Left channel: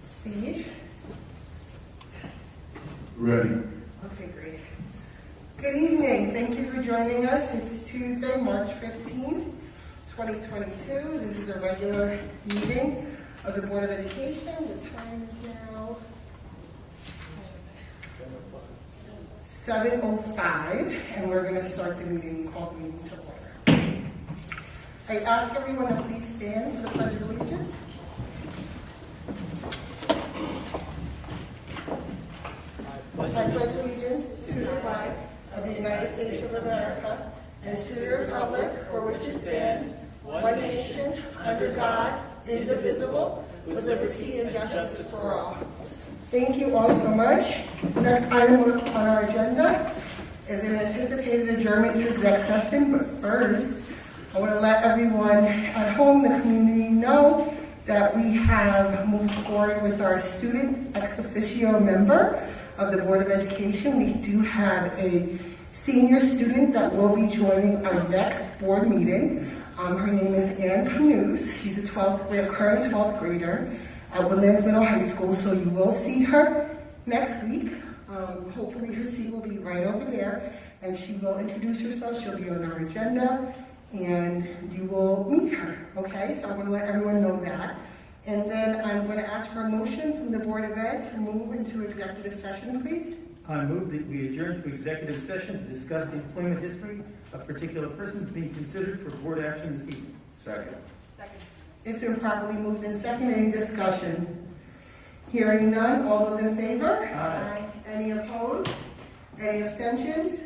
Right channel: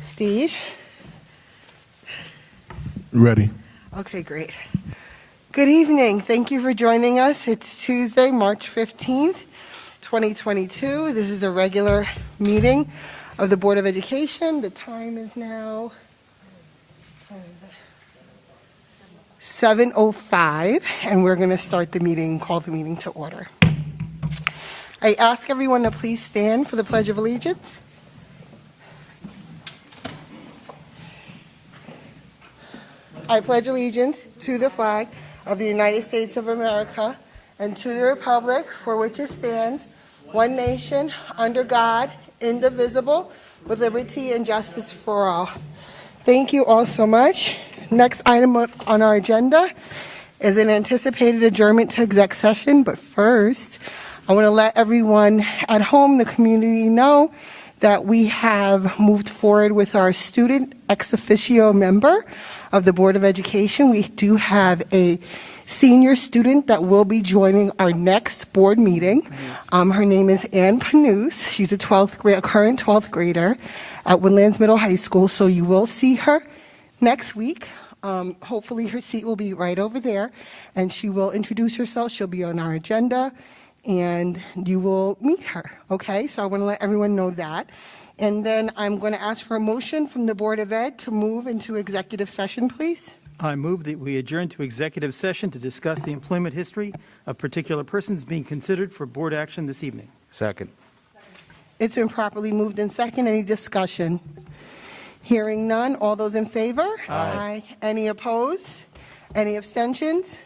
Steve? Ready. Okay, great. Good evening. Thank you for joining us. It's Tuesday, March 15th, 2022. This is a regular meeting of the Board of Education. The time is now 7:05, and we're going to start the meeting, call the meeting to order. I ask everyone to please stand for the Pledge of Allegiance. I pledge allegiance to the flag of the United States of America and to the republic for which it stands, one nation, under God, indivisible, with liberty and justice for all. Thank you all so much. Next item on our agenda is an anticipated adjournment to exec session, but first, I want to let everyone at home, the community, know that we have moved forward with our student ex officio member of the Board of Education. We do have a senior student that will be joining our next board meeting. Her name is Ann Panus. She's a current 12th grader at Woodlands Middle High School, so you will see her next week. Hopefully her seat will be right over there, and she will introduce herself. She'll be on our agenda, and you will meet her, okay? So I want to let everyone know that. And then I'm going to ask for a motion from the Board of Ed to move into executive session, please. I move that we adjourn to executive session to discuss the employment history of particular persons being considered for board action this evening. Second. It's been properly moved in second. Any discussion? Hearing none. All those in favor? Aye. Any opposed? Any abstentions?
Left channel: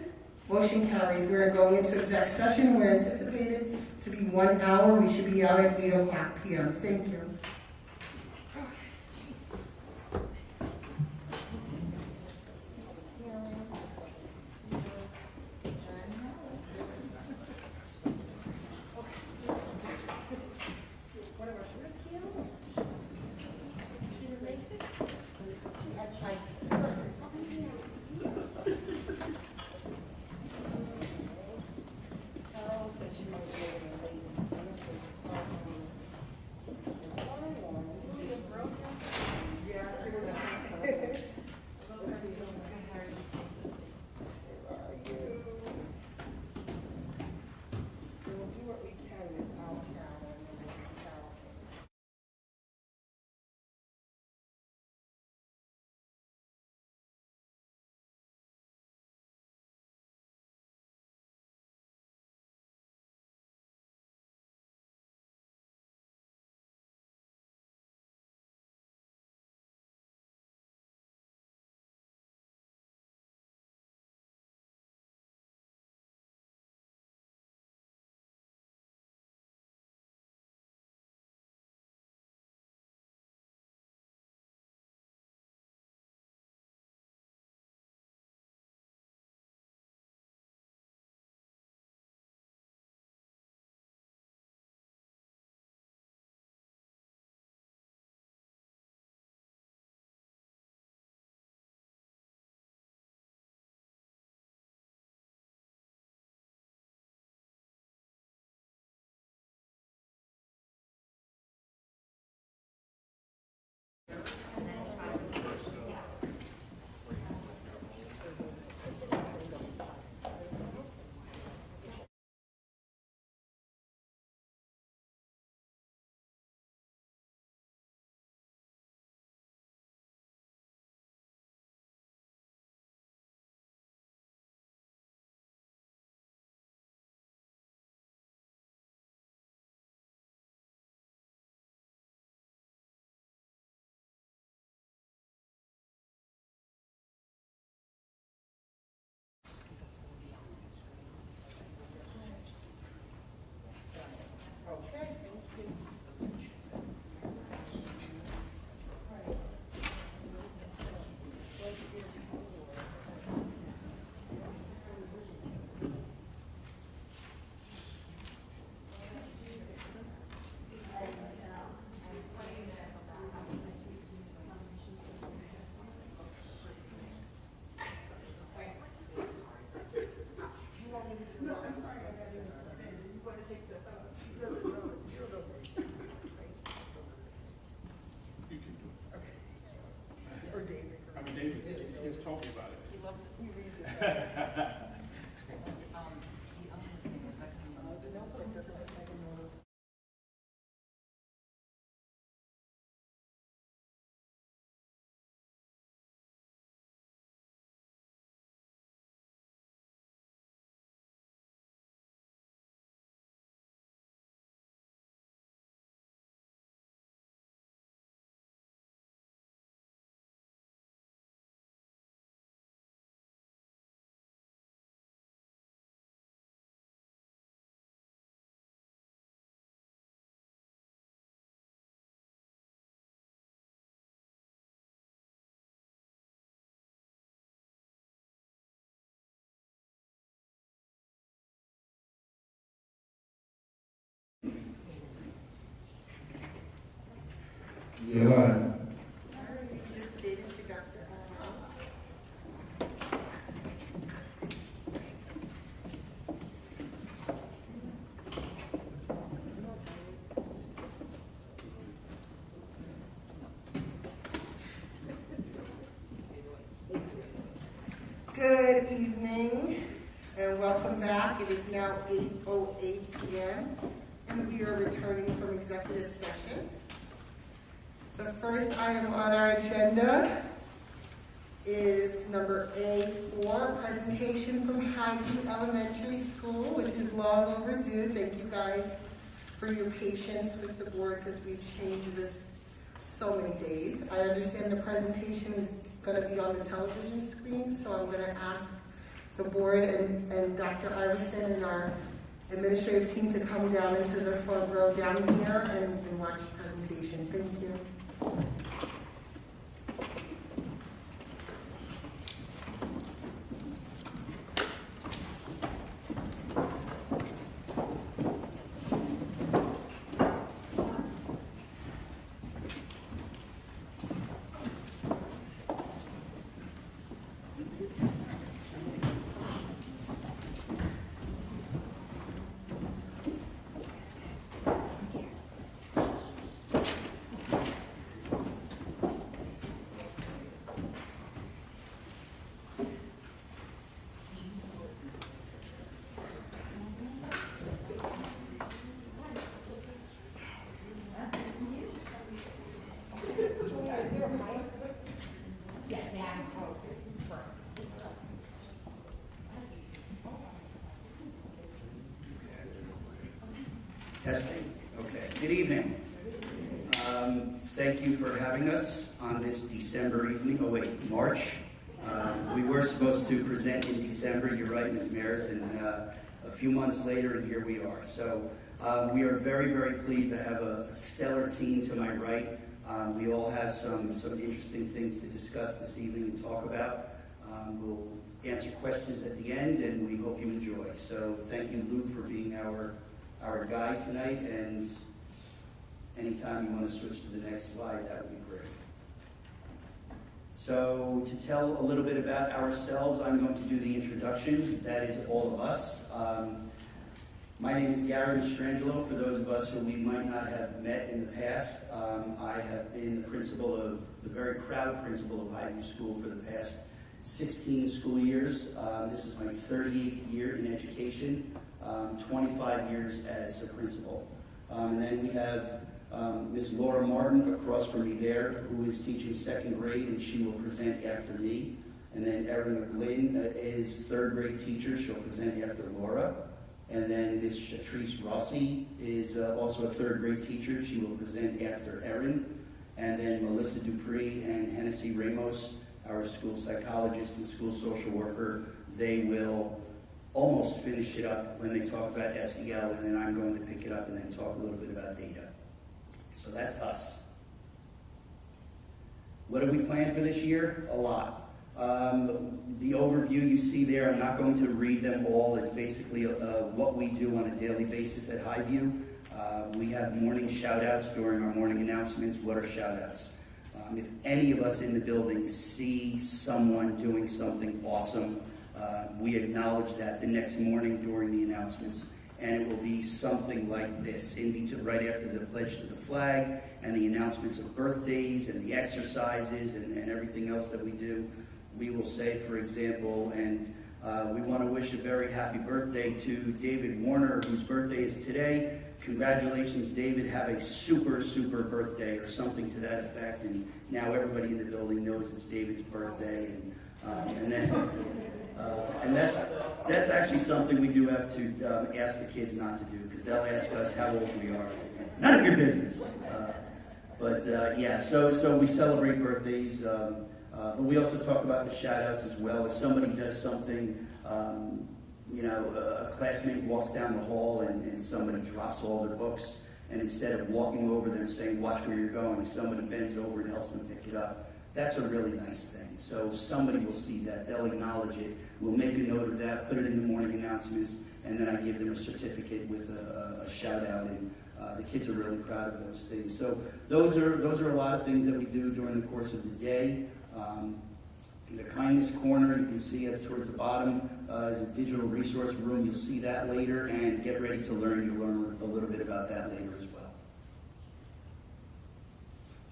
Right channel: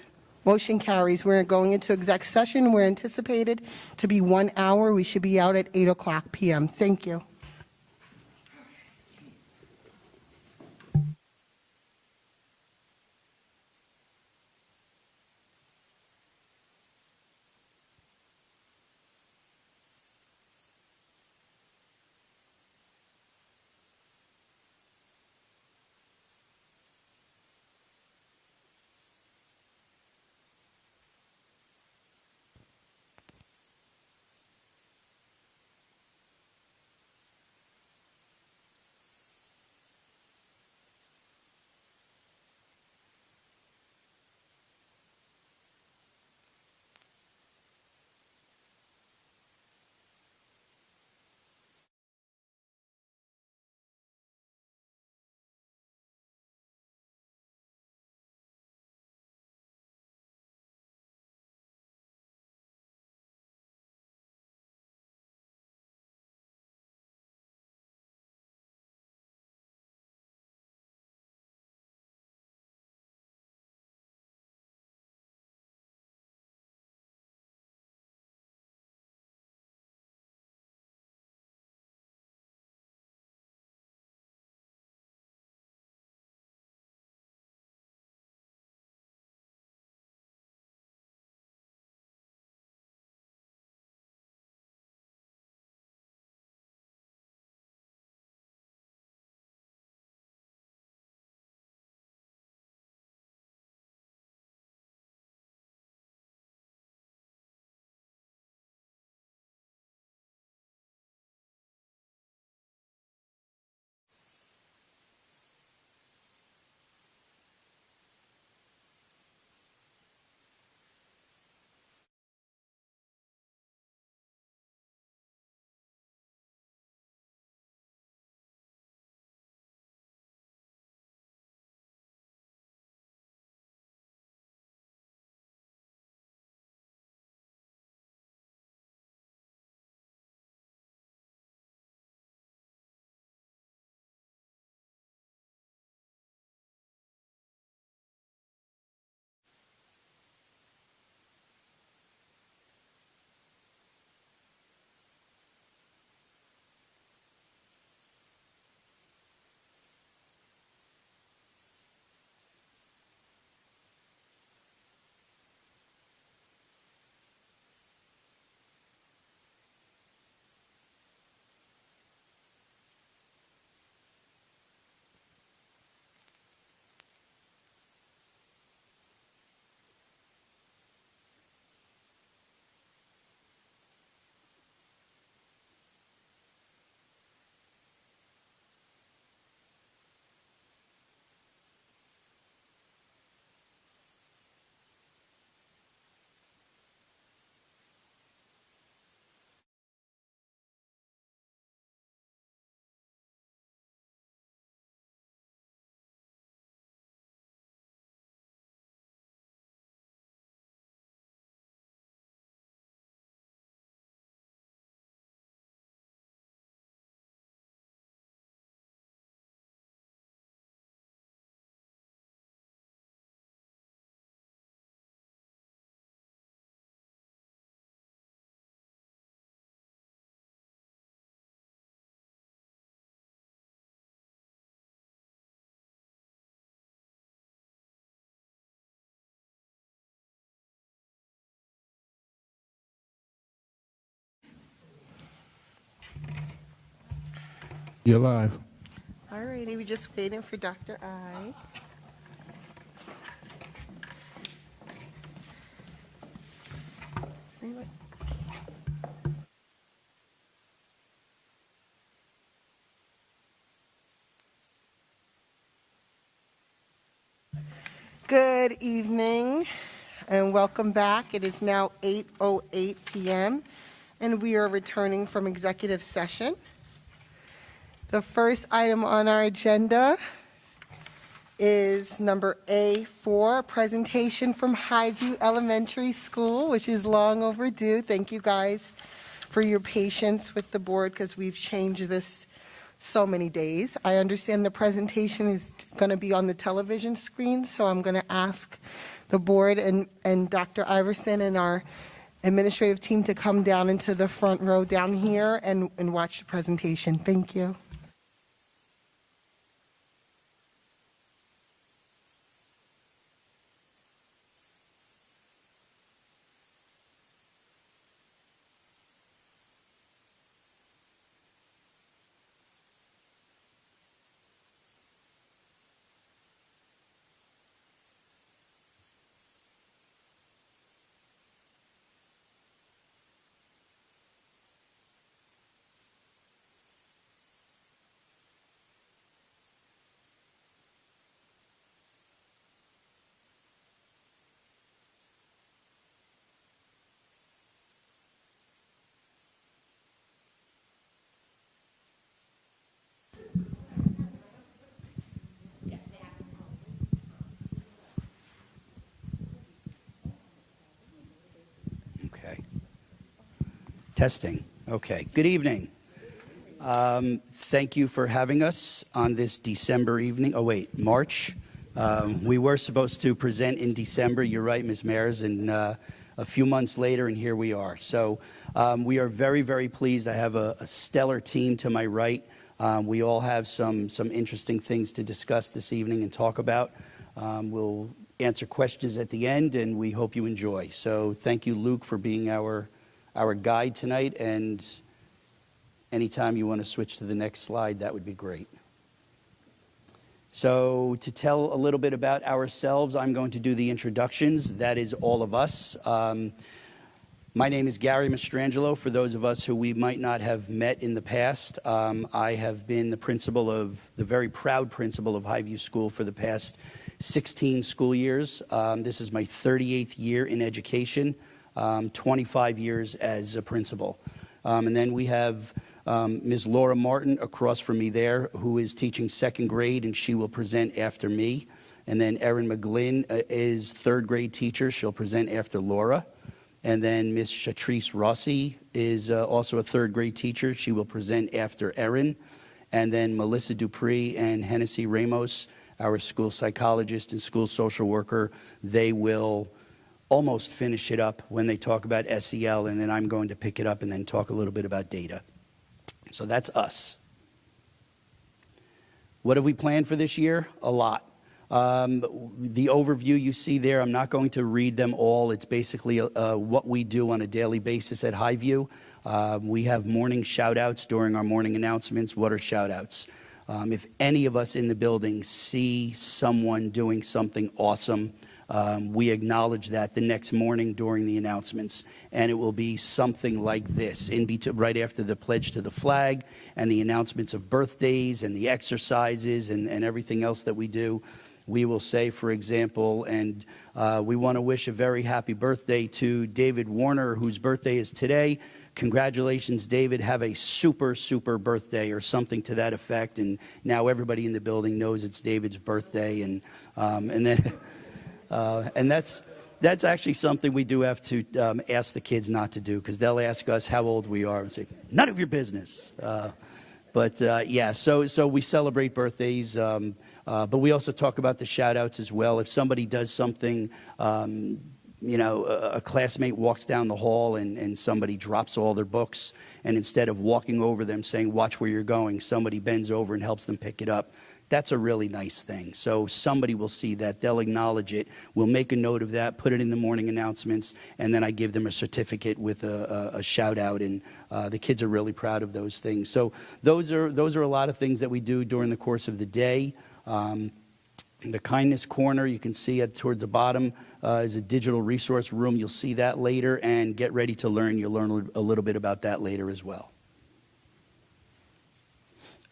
Motion carries. We're going into exec session. We're anticipated to be 1 hour. We should be out at 8:00 p.m. Thank you. You're live. All righty, we're just waiting for Dr. I. Good evening and welcome back. It is now 8:08 p.m. and we are returning from executive session. The first item on our agenda is number A4, presentation from Highview Elementary School, which is long overdue. Thank you guys for your patience with the board because we've changed this so many days. I understand the presentation is going to be on the television screen, so I'm going to ask the board and Dr. Iverson and our administrative team to come down into the front row down here and watch the presentation. Thank you. Testing. Okay. Good evening. Thank you for having us on this December evening. Oh, wait, March. We were supposed to present in December. You're right, Ms. Mayers, and a few months later, and here we are. So we are very, very pleased. I have a stellar team to my right. We all have some interesting things to discuss this evening and talk about. We'll answer questions at the end, and we hope you enjoy. So thank you, Luke, for being our guide tonight, and anytime you want to switch to the next slide, that would be great. So to tell a little bit about ourselves, I'm going to do the introductions. That is all of us. My name is Gary Mastrangelo. For those of us who we might not have met in the past, I have been the very proud principal of Highview School for the past 16 school years. This is my 38th year in education. 25 years as a principal. And then we have Ms. Laura Martin across from me there, who is teaching second grade, and she will present after me. And then Erin McGlynn is third grade teacher. She'll present after Laura. And then Ms. Shatrice Rossi is also a third grade teacher. She will present after Erin. And then Melissa Dupree and Hennessy Ramos, our school psychologist and school social worker, they will almost finish it up when they talk about SEL, and then I'm going to pick it up and then talk a little bit about data. So that's us. What have we planned for this year? A lot. The overview you see there, I'm not going to read them all. It's basically what we do on a daily basis at Highview. We have morning shout-outs during our morning announcements. What are shout-outs? If any of us in the building see someone doing something awesome, we acknowledge that the next morning during the announcements, and it will be something like this, right after the pledge to the flag and the announcements of birthdays and the exercises and everything else that we do. We will say, for example, and we want to wish a very happy birthday to David Warner, whose birthday is today. Congratulations, David. Have a super, super birthday, or something to that effect. And now everybody in the building knows it's David's birthday, and then. And that's actually something we do have to ask the kids not to do, because they'll ask us how old we are and say, none of your business. Yeah, so we celebrate birthdays, but we also talk about the shout outs as well. If somebody does something, a classmate walks down the hall and somebody drops all their books, and instead of walking over them saying, watch where you're going, somebody bends over and helps them pick it up. That's a really nice thing. So somebody will see that, they'll acknowledge it, we'll make a note of that, put it in the morning announcements, and then I give them a certificate with a shout out and The kids are really proud of those things. So those are a lot of things that we do during the course of the day. The Kindness Corner, you can see it toward the bottom, is a digital resource room. You'll see that later, and Get Ready to Learn. You'll learn a little bit about that later as well.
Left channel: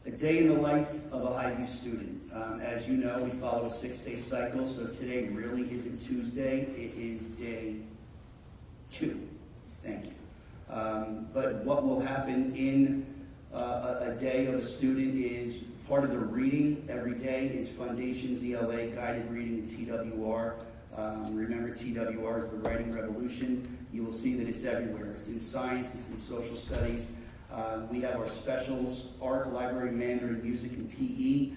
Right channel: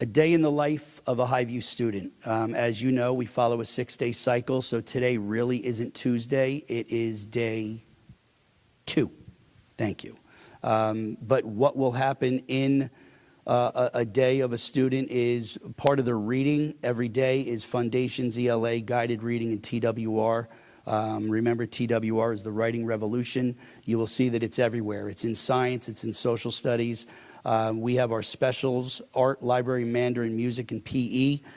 A day in the life of a Highview student. As you know, we follow a 6-day cycle, so today really isn't Tuesday. It is day 2. Thank you. But what will happen in a day of a student is part of their reading every day is Foundations, ELA, guided reading, and TWR. Remember, TWR is the writing revolution. You will see that it's everywhere. It's in science, it's in social studies. We have our specials, art, library, Mandarin, music, and PE.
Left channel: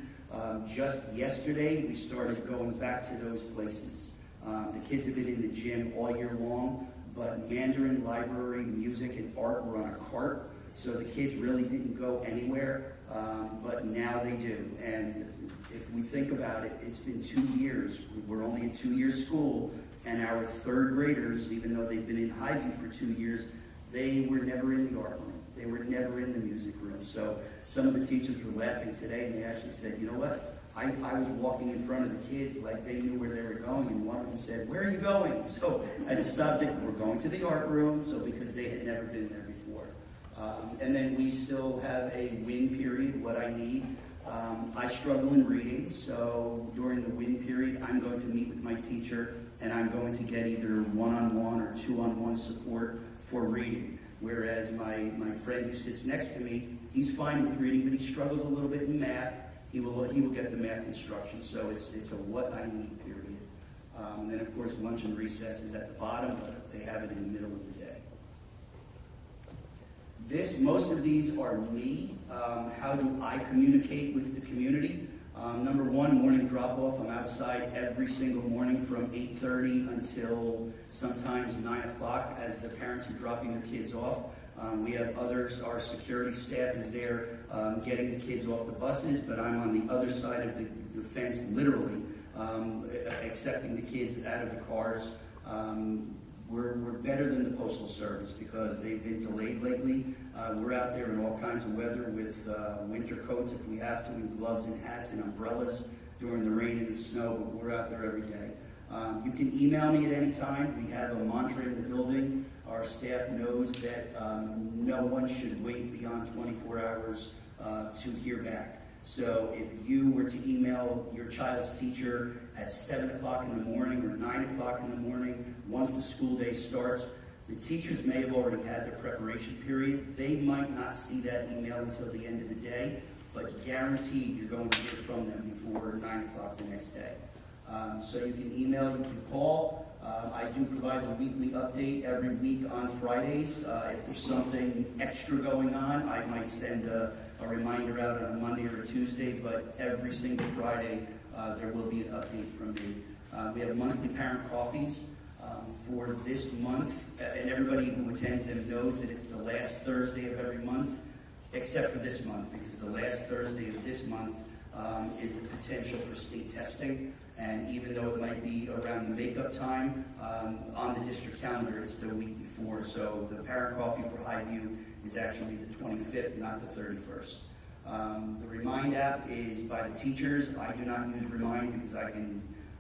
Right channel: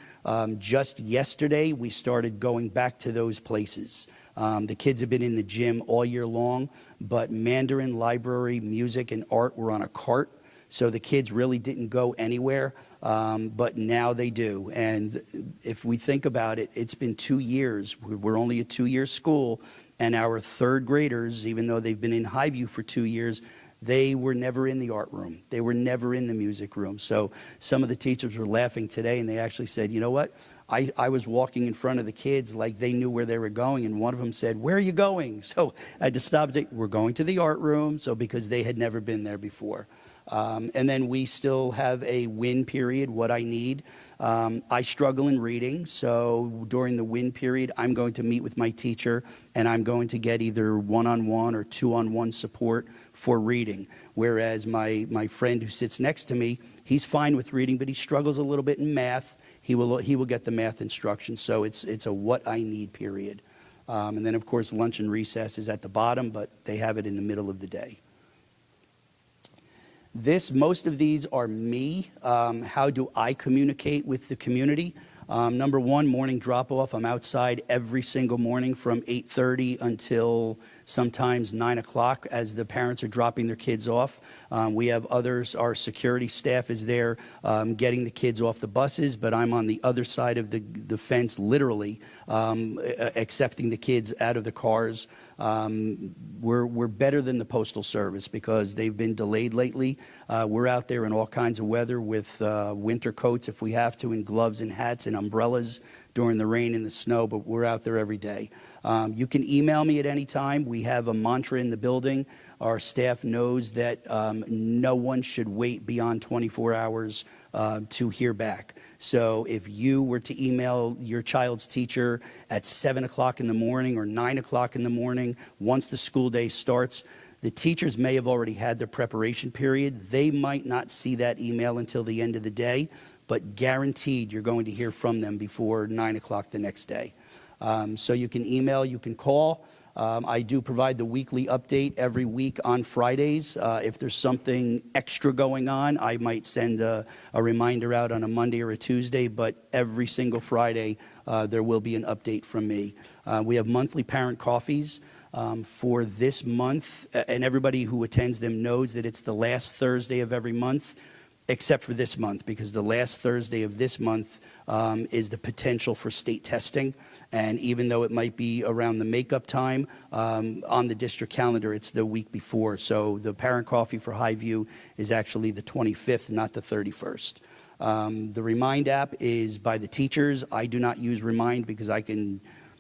Just yesterday, we started going back to those places. The kids have been in the gym all year long, but Mandarin, library, music, and art were on a cart. So the kids really didn't go anywhere, but now they do. And if we think about it, it's been 2 years. We're only a 2-year school, and our 3rd graders, even though they've been in Highview for 2 years, they were never in the art room. They were never in the music room. So some of the teachers were laughing today, and they actually said, you know what? I was walking in front of the kids like they knew where they were going, and one of them said, where are you going? So I just stopped it. We're going to the art room, so because they had never been there before. And then we still have a win period, what I need. I struggle in reading, so during the win period, I'm going to meet with my teacher, and I'm going to get either one-on-one or two-on-one support for reading. Whereas my friend who sits next to me, he's fine with reading, but he struggles a little bit in math. He will get the math instruction, so it's a what I need period. And then, of course, lunch and recess is at the bottom, but they have it in the middle of the day. Most of these are me. How do I communicate with the community? Number one, morning drop-off. I'm outside every single morning from 8:30 until sometimes 9 o'clock as the parents are dropping their kids off. We have others, our security staff is there getting the kids off the buses, but I'm on the other side of the fence, literally, accepting the kids out of the cars. We're better than the Postal Service because they've been delayed lately. We're out there in all kinds of weather with winter coats if we have to, and gloves and hats and umbrellas during the rain and the snow, but we're out there every day. You can email me at any time. We have a mantra in the building. Our staff knows that no one should wait beyond 24 hours to hear back. So if you were to email your child's teacher at 7 o'clock in the morning or 9 o'clock in the morning, once the school day starts, the teachers may have already had their preparation period. They might not see that email until the end of the day, but guaranteed you're going to hear from them before 9 o'clock the next day. So you can email, you can call. I do provide the weekly update every week on Fridays. If there's something extra going on, I might send a reminder out on a Monday or a Tuesday, but every single Friday there will be an update from me. We have monthly parent coffees for this month, and everybody who attends them knows that it's the last Thursday of every month, except for this month, because the last Thursday of this month is the potential for state testing. And even though it might be around the makeup time, on the district calendar, it's the week before. So the parent coffee for Highview is actually the 25th, not the 31st. The Remind app is by the teachers. I do not use Remind because I can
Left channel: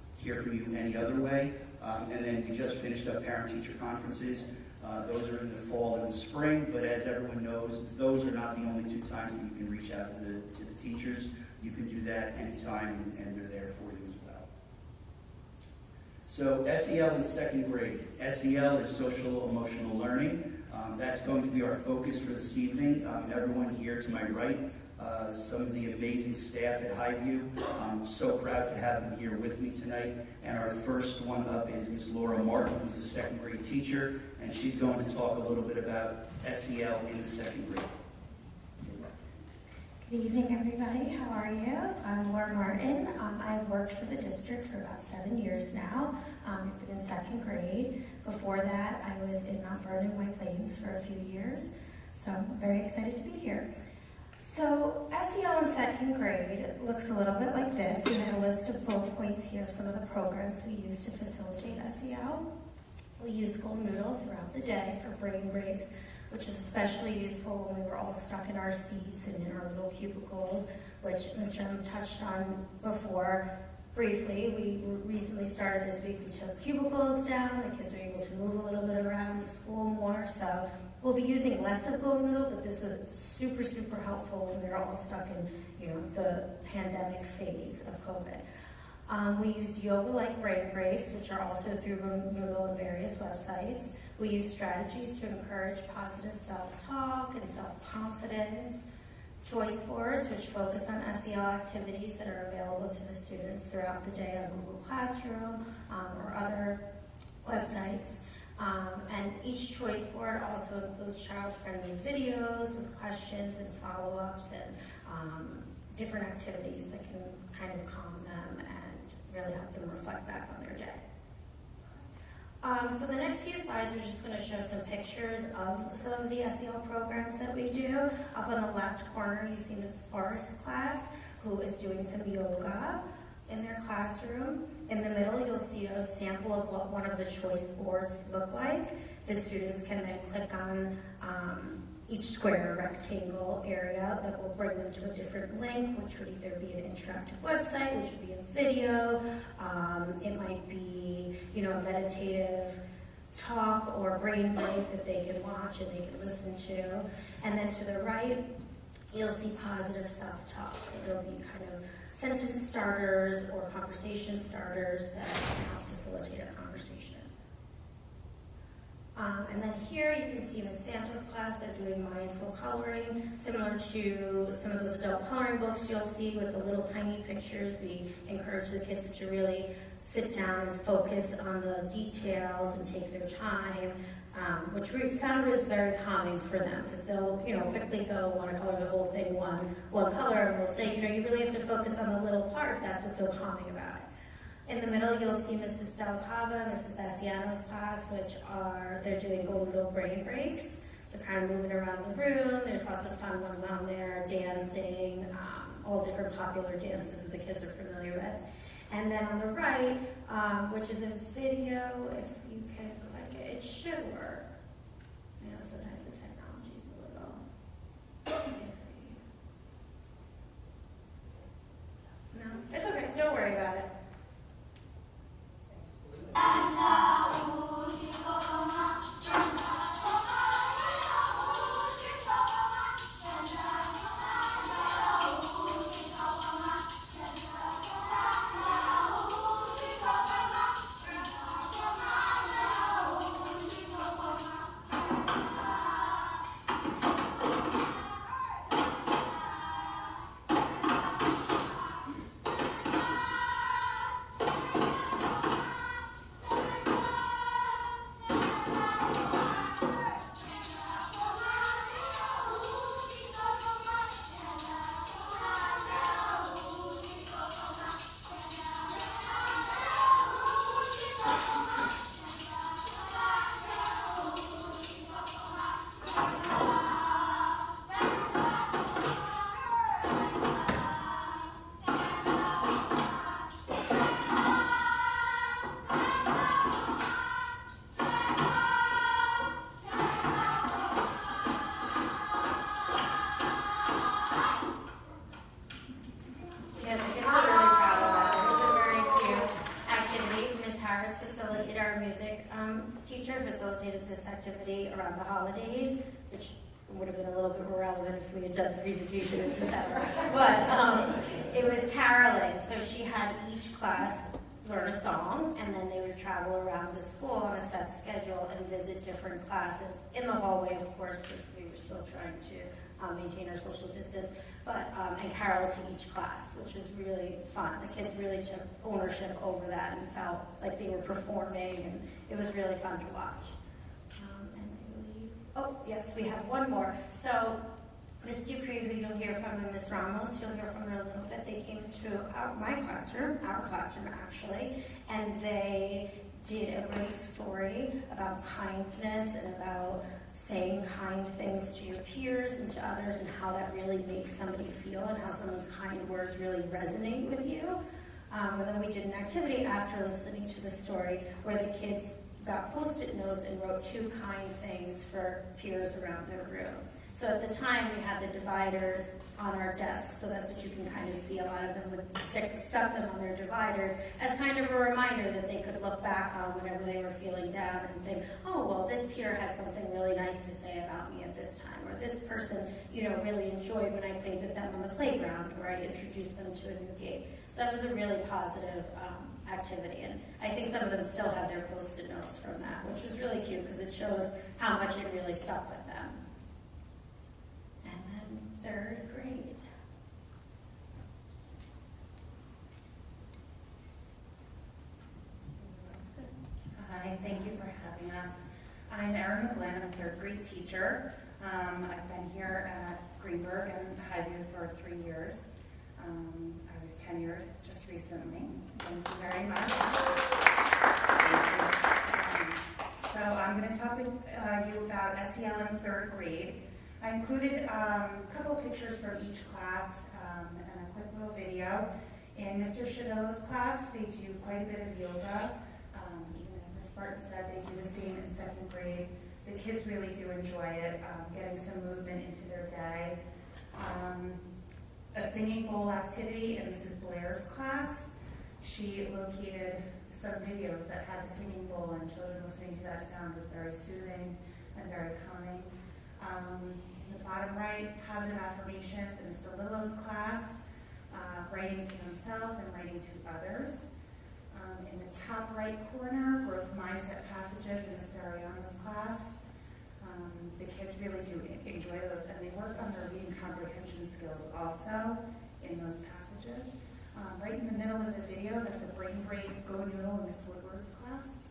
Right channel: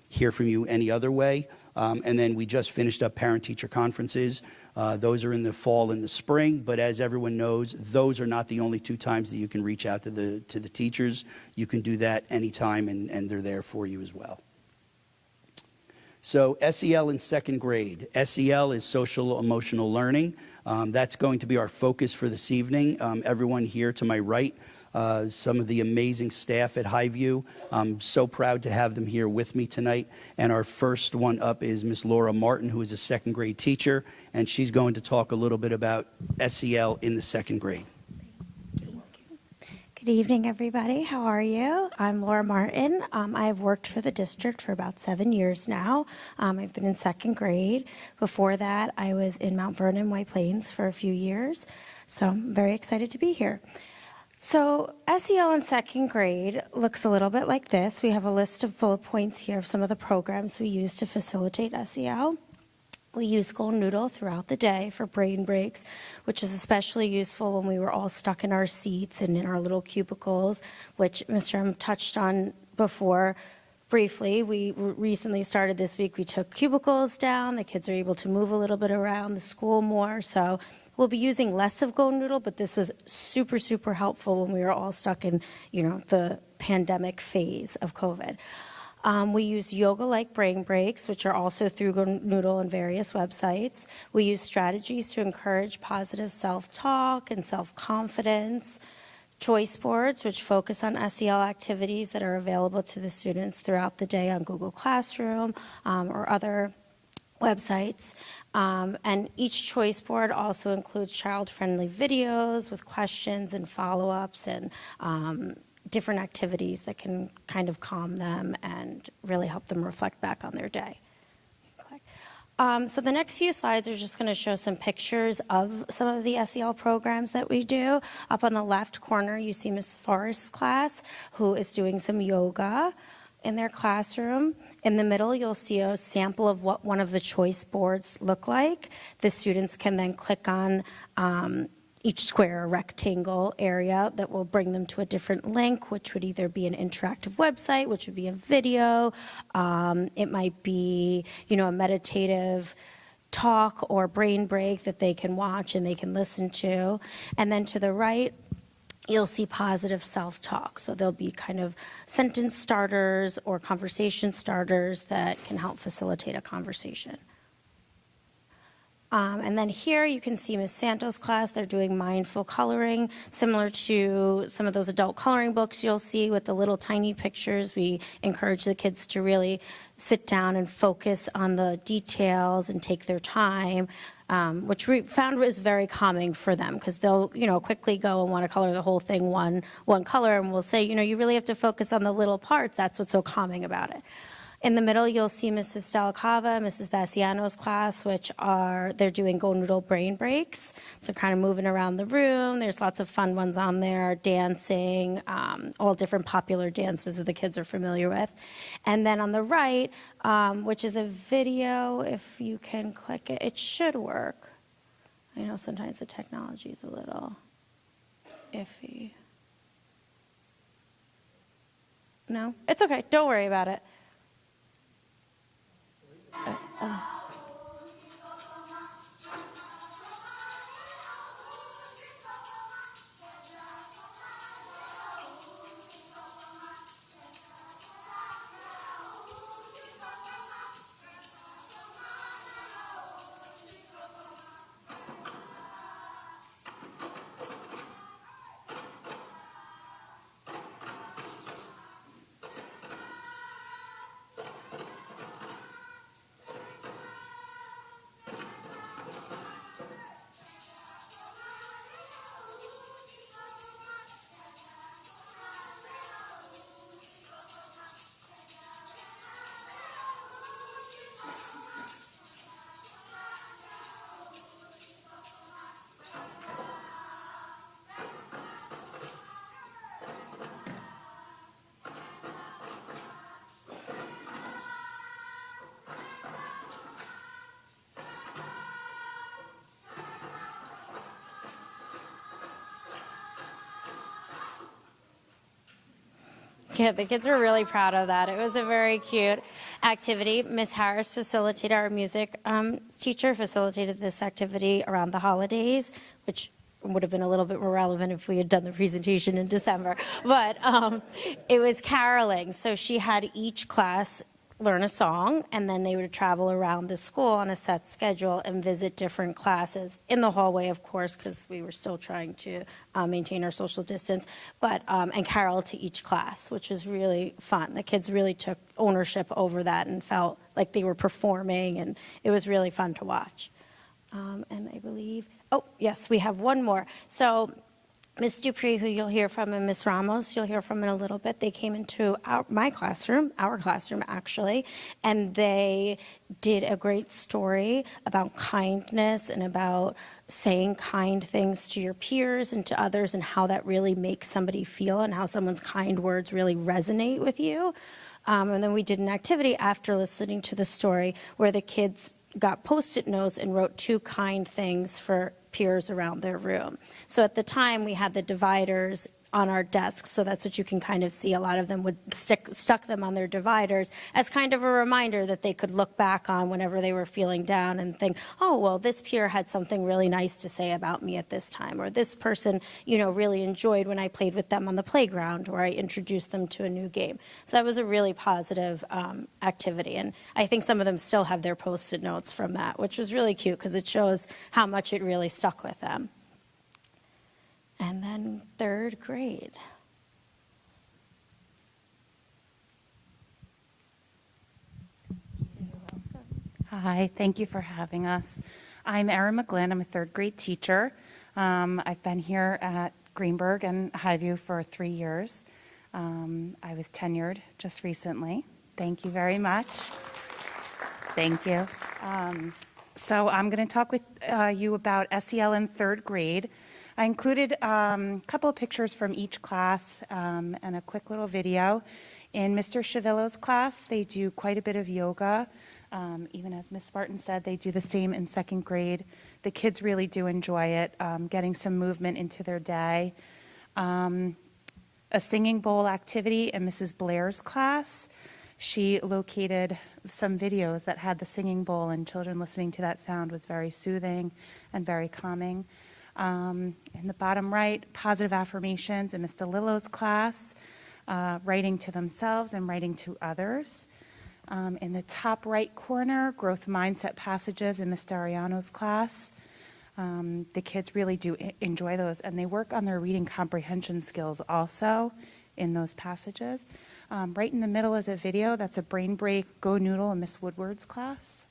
hear from you any other way. And then we just finished up parent-teacher conferences. Those are in the fall and the spring, but as everyone knows, those are not the only 2 times that you can reach out to the teachers. You can do that anytime, and they're there for you as well. So SEL in 2nd grade. SEL is social emotional learning. That's going to be our focus for this evening. Everyone here to my right, some of the amazing staff at Highview. I'm so proud to have them here with me tonight. And our first one up is Miss Laura Martin, who is a 2nd grade teacher, and she's going to talk a little bit about SEL in the 2nd grade. Good evening, everybody. How are you? I'm Laura Martin. I've worked for the district for about 7 years now. I've been in 2nd grade. Before that, I was in Mount Vernon, White Plains for a few years. So I'm very excited to be here. So SEL in 2nd grade looks a little bit like this. We have a list of bullet points here of some of the programs we use to facilitate SEL. We use Golden Noodle throughout the day for brain breaks, which was especially useful when we were all stuck in our seats and in our little cubicles, which Mr. M touched on before briefly. We recently started this week, we took cubicles down. The kids are able to move a little bit around the school more, so we'll be using less of Golden Noodle, but this was super, super helpful when we were all stuck in, the pandemic phase of COVID. We use yoga-like brain breaks, which are also through Golden Noodle on various websites. We use strategies to encourage positive self-talk and self-confidence. Choice boards, which focus on SEL activities that are available to the students throughout the day on Google Classroom or other websites. And each choice board also includes child-friendly videos with questions and follow-ups and different activities that can kind of calm them and really help them reflect back on their day. So the next few slides are just going to show some pictures of some of the SEL programs that we do. Up on the left corner, you see Ms. Forrest's class, who is doing some yoga in their classroom. In the middle, you'll see a sample of what one of the choice boards look like. The students can then click on each square or rectangle area that will bring them to a different link, which would either be an interactive website, which would be a video. It might be, a meditative talk or brain break that they can watch and they can listen to. And then to the right, you'll see positive self-talk. So there'll be kind of sentence starters or conversation starters that can help facilitate a conversation. And then here you can see Ms. Santos' class. They're doing mindful coloring, similar to some of those adult coloring books you'll see with the little tiny pictures. We encourage the kids to really sit down and focus on the details and take their time, which we found was very calming for them, because they'll quickly go and want to color the whole thing one color, and we'll say, you really have to focus on the little parts. That's what's so calming about it. In the middle, you'll see Mrs. Delicava, Mrs. Bassiano's class, they're doing Golden Noodle brain breaks. So kind of moving around the room. There's lots of fun ones on there, dancing, all different popular dances that the kids are familiar with. And then on the right, which is a video, if you can click it, it should work. I know sometimes the technology is a little iffy. No? It's okay, don't worry about it. Yeah, the kids were really proud of that. It was a very cute activity. Miss Harris facilitated, our music teacher facilitated this activity around the holidays, which would have been a little bit more relevant if we had done the presentation in December. But it was caroling, so she had each class learn a song, and then they would travel around the school on a set schedule and visit different classes in the hallway, of course, because we were still trying to maintain our social distance, but and carol to each class, which was really fun. The kids really took ownership over that and felt like they were performing, and it was really fun to watch. And I believe, oh yes, we have one more. So Ms. Dupree, who you'll hear from, and Ms. Ramos, you'll hear from in a little bit, they came into our classroom actually, and they did a great story about kindness and about saying kind things to your peers and to others, and how that really makes somebody feel, and how someone's kind words really resonate with you. And then we did an activity after listening to the story where the kids got Post-it notes and wrote 2 kind things for peers around their room. So at the time, we had the dividers on our desks, so that's what you can kind of see. A lot of them would stuck them on their dividers as kind of a reminder that they could look back on whenever they were feeling down and think, oh, well, this peer had something really nice to say about me at this time, or this person, really enjoyed when I played with them on the playground, or I introduced them to a new game. So that was a really positive activity, and I think some of them still have their Post-it notes from that, which was really cute because it shows how much it really stuck with them. And then 3rd grade. Hi, thank you for having us. I'm Erin McGlynn. I'm a 3rd grade teacher. I've been here at Greenberg and Highview for 3 years. I was tenured just recently. Thank you very much. Thank you. So I'm going to talk with you about SEL in 3rd grade. I included a couple of pictures from each class and a quick little video. In Mr. Chavillo's class, they do quite a bit of yoga. Even as Ms. Martin said, they do the same in 2nd grade. The kids really do enjoy it, getting some movement into their day. A singing bowl activity in Mrs. Blair's class. She located some videos that had the singing bowl, and children listening to that sound was very soothing and very calming. In the bottom right, positive affirmations in Mr. Lillo's class, writing to themselves and writing to others. In the top right corner, growth mindset passages in Mr. Ariano's class. The kids really do enjoy those, and they work on their reading comprehension skills also in those passages. Right in the middle is a video that's a brain break, Go Noodle in Miss Woodward's class.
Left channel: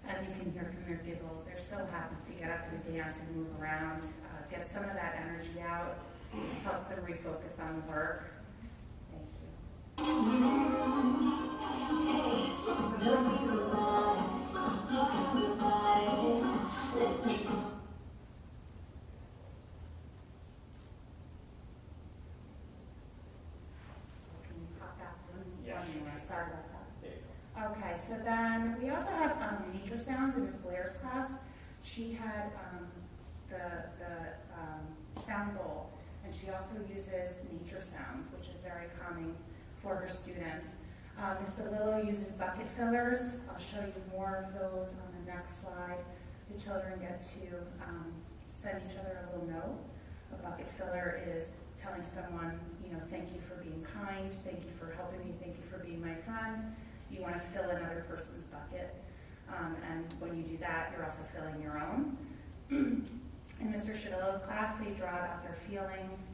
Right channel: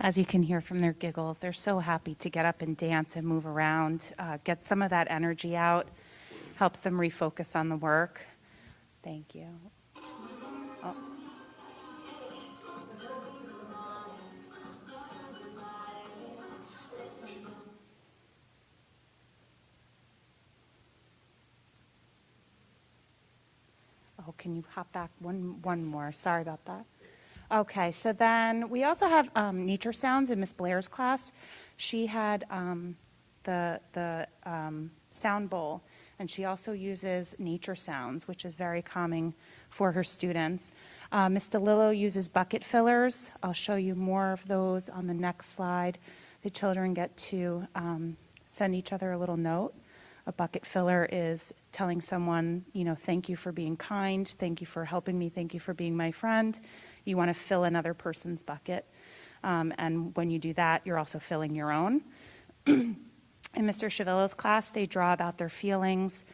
As you can hear from their giggles, they're so happy to get up and dance and move around, get some of that energy out, helps them refocus on the work. Thank you. Oh, can you hop back one more? Sorry about that. Okay, so then we also have nature sounds in Miss Blair's class. She had the sound bowl, and she also uses nature sounds, which is very calming for her students. Ms. DeLillo uses bucket fillers. I'll show you more of those on the next slide. The children get to send each other a little note. A bucket filler is telling someone, thank you for being kind, thank you for helping me, thank you for being my friend. You want to fill another person's bucket. And when you do that, you're also filling your own. In Mr. Chavillo's class, they draw about their feelings.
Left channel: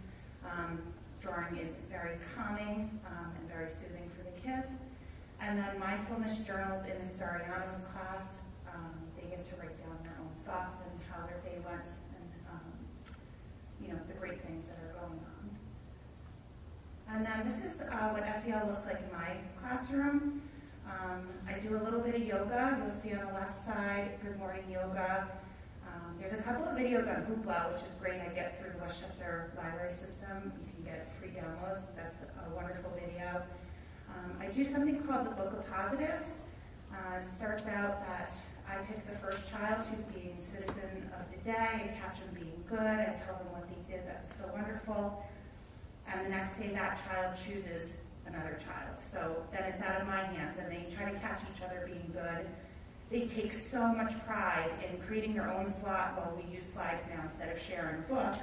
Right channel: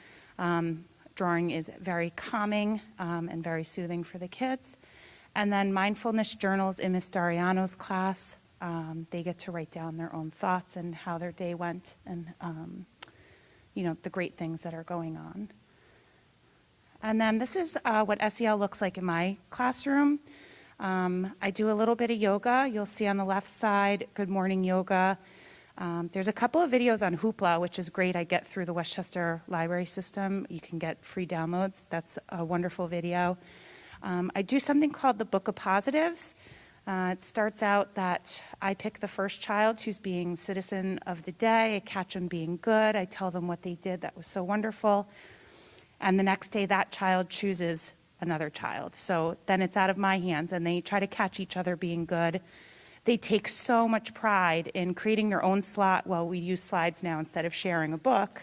Drawing is very calming and very soothing for the kids. And then mindfulness journals in Ms. Dariano's class. They get to write down their own thoughts and how their day went and the great things that are going on. And then this is what SEL looks like in my classroom. I do a little bit of yoga. You'll see on the left side, Good Morning Yoga. There's a couple of videos on Hoopla, which is great. I get through the Westchester Library System. You can get free downloads. That's a wonderful video. I do something called the Book of Positives. It starts out that I pick the first child who's being citizen of the day. I catch them being good. I tell them what they did that was so wonderful. And the next day, that child chooses another child. So then it's out of my hands, and they try to catch each other being good. They take so much pride in creating their own slot. Well, we use slides now instead of sharing a book.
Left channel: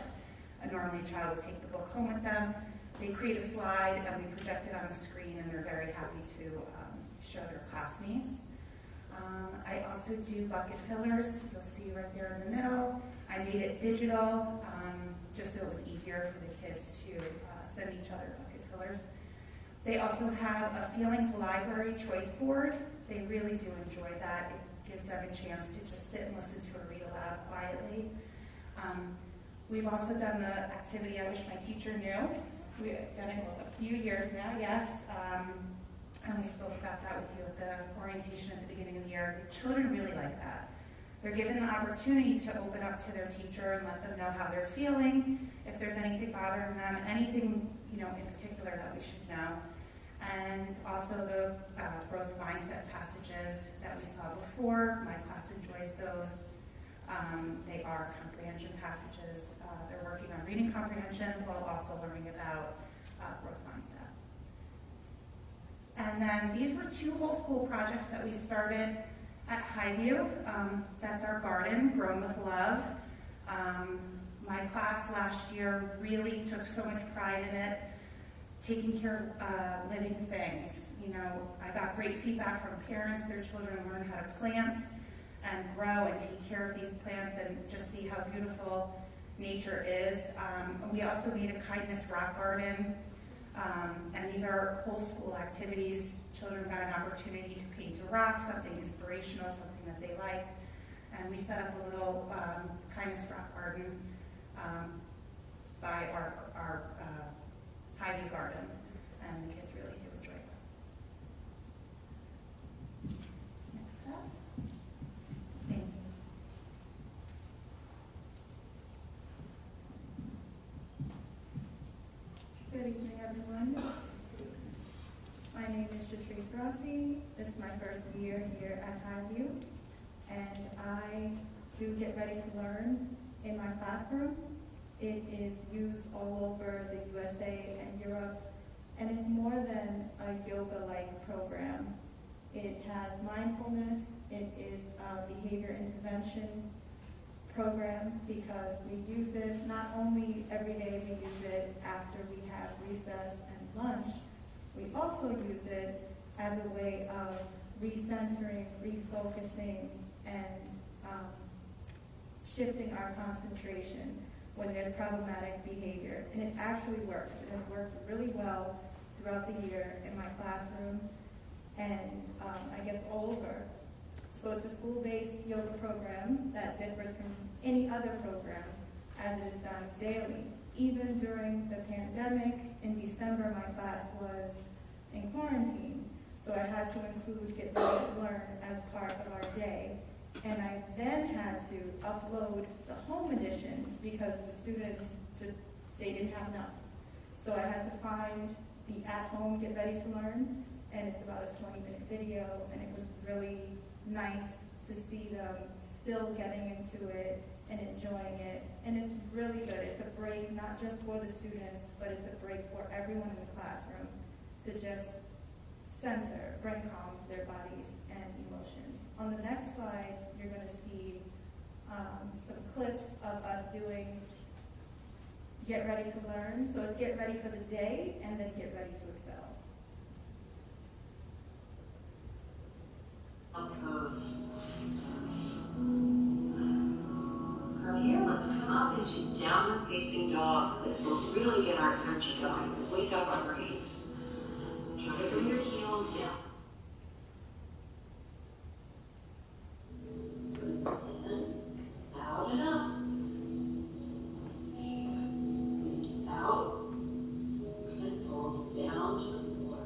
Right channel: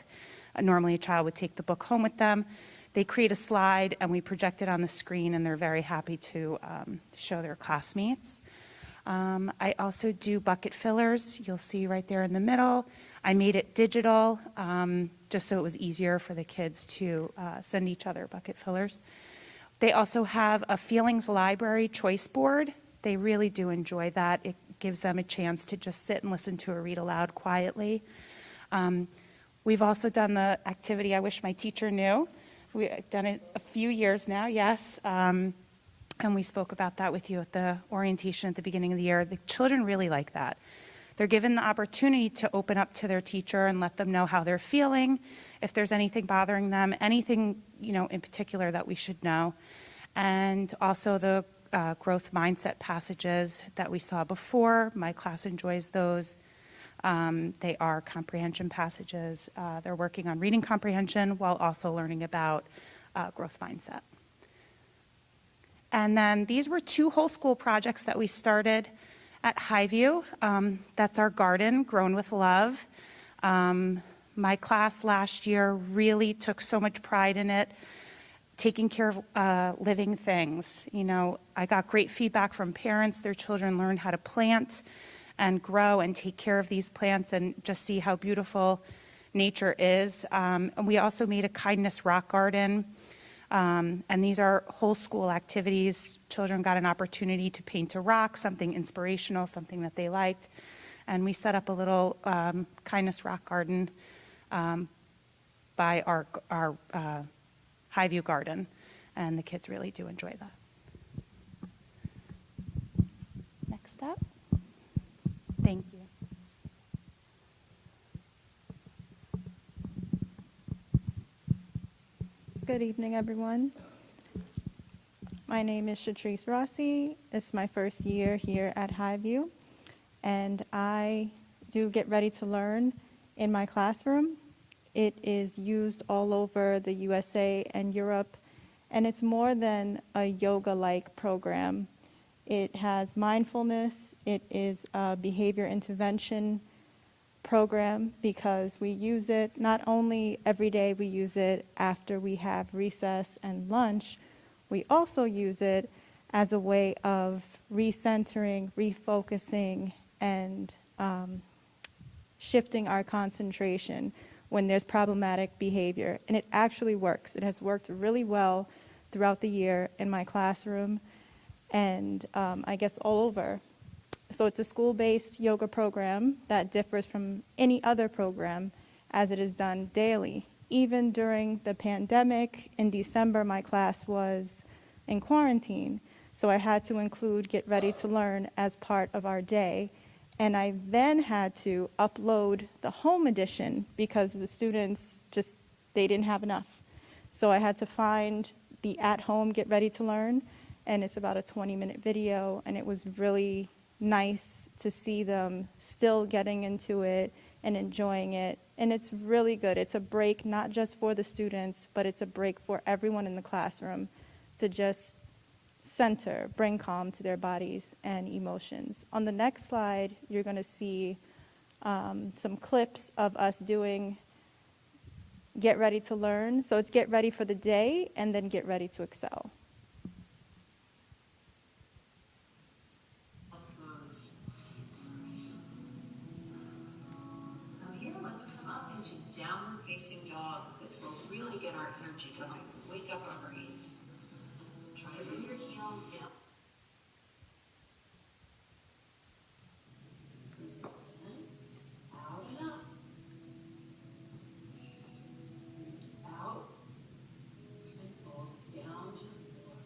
Normally, a child would take the book home with them. They create a slide, and we project it on the screen, and they're very happy to show their classmates. I also do bucket fillers. You'll see right there in the middle. I made it digital just so it was easier for the kids to send each other bucket fillers. They also have a feelings library choice board. They really do enjoy that. It gives them a chance to just sit and listen to a read aloud quietly. We've also done the activity I wish my teacher knew. We've done it a few years now, yes. And we spoke about that with you at the orientation at the beginning of the year. The children really like that. They're given the opportunity to open up to their teacher and let them know how they're feeling, if there's anything bothering them, anything in particular that we should know. And also the growth mindset passages that we saw before. My class enjoys those. They are comprehension passages. They're working on reading comprehension while also learning about growth mindset. And then these were 2 whole school projects that we started at Highview. That's our garden, Grown with Love. My class last year really took so much pride in it, taking care of living things. I got great feedback from parents. Their children learned how to plant and grow and take care of these plants and just see how beautiful nature is. And we also made a kindness rock garden. And these are whole school activities. Children got an opportunity to paint a rock, something inspirational, something that they liked. And we set up a little kindness rock garden by our Highview garden. And the kids really do enjoy that. Next up. Thank you. Good evening, everyone. My name is Shatrice Rossi. It's my first year here at Highview, and I do Get Ready to Learn in my classroom. It is used all over the USA and Europe, and it's more than a yoga-like program. It has mindfulness. It is a behavior intervention program because we use it not only every day, we use it after we have recess and lunch. We also use it as a way of recentering, refocusing, and shifting our concentration when there's problematic behavior. And it actually works. It has worked really well throughout the year in my classroom and I guess all over. So it's a school-based yoga program that differs from any other program as it is done daily. Even during the pandemic, in December, my class was in quarantine. So I had to include Get Ready to Learn as part of our day. And I then had to upload the home edition because the students they didn't have enough. So I had to find the at-home Get Ready to Learn, and it's about a 20-minute video, and it was really nice to see them still getting into it and enjoying it. And it's really good. It's a break not just for the students, but it's a break for everyone in the classroom to just center, bring calm to their bodies and emotions. On the next slide, you're going to see some clips of us doing Get Ready to Learn. So it's get ready for the day and then get ready to excel. Let's come up into downward facing dog. This will really get our energy going. Wake up our brains. Try to bring your heels down. Out and up. Out. And fold down to the floor.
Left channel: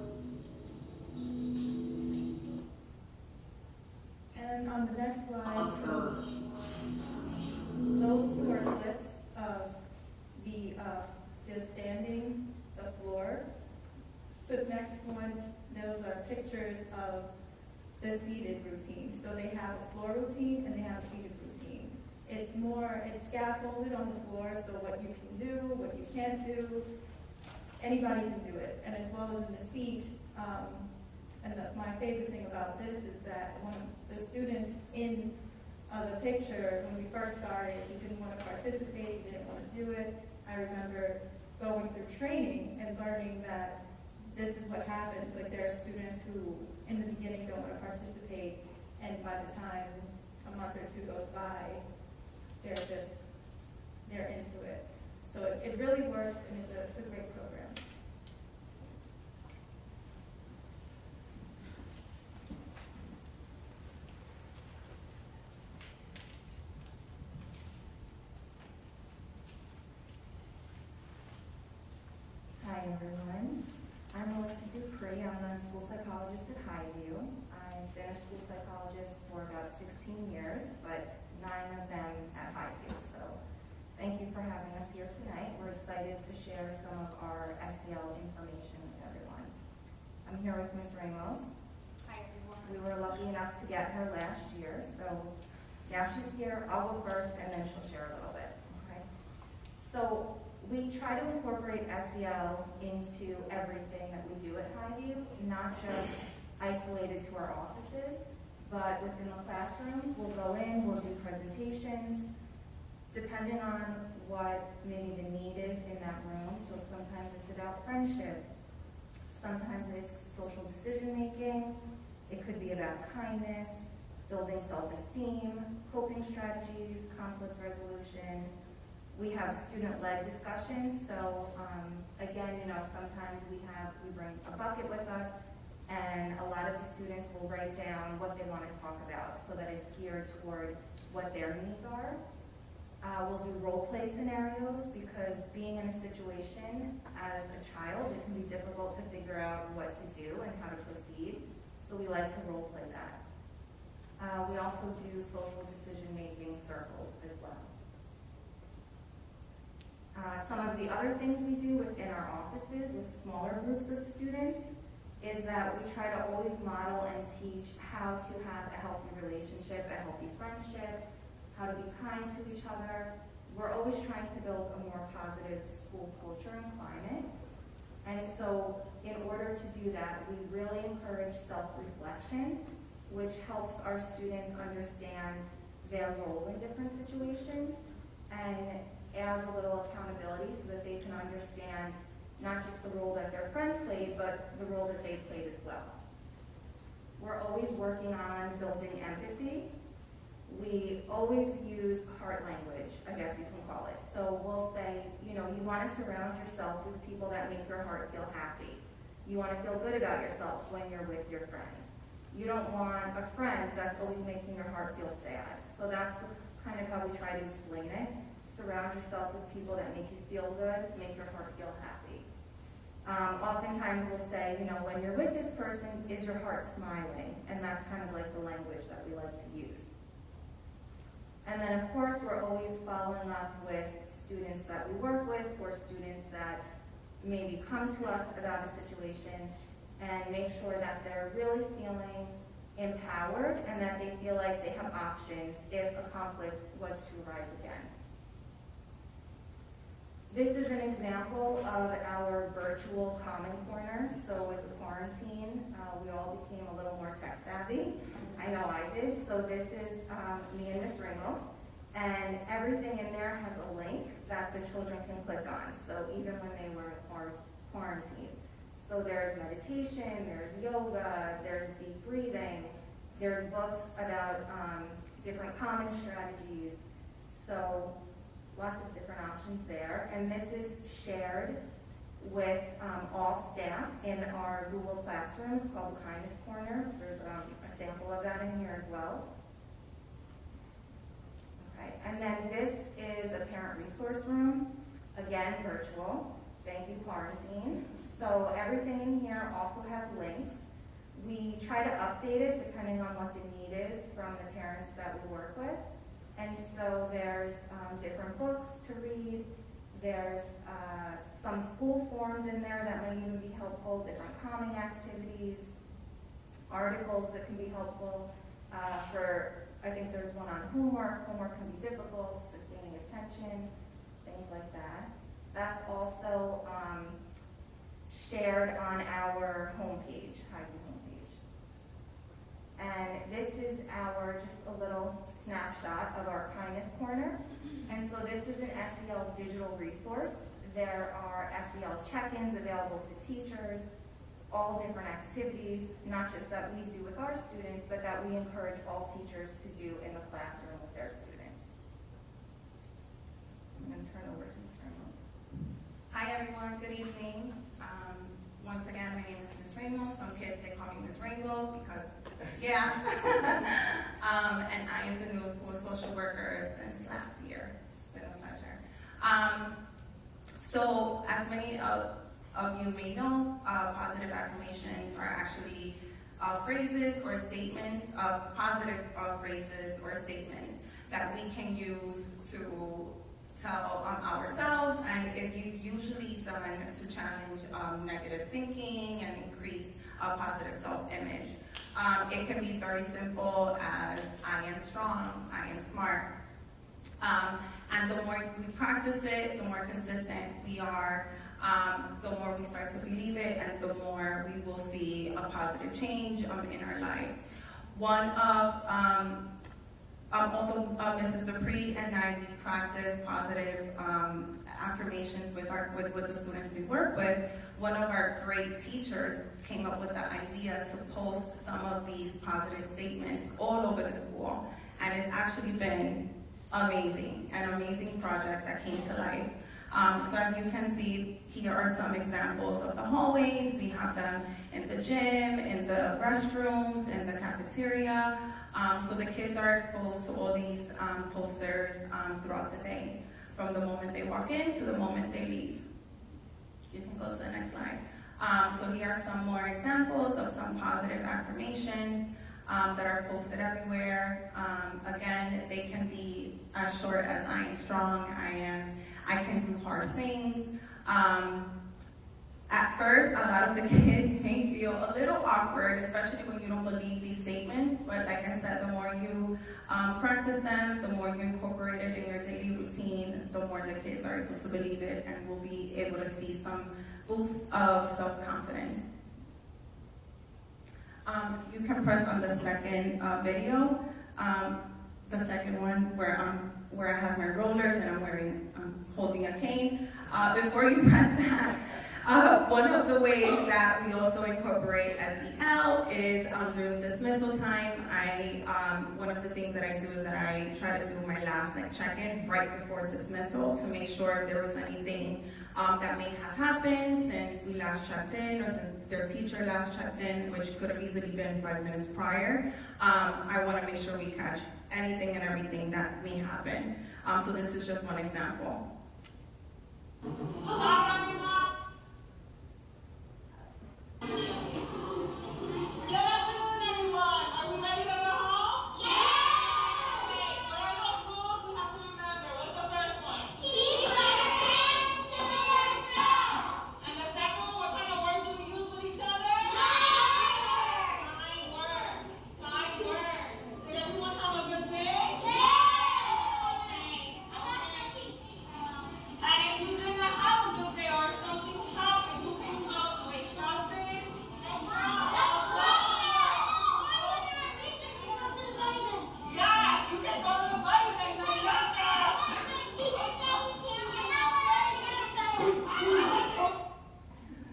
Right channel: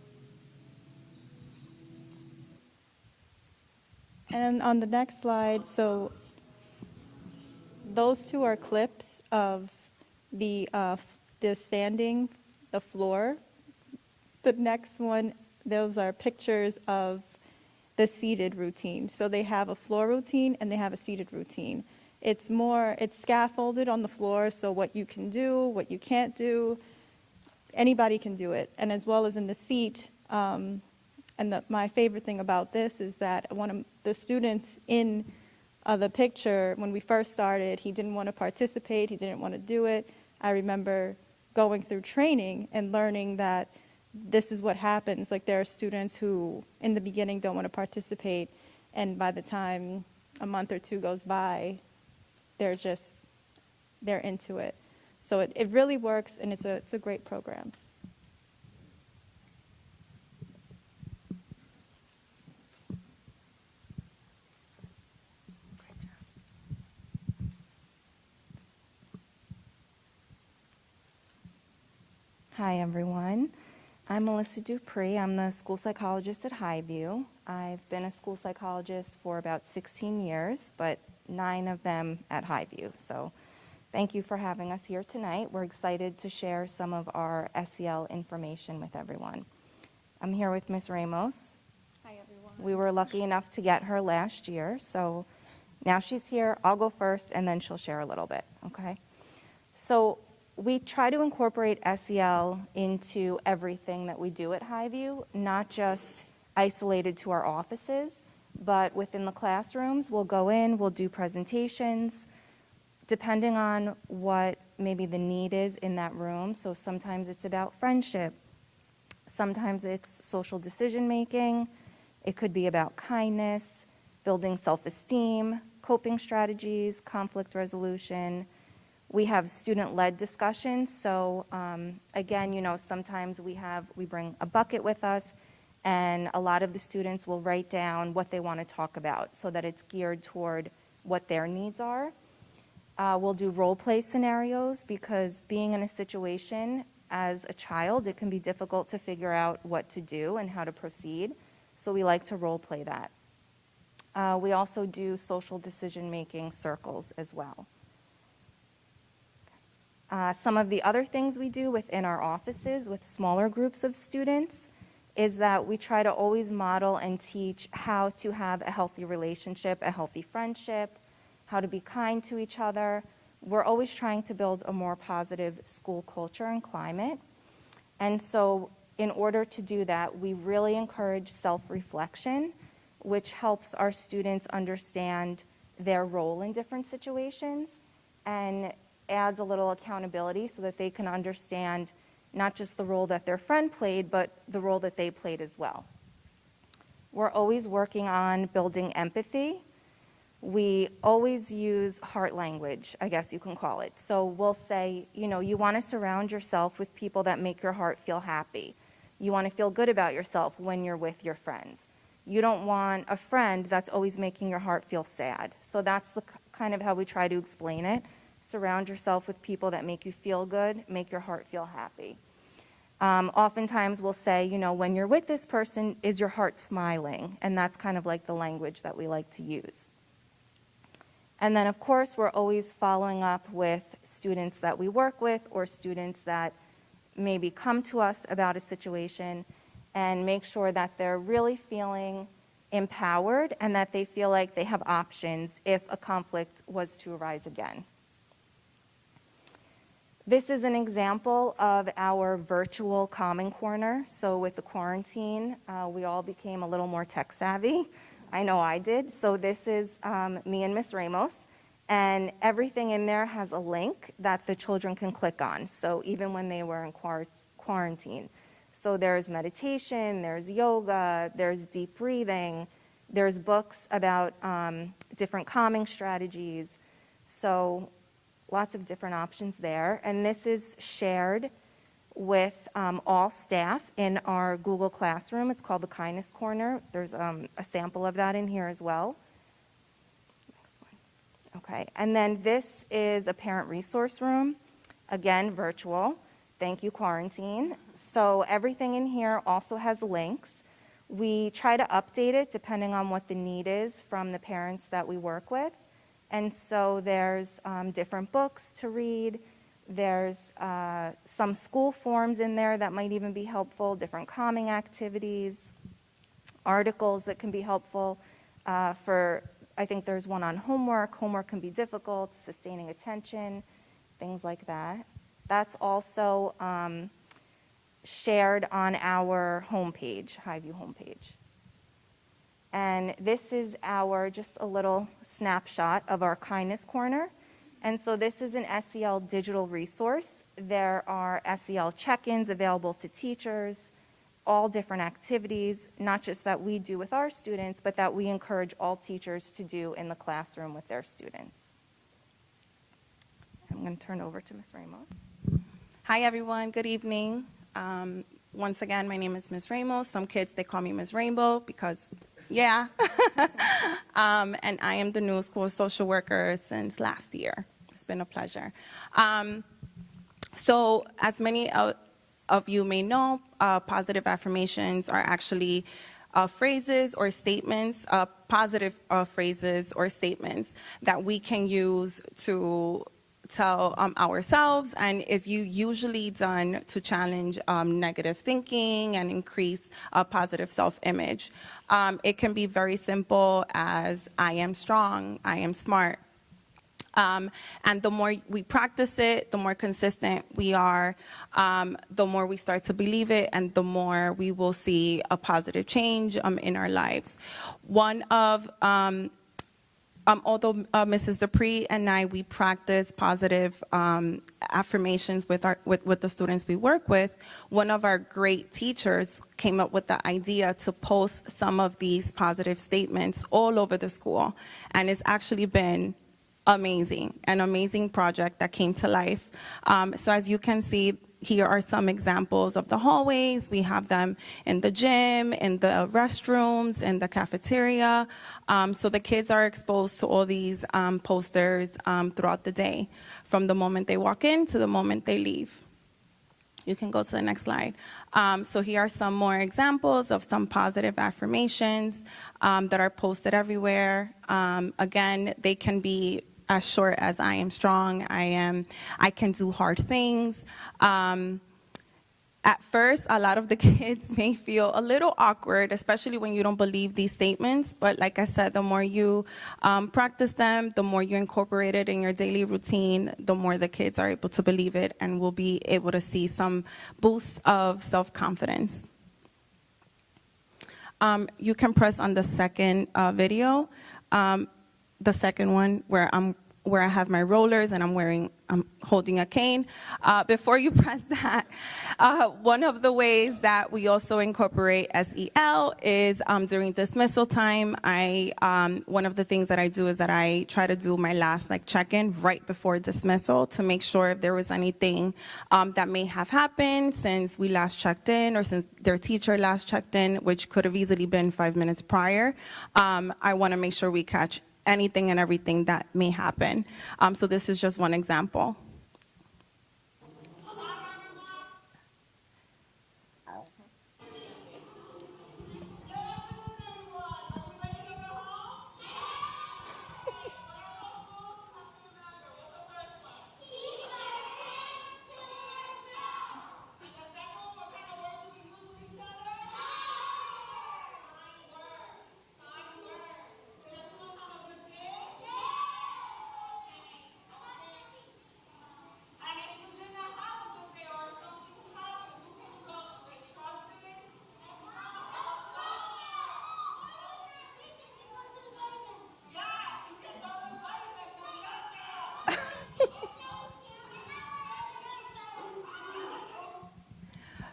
And on the next slide, so those two are clips of the standing, the floor. The next one, those are pictures of the seated routine. So they have a floor routine and they have a seated routine. It's scaffolded on the floor, so what you can do, what you can't do, anybody can do it. And as well as in the seat, my favorite thing about this is that one of the students in the picture, when we first started, he didn't want to participate, he didn't want to do it. I remember going through training and learning that this is what happens. Like, there are students who in the beginning don't want to participate, and by the time a month or two goes by, they're into it. So it really works, and it's a great program. Hi, everyone. I'm Melissa Dupree. I'm the school psychologist at Highview. I've been a school psychologist for about 16 years, but 9 of them at Highview. So thank you for having us here tonight. We're excited to share some of our SEL information with everyone. I'm here with Ms. Ramos. Hi, everyone. We were lucky enough to get her last year, so now she's here. I'll go first, and then she'll share a little bit, okay? So we try to incorporate SEL into everything that we do at Highview, not just isolated to our offices, but within the classrooms. We'll go in, we'll do presentations, depending on what maybe the need is in that room. So sometimes it's about friendship, sometimes it's social decision making, it could be about kindness, building self-esteem, coping strategies, conflict resolution. We have student-led discussions, so again, sometimes we bring a bucket with us, and a lot of the students will write down what they want to talk about so that it's geared toward what their needs are. We'll do role play scenarios, because being in a situation as a child, it can be difficult to figure out what to do and how to proceed, so we like to role play that. We also do social decision-making circles as well. Some of the other things we do within our offices with smaller groups of students is that we try to always model and teach how to have a healthy relationship, a healthy friendship, how to be kind to each other. We're always trying to build a more positive school culture and climate. And so in order to do that, we really encourage self-reflection, which helps our students understand their role in different situations and adds a little accountability so that they can understand not just the role that their friend played, but the role that they played as well. We're always working on building empathy. We always use heart language, I guess you can call it. So we'll say, you want to surround yourself with people that make your heart feel happy. You want to feel good about yourself when you're with your friends. You don't want a friend that's always making your heart feel sad. So that's the kind of how we try to explain it. Surround yourself with people that make you feel good, make your heart feel happy. Oftentimes we'll say, when you're with this person, is your heart smiling? And that's kind of like the language that we like to use. And then, of course, we're always following up with students that we work with or students that maybe come to us about a situation, and make sure that they're really feeling empowered and that they feel like they have options if a conflict was to arise again. This is an example of our virtual calming corner. So with the quarantine, we all became a little more tech savvy. I know I did. So this is me and Miss Ramos. And everything in there has a link that the children can click on. So even when they were in quarantine. So there's meditation, there's yoga, there's deep breathing, there's books about different calming strategies. So lots of different options there. And this is shared with all staff in our Google Classroom. It's called the Kindness Corner. There's a sample of that in here as well. Okay, and then this is a parent resource room. Again, virtual. Thank you, quarantine. So everything in here also has links. We try to update it depending on what the need is from the parents that we work with. And so there's different books to read. There's some school forms in there that might even be helpful, different calming activities, articles that can be helpful I think there's one on homework. Homework can be difficult, sustaining attention, things like that. That's also shared on our homepage, Highview homepage. And this is just a little snapshot of our Kindness Corner. And so this is an SEL digital resource. There are SEL check-ins available to teachers, all different activities, not just that we do with our students, but that we encourage all teachers to do in the classroom with their students. I'm going to turn over to Ms. Ramos. Hi, everyone. Good evening. Once again, my name is Ms. Ramos. Some kids, they call me Ms. Rainbow because, yeah. And I am the new school social worker since last year. It's been a pleasure. So as many of you may know, positive affirmations are actually phrases or statements, positive phrases or statements that we can use to tell ourselves, and is usually done to challenge negative thinking and increase positive self-image. It can be very simple as, I am strong, I am smart. And the more we practice it, the more consistent we are, the more we start to believe it, and the more we will see a positive change in our lives. Although Mrs. Dupree and I, we practice positive affirmations with the students we work with, one of our great teachers came up with the idea to post some of these positive statements all over the school. And it's actually been amazing, an amazing project that came to life. So as you can see, here are some examples of the hallways. We have them in the gym, in the restrooms, in the cafeteria. So the kids are exposed to all these posters throughout the day, from the moment they walk in to the moment they leave. You can go to the next slide. So here are some more examples of some positive affirmations that are posted everywhere. Again, they can be as short as, I am strong, I can do hard things. At first, a lot of the kids may feel a little awkward, especially when you don't believe these statements. But like I said, the more you practice them, the more you incorporate it in your daily routine, the more the kids are able to believe it and will be able to see some boost of self-confidence. You can press on the second video, the second one where I have my rollers and I'm holding a cane. Before you press that, one of the ways that we also incorporate SEL is during dismissal time. One of the things that I do is that I try to do my last check-in right before dismissal to make sure if there was anything that may have happened since we last checked in or since their teacher last checked in, which could have easily been 5 minutes prior. I want to make sure we catch anything and everything that may happen. So this is just one example.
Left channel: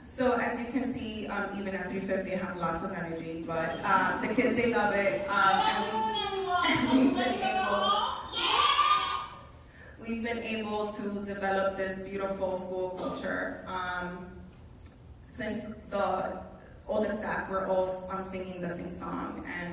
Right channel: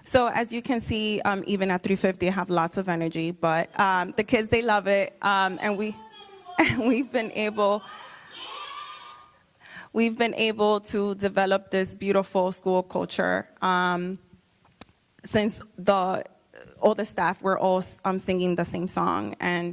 So as you can see, even at 3:50, I have lots of energy, but the kids, they love it, and we've been able to develop this beautiful school culture since all the staff, we're all singing the same song, and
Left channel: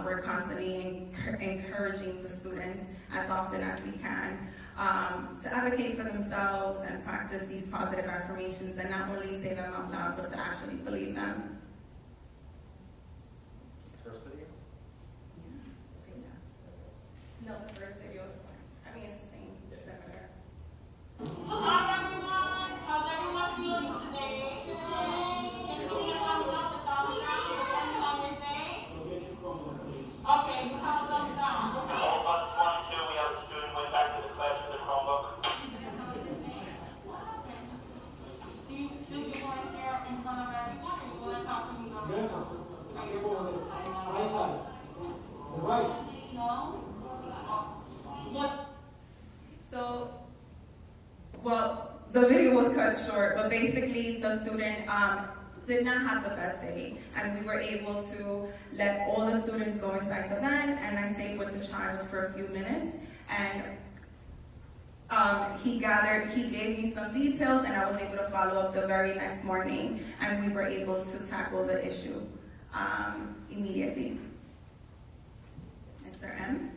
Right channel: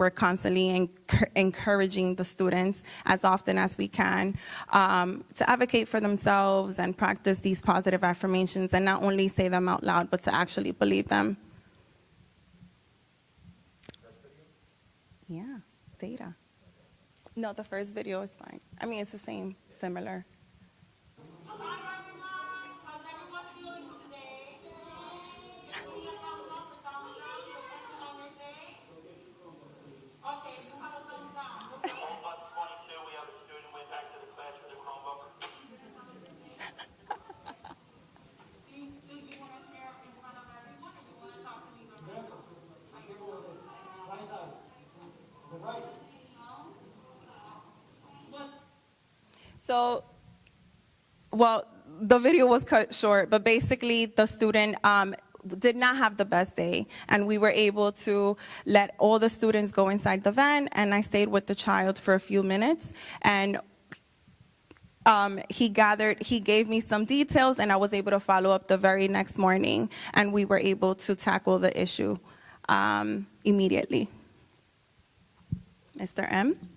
we're constantly encouraging the students as often as we can to advocate for themselves and practice these positive affirmations and not only say them out loud, but to actually believe them. data. No, the first video is fine. I mean, it's the same, similar. Hi everyone, how's everyone feeling today? Can you give thumbs up if all the crowd is attending on your day? Okay, you have a thumbs down. All but 22, we have a student went back to the class with their Chromebook. Do you want to share in front of everyone, or you want to talk to me about it? Right. No? What? So, well, the video was cut short, but basically the student did not have the best day, and we were able to let all the students go inside the van, and I stayed with the child for a few minutes, and he gave me some details, and I was able to follow up the very next morning, and we were able to tackle the issue immediately. Mr. M?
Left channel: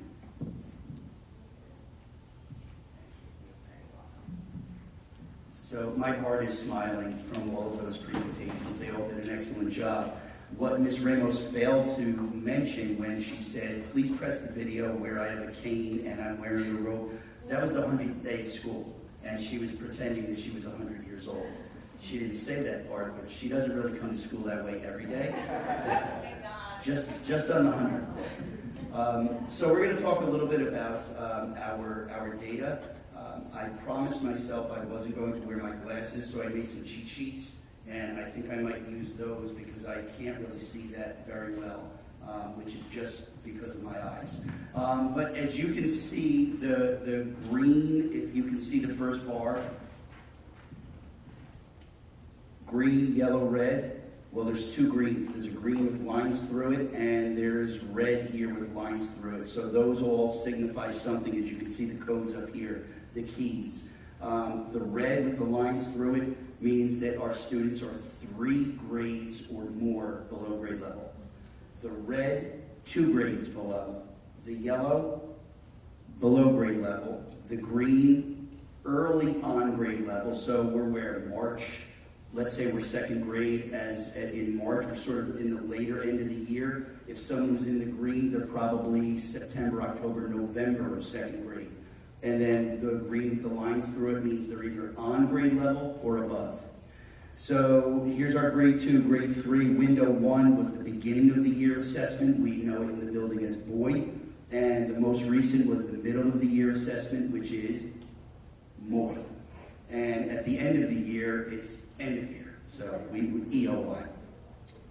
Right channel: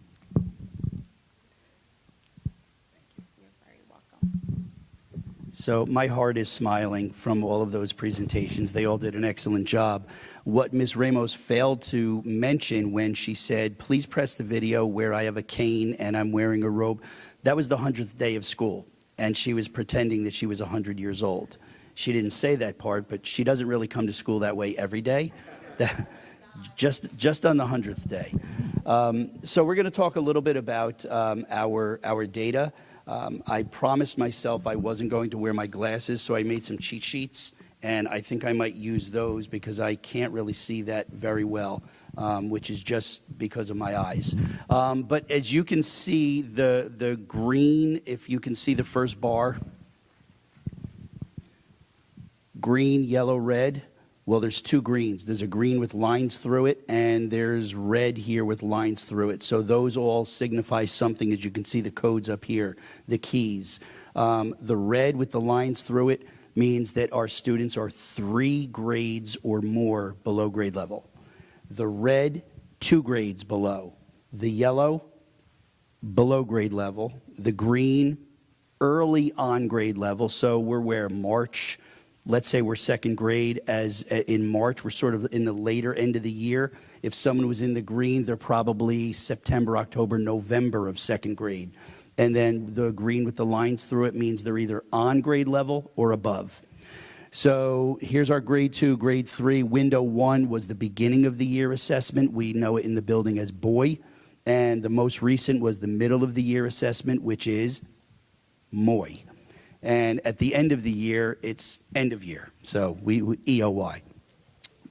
So my heart is smiling from all of those presentations. They all did an excellent job. What Ms. Ramos failed to mention when she said, please press the video where I have a cane and I'm wearing a robe, that was the 100th day of school, and she was pretending that she was 100 years old. She didn't say that part, but she doesn't really come to school that way every day. just on the 100th day. So we're going to talk a little bit about our data. I promised myself I wasn't going to wear my glasses, so I made some cheat sheets, and I think I might use those because I can't really see that very well, which is just because of my eyes. But as you can see, the green, if you can see the first bar, green, yellow, red. Well, there's two greens. There's a green with lines through it, and there's red here with lines through it. So those all signify something, as you can see the codes up here, the keys. The red with the lines through it means that our students are 3 grades or more below grade level. The red, 2 grades below. The yellow, below grade level. The green, early on grade level. So we're where March. Let's say we're 2nd grade, as in March, we're sort of in the later end of the year. If someone was in the green, they're probably September, October, November of 2nd grade. And then the green with the lines through it means they're either on grade level or above. So here's our grade 2, grade 3. Window 1 was the beginning of the year assessment. We know it in the building as BOE. And the most recent was the middle of the year assessment, which is MOI. And at the end of the year, it's end of year, so we EOY.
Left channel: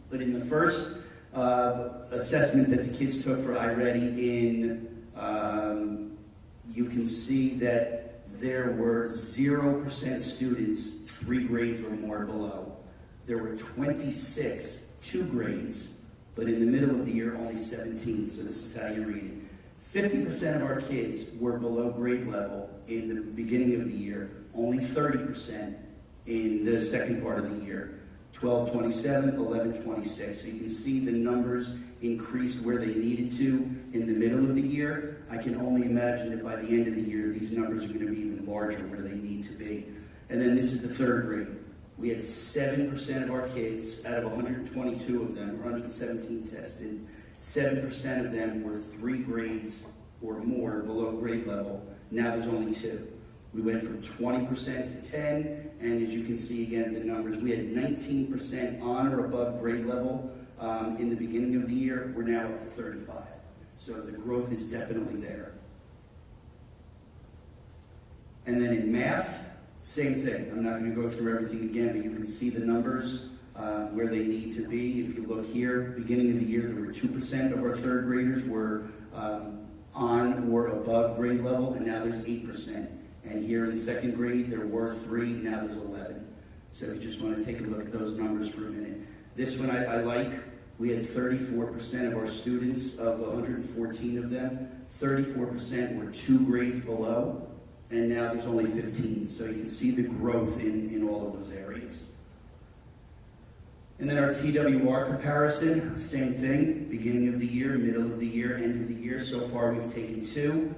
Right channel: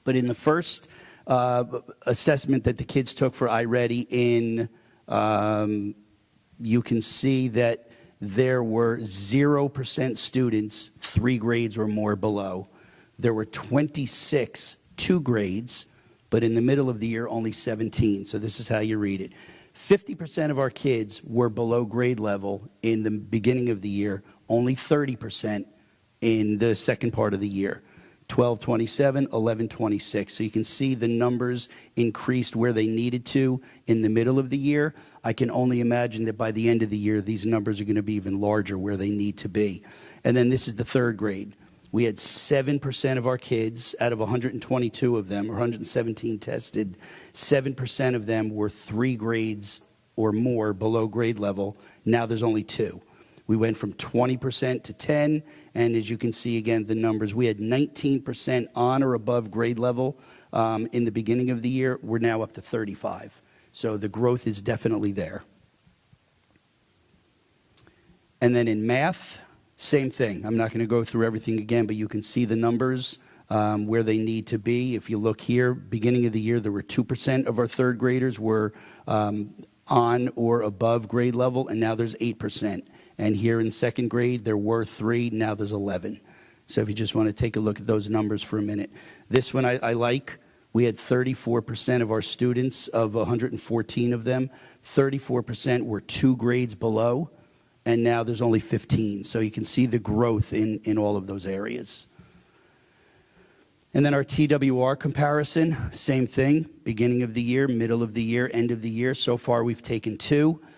But in the first assessment that the kids took for iReady you can see that there were 0% students 3 grades or more below. There were 26 2 grades, but in the middle of the year, only 17. So this is how you read it. 50% of our kids were below grade level in the beginning of the year, only 30% in the second part of the year. 1227, 1126. So you can see the numbers increased where they needed to in the middle of the year. I can only imagine that by the end of the year, these numbers are going to be even larger where they need to be. And then this is the 3rd grade. We had 7% of our kids, out of 122 of them, or 117 tested, 7% of them were 3 grades or more below grade level. Now there's only 2. We went from 20% to 10, and as you can see again, the numbers, we had 19% on or above grade level in the beginning of the year. We're now up to 35. So the growth is definitely there. And then in math, same thing. I'm not going to go through everything again, but you can see the numbers where they need to be. If you look here, beginning of the year, there were 2% of our 3rd graders were on or above grade level, and now there's 8%. And here in 2nd grade, there were 3, now there's 11. So if you just want to take a look at those numbers for a minute. This one I like. We had 34% of our students, of 114 of them, 34% were 2 grades below, and now there's only 15. So you can see the growth in all of those areas. And then our TWR comparison, same thing, beginning of the year, middle of the year, end of the year. So far we've taken 2.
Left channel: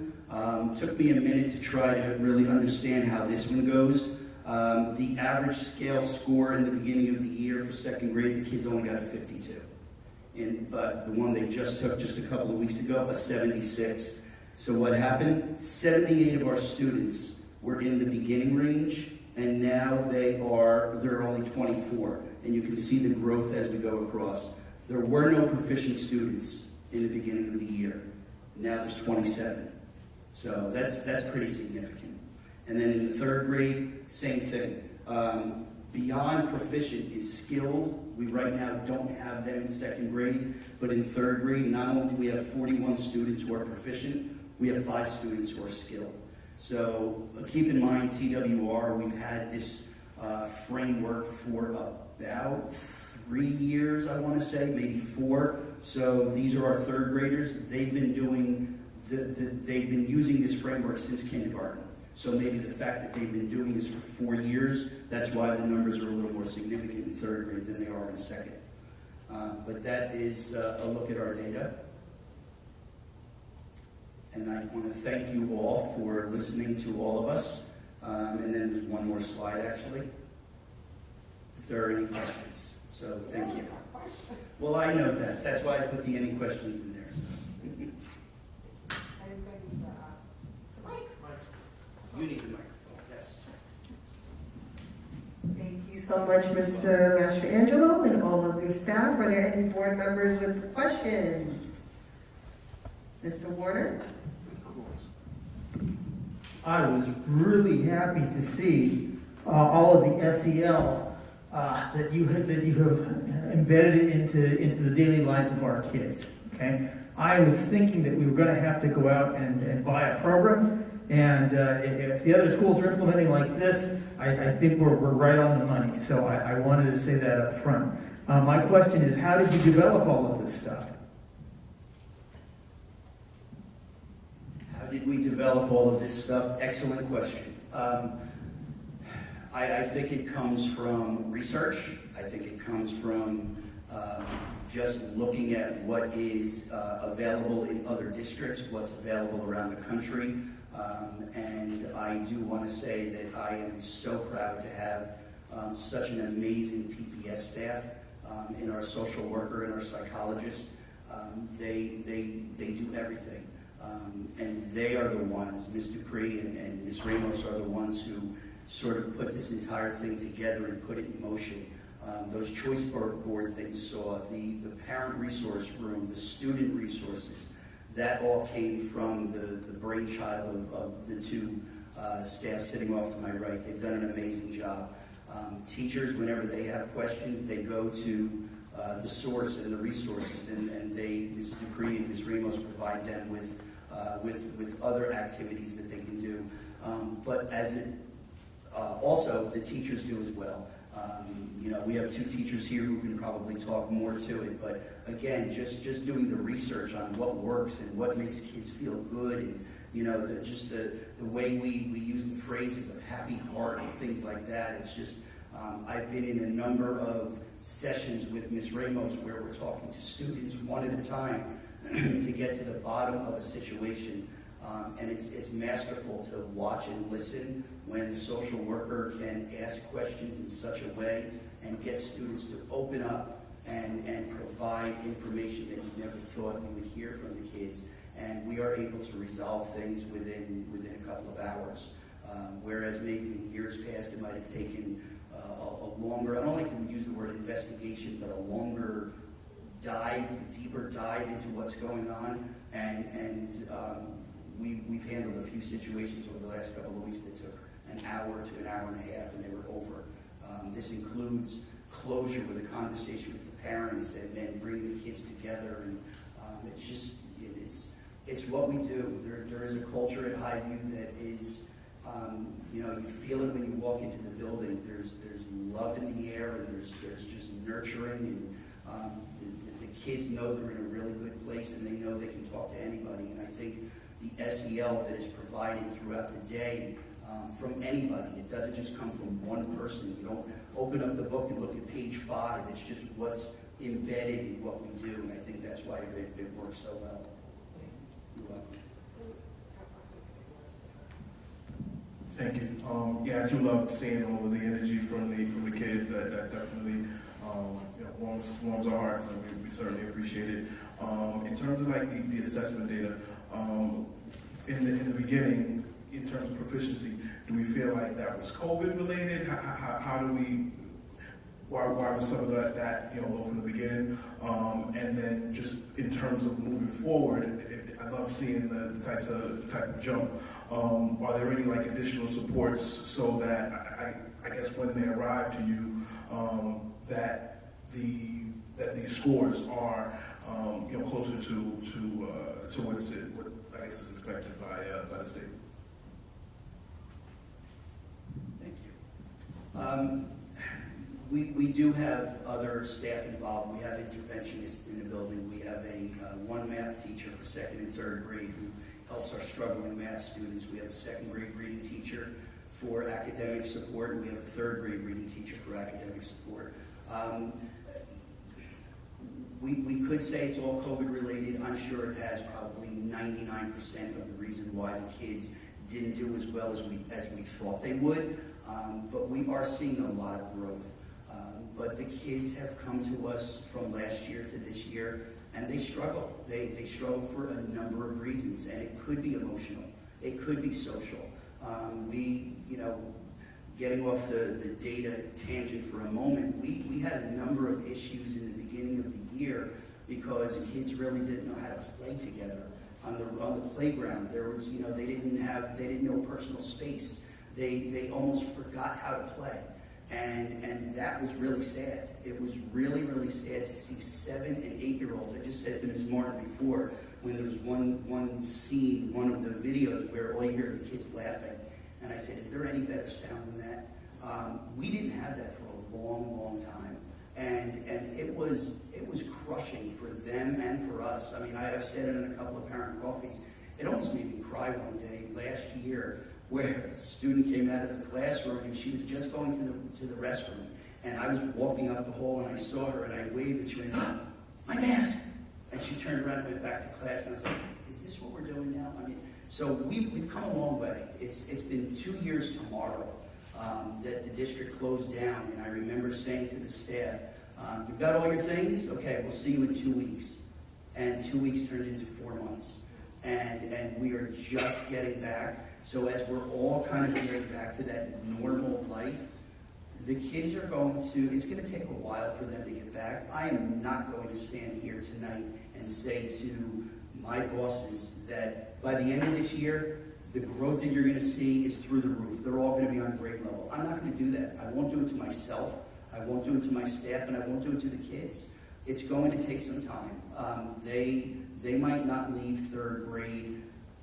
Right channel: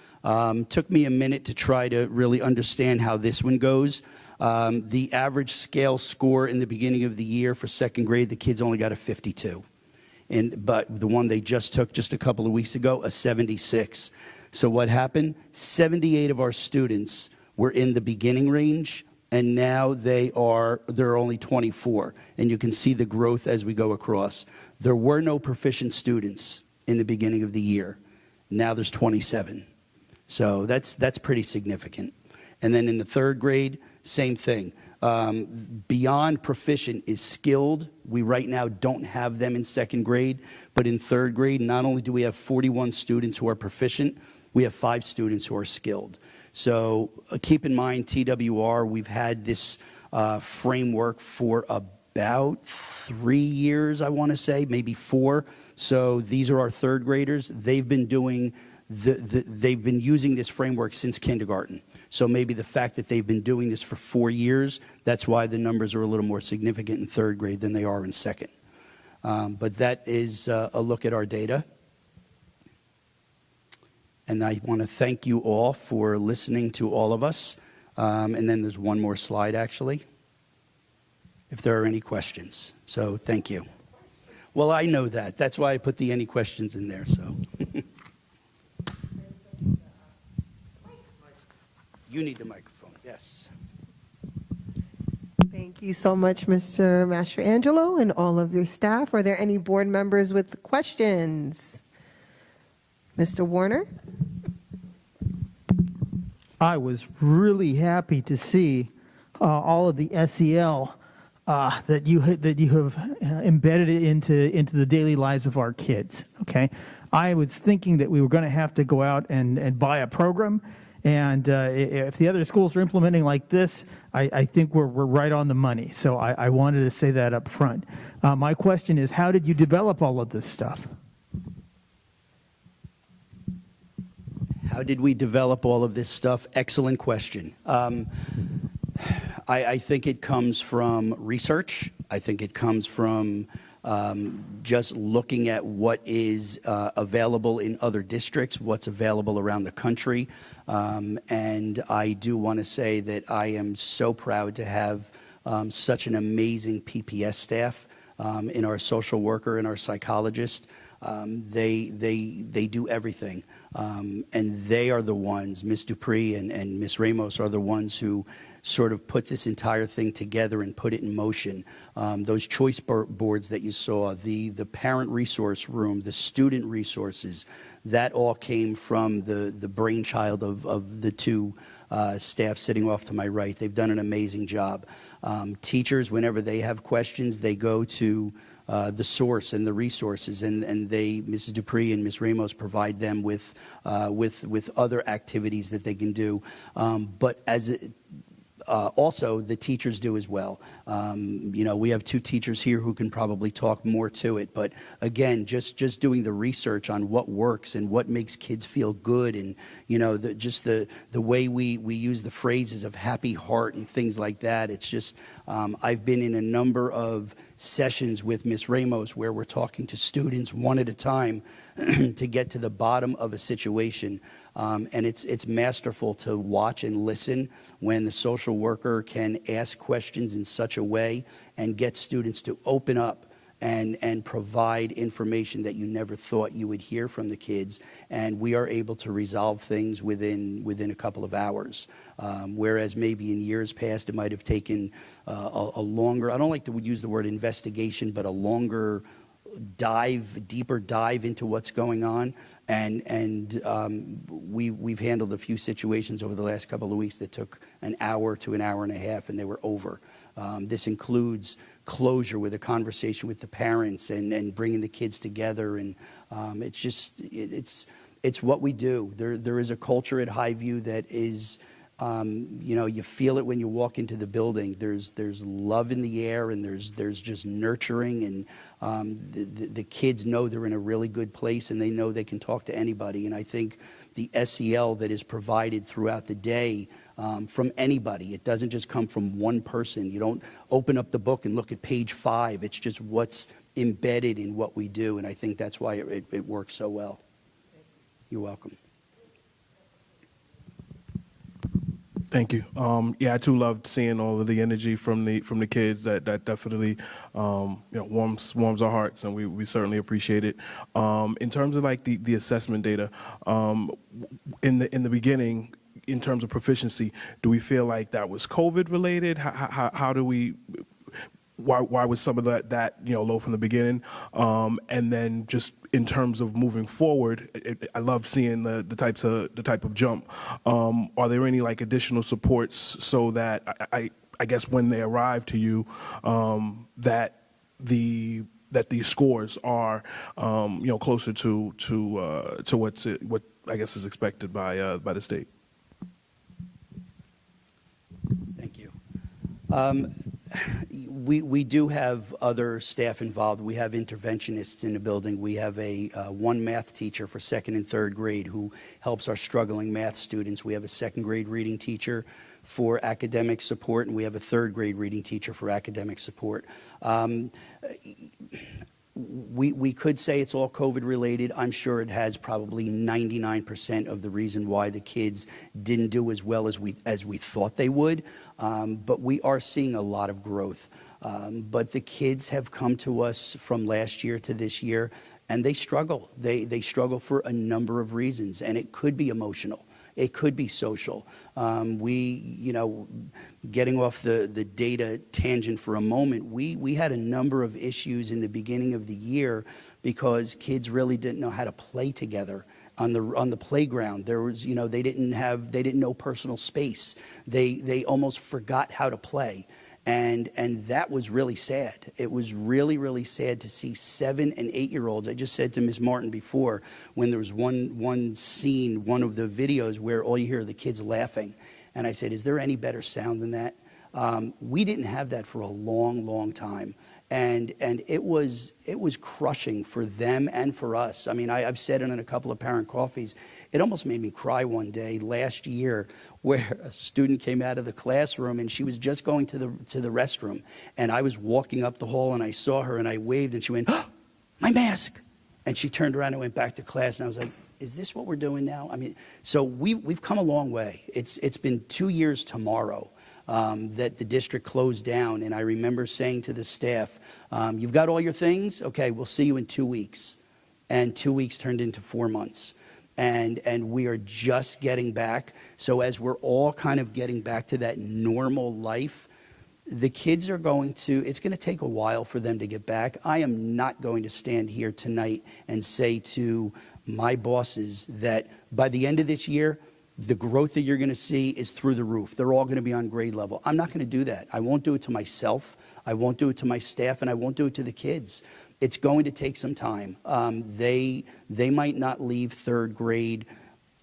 Took me a minute to try to really understand how this one goes. The average scale score in the beginning of the year for 2nd grade, the kids only got a 52. but the one they just took just a couple of weeks ago, a 76. So what happened? 78 of our students were in the beginning range, and now there are only 24. And you can see the growth as we go across. There were no proficient students in the beginning of the year. Now there's 27. So that's pretty significant. And then in the third grade, same thing. Beyond proficient is skilled. We right now don't have them in second grade, but in third grade, not only do we have 41 students who are proficient, we have 5 students who are skilled. So keep in mind, TWR, we've had this framework for about 3 years, I want to say, maybe 4. So these are our third graders. They've been doing they've been using this framework since kindergarten. So maybe the fact that they've been doing this for 4 years, that's why the numbers are a little more significant in third grade than they are in second. But that is a look at our data. And I want to thank you all for listening to all of us. And then there's one more slide, actually, if there are any questions. So thank you. Well, I know that. That's why I put the any questions in there. So. You need the microphone, yes. Thank you so much, Mr. Mastrangelo, and all of your staff. Are there any board members with questions? Mr. Warner? I was really happy to see all of the SEL that you have embedded into the daily lives of our kids. Okay, I was thinking that we were going to have to go out and buy a program, and if the other schools are implementing like this, I think we're right on the money. So I wanted to say that up front. My question is, how did you develop all of this stuff? How did we develop all of this stuff? Excellent question. I think it comes from research. I think it comes from just looking at what is available in other districts, what's available around the country. And I do want to say that I am so proud to have such an amazing PPS staff in our social worker and our psychologist. They do everything. And they are the ones, Ms. Dupree and Ms. Ramos are the ones who sort of put this entire thing together and put it in motion. Those choice boards that you saw, the parent resource room, the student resources, that all came from the brainchild of the two staff sitting off to my right. They've done an amazing job. Teachers, whenever they have questions, they go to the source and the resources, and Mrs. Dupree and Ms. Ramos provide them with other activities that they can do. But also the teachers do as well. We have 2 teachers here who can probably talk more to it, but again, just doing the research on what works and what makes kids feel good, and the way we use the phrases of happy heart and things like that. It's just I've been in a number of sessions with Ms. Ramos where we're talking to students one at a time to get to the bottom of a situation. And it's masterful to watch and listen when the social worker can ask questions in such a way and get students to open up and provide information that you never thought you would hear from the kids. And we are able to resolve things within a couple of hours. Whereas maybe in years past it might have taken a longer, I don't like to use the word investigation, but a longer deeper dive into what's going on. And we've handled a few situations over the last couple of weeks that took an hour to an hour and a half, and they were over. This includes closure with a conversation with the parents and bringing the kids together. And it's what we do. There is a culture at Highview that is, you feel it when you walk into the building. There's love in the air, and there's just nurturing, and the kids know they're in a really good place, and they know they can talk to anybody. And I think the SEL that is provided throughout the day from anybody, it doesn't just come from one person. You don't open up the book and look at page 5. It's just what's embedded in what we do, and I think that's why it works so well. You're welcome. Thank you. Yeah, I too loved seeing all of the energy from the kids. That definitely warms our hearts, and we certainly appreciate it. In terms of like the assessment data, in the beginning, in terms of proficiency, do we feel like that was COVID related? How do we? Why was some of that low from the beginning? And then just in terms of moving forward, I love seeing the type of jump. Are there any like additional supports so that I guess when they arrive to you, that these scores are closer to what I guess is expected by the state? Thank you. We do have other staff involved. We have interventionists in the building. We have one math teacher for 2nd and 3rd grade who helps our struggling math students. We have a 2nd grade reading teacher for academic support, and we have a 3rd grade reading teacher for academic support. We could say it's all COVID related. I'm sure it has probably 99% of the reason why the kids didn't do as well as we thought they would. But we are seeing a lot of growth. But the kids have come to us from last year to this year, and they struggle. They struggle for a number of reasons, and it could be emotional. It could be social. Getting off the data tangent for a moment, we had a number of issues in the beginning of the year because kids really didn't know how to play together on the playground. There was, they didn't know personal space. They almost forgot how to play. And that was really sad. It was really, really sad to see 7 and 8-year-olds. I just said to Ms. Martin before, when there was one scene, one of the videos where all you hear are the kids laughing. And I said, is there any better sound than that? We didn't have that for a long, long time. And it was crushing for them and for us. I mean, I've said it in a couple of parent coffees. It almost made me cry one day last year where a student came out of the classroom and she was just going to the restroom. And I was walking up the hall and I saw her and I waved and she went, oh, my mask. And she turned around and went back to class and I was like, is this what we're doing now? I mean, so we've come a long way. It's been 2 years tomorrow that the district closed down. And I remember saying to the staff, you've got all your things? Okay, we'll see you in 2 weeks. And 2 weeks turned into 4 months. And we are just getting back. So as we're all kind of getting back to that normal life, the kids are it's going to take a while for them to get back. I am not going to stand here tonight and say to my bosses that by the end of this year, the growth that you're going to see is through the roof. They're all going to be on grade level. I'm not going to do that. I won't do it to myself. I won't do it to my staff, and I won't do it to the kids. It's going to take some time. They might not leave 3rd grade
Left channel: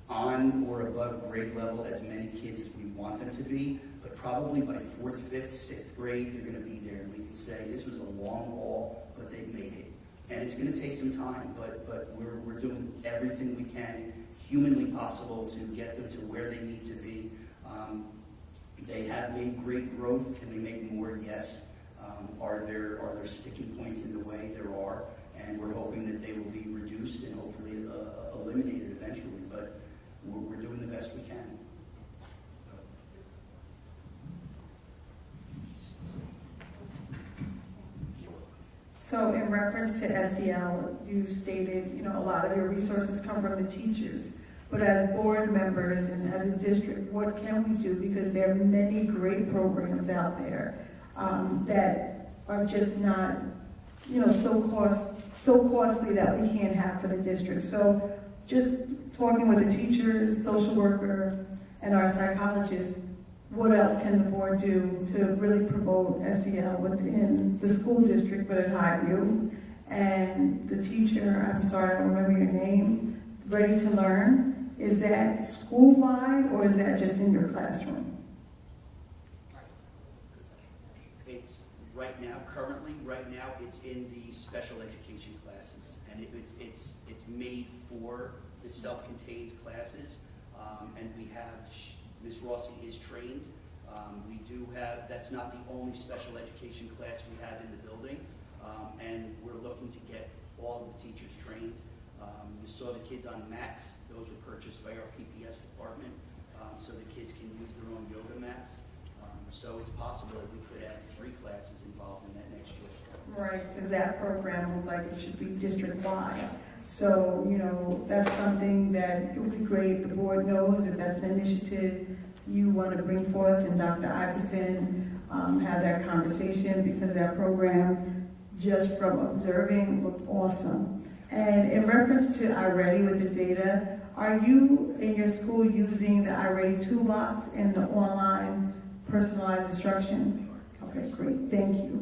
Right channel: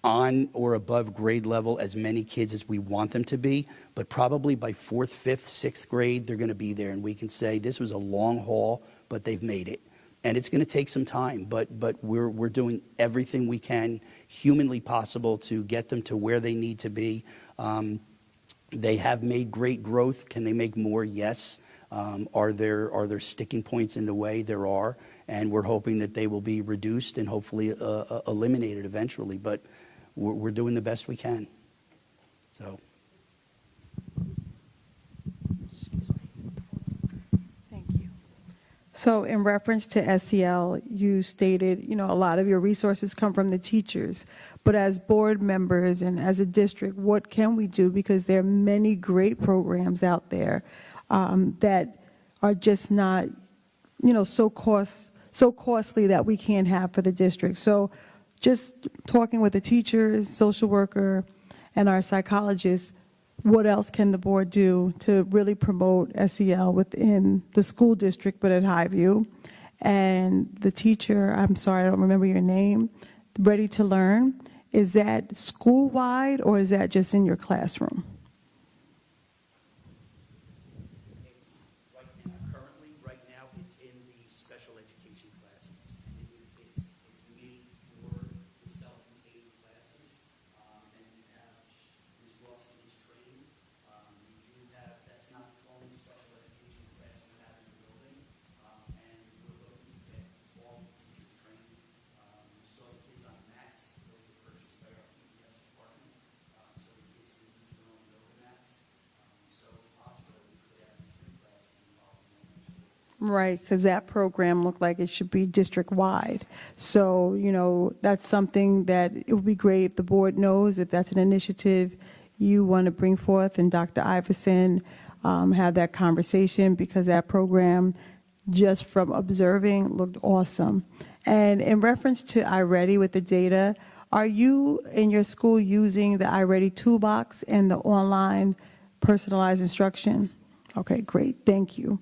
on or above grade level as many kids as we want them to be, but probably by 4th, 5th, 6th grade, they're going to be there, and we can say this was a long haul, but they've made it. And it's going to take some time, but we're doing everything we can humanly possible to get them to where they need to be. They have made great growth. Can they make more? Yes. Are there sticking points in the way? There are, and we're hoping that they will be reduced and hopefully eliminated eventually, but we're doing the best we can. So. Thank you. So in reference to SEL, you stated, a lot of your resources come from the teachers. But as board members and as a district, what can we do? Because there are many great programs out there that are just not, so costly that we can't have for the district. So just talking with the teachers, social worker, and our psychologist, what else can the board do to really promote SEL within the school district, but at Highview? And the teacher, I'm sorry, I don't remember your name, Ready to Learn, is that school-wide or is that just in your classroom? Right now, it's in the special education classes, and it's made for the self-contained classes, and we have, Ms. Rossi is trained. We do have, that's not the only special education class we have in the building, and we're looking to get all of the teachers trained. You saw the kids on mats. Those were purchased by our PPS department, so the kids can use their own yoga so it's possible that we could add 3 classes involved in that next year. Right, because that program looked like it should be district-wide. So, you know, that's something that it would be great if the board knows if that's an initiative you want to bring forth, and Dr. Iverson have that conversation, because that program, just from observing, looked awesome. And in reference to iReady with the data, are you in your school using the iReady toolbox and the online personalized instruction? Okay, great, thank you.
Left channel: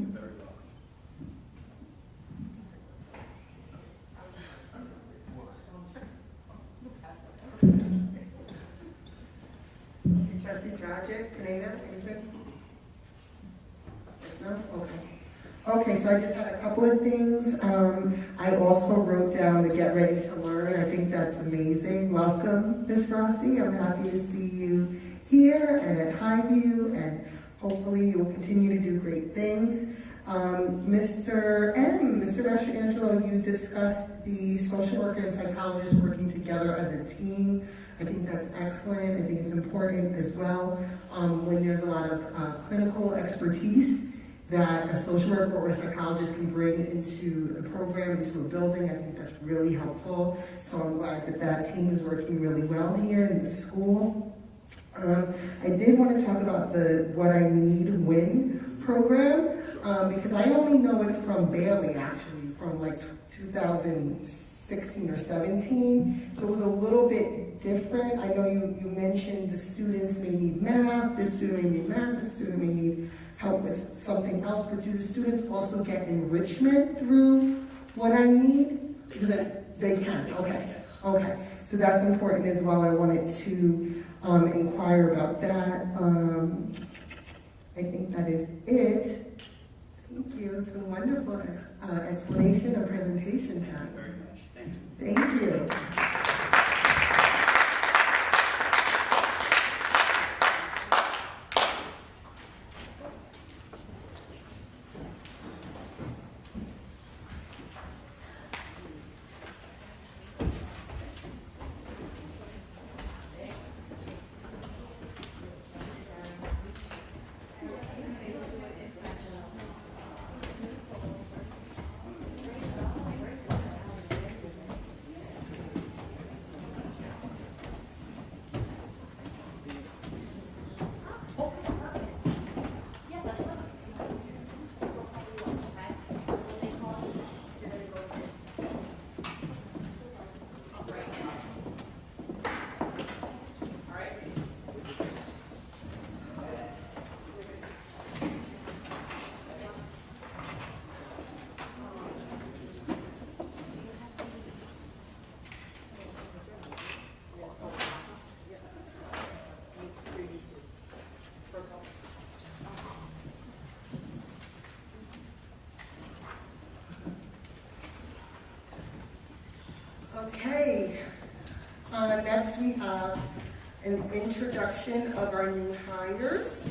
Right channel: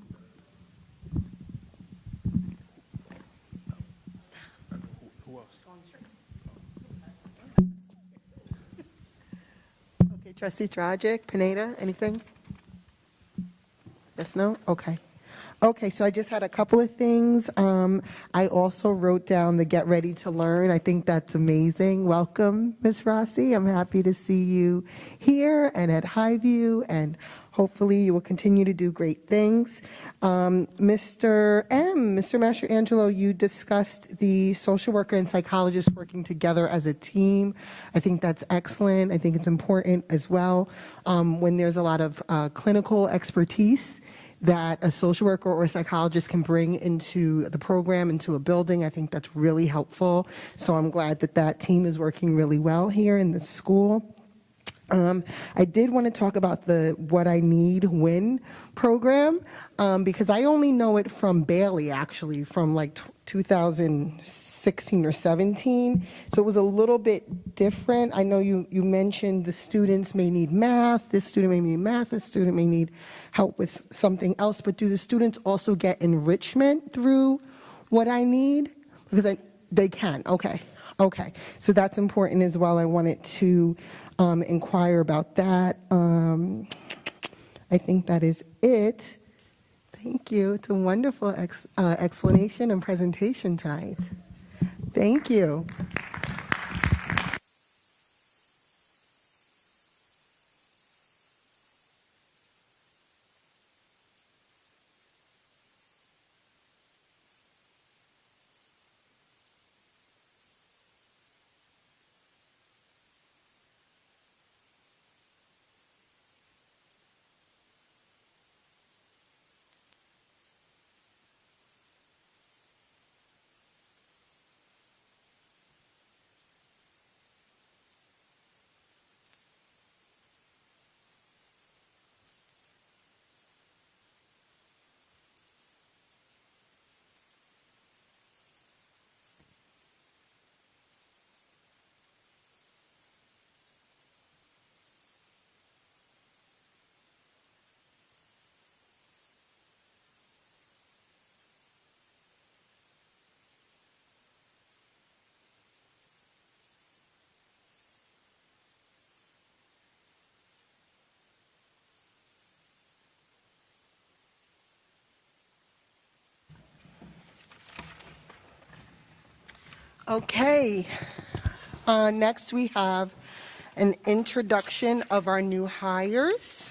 Trustee Dragic, Pineda, anything? Yes, no? Okay. Okay, so I just had a couple of things. I also wrote down the Get Ready to Learn. I think that's amazing. Welcome, Ms. Rossi. I'm happy to see you here and at Highview, and hopefully you will continue to do great things. Mr. Mastrangelo, you discussed the social worker and psychologist working together as a team. I think that's excellent. I think it's important as well when there's a lot of clinical expertise that a social worker or a psychologist can bring into the program, into a building. I think that's really helpful. So I'm glad that that team is working really well here in the school. I did want to talk about the What I Need Win program, because I only know it from Bailey, actually, from like 2016 or 17. So it was a little bit different. I know you mentioned the students may need math, this student may need math, this student may need help with something else, but do the students also get enrichment through What I Need? Because they can, okay. Okay, so that's important as well. I wanted to inquire about that. I think that is it. Thank you. It's a wonderful explanation and presentation tonight. Thank you. Okay, next we have an introduction of our new hires.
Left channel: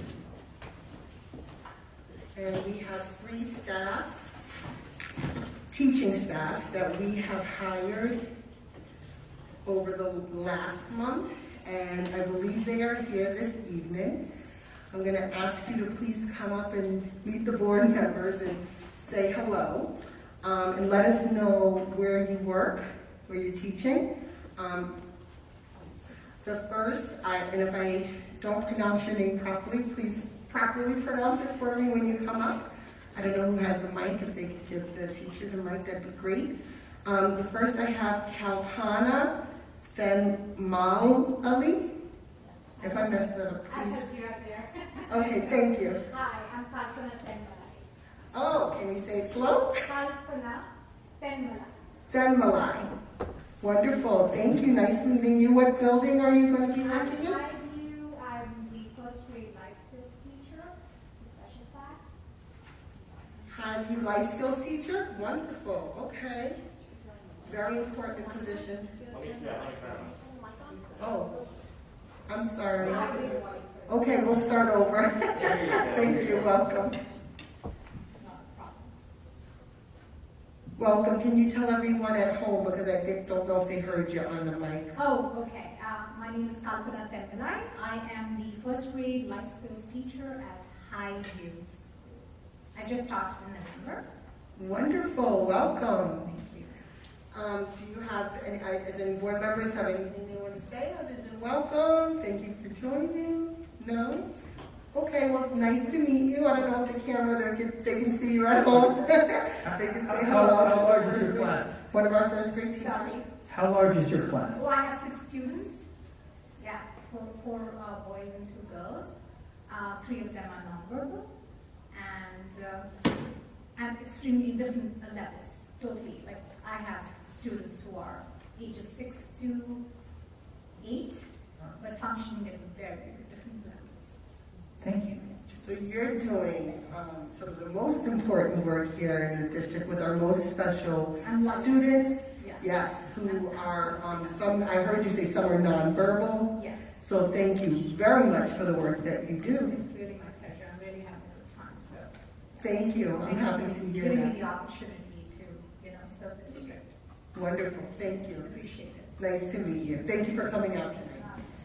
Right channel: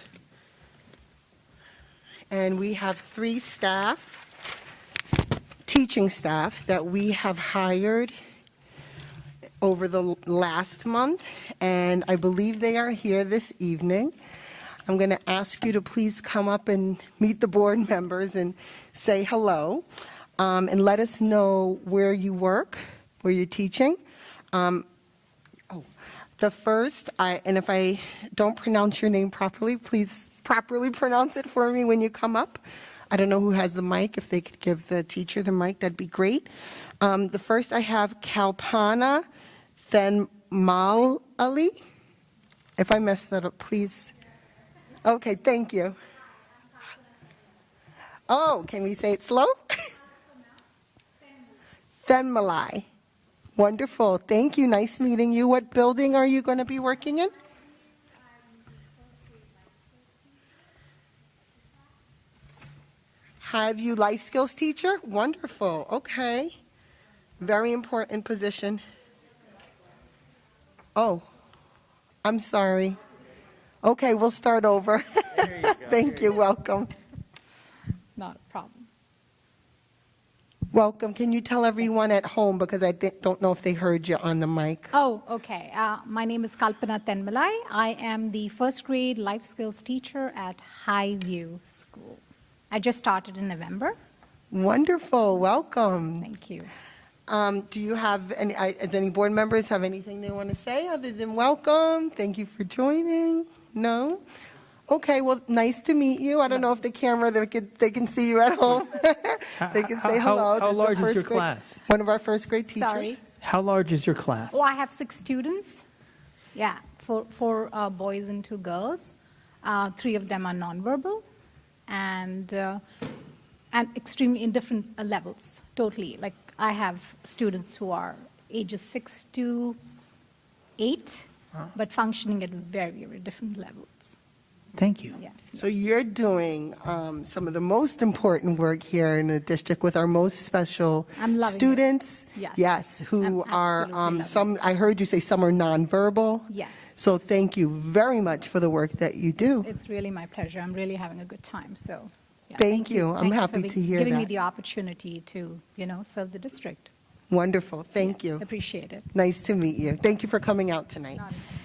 And we have 3 staff, teaching staff, that we have hired over the last month, and I believe they are here this evening. I'm going to ask you to please come up and meet the board members and say hello, and let us know where you work, where you're teaching. The first, and if I don't pronounce your name properly, please properly pronounce it for me when you come up. I don't know who has the mic. If they could give the teacher the mic, that'd be great. The first I have Kalpana Thenmalali. If I messed that up, please. Okay, thank you. Hi, I'm Kalpana Thenmalai. Oh, can we say it slow? Kalpana Thenmalai. Thenmalai. Wonderful. Thank you. Nice meeting you. What building are you going to be working in? Highview, I'm the first grade life skills teacher, special class. Highview life skills teacher? Wonderful. Okay. Very important position. Oh, I'm sorry. Okay, we'll start over. Thank you. Welcome. Not a problem. Welcome. Can you tell everyone at home, because I don't know if they heard you on the mic. Oh, okay. My name is Kalpana Tenmalai. I am the first grade life skills teacher at Highview School. I just started in November. Wonderful. Welcome. Thank you. Do you have any board members have anything they want to say other than welcome? Thank you for joining. No? Okay, well, nice to meet you. I don't know if the camera, they can see you at home. They can say hello. How large is your class? One of our first grade teachers. Sorry. How large is your class? Oh, I have 6 students. Yeah, four boys and 2 girls. 3 of them are nonverbal, and extremely in different levels. Totally. Like I have students who are ages 6 to 8, but functioning at very, very different levels. Thank you. Yeah. So you're doing some of the most important work here in the district with our most special students. Yes, who are some. I heard you say some are nonverbal. Yes. So thank you very much for the work that you do. It's really my pleasure. I'm really having a good time. So. Yeah. Thank you. I'm Thanks happy to hear giving that. me the opportunity to, serve the district. Wonderful. Thank you. Appreciate it. Nice to meet you. Thank you for coming out tonight.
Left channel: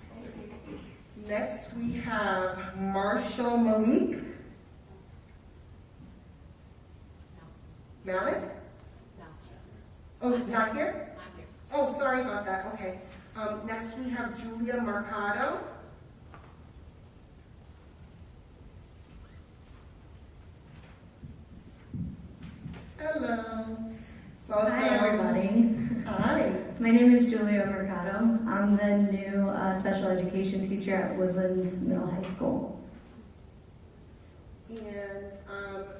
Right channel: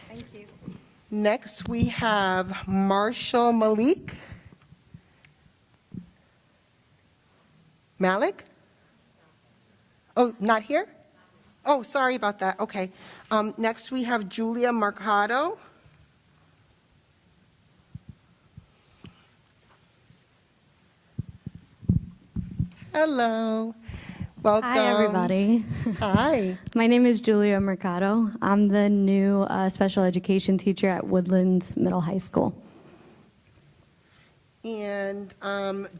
Thank you. Next, we have Marshall Malik. Malik? Oh, not here? Oh, sorry about that. Okay. Next, we have Julia Mercado. Hello. Welcome. Hi, everybody. Hi. My name is Julia Mercado. I'm the new special education teacher at Woodlands Middle High School. And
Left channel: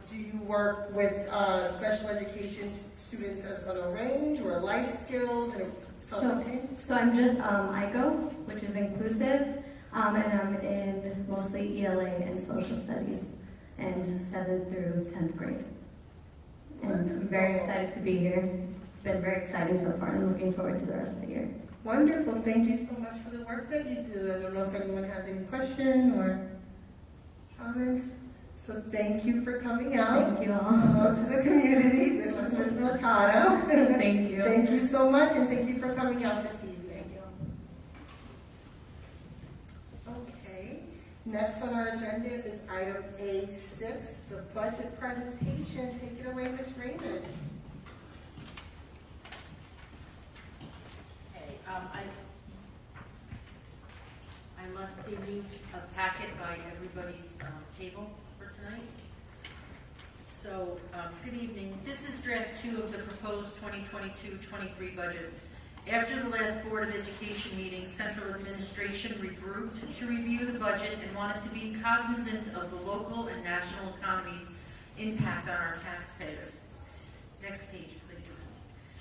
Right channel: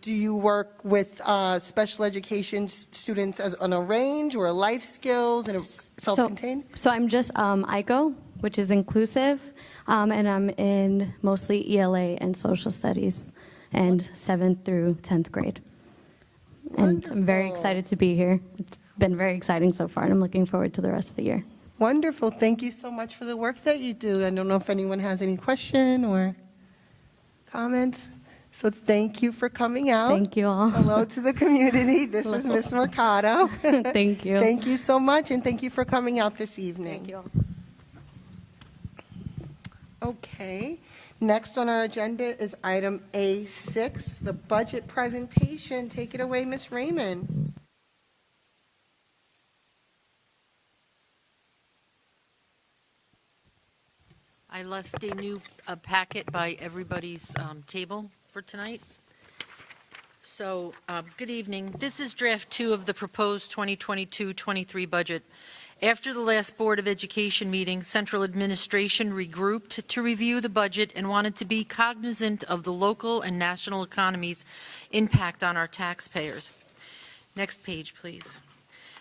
do you work with special education students on a range or life skills and self-contained? So I'm just ICO, which is inclusive, and I'm in mostly ELA and social studies, and 7th through 10th grade. And I'm very excited to be here. It's been very exciting so far, and I'm looking forward to the rest of the year. Wonderful. Thank you so much for the work that you do. I don't know if anyone has any question or comments. So thank you for coming out. Thank you all. Hello to the community. This is Ms. Mercado. Thank you. Thank you so much, and thank you for coming out this evening. Thank you. Okay. Next on our agenda is item A6, the budget presentation. Take it away, Ms. Raymond. I left a new packet by everybody's table for tonight. So, good evening. This is draft 2 of the proposed 2022-23 budget. After the last Board of Education meeting, Central Administration regrouped to review the budget and wanted to be cognizant of the local and national economy's impact on our taxpayers. Next page, please.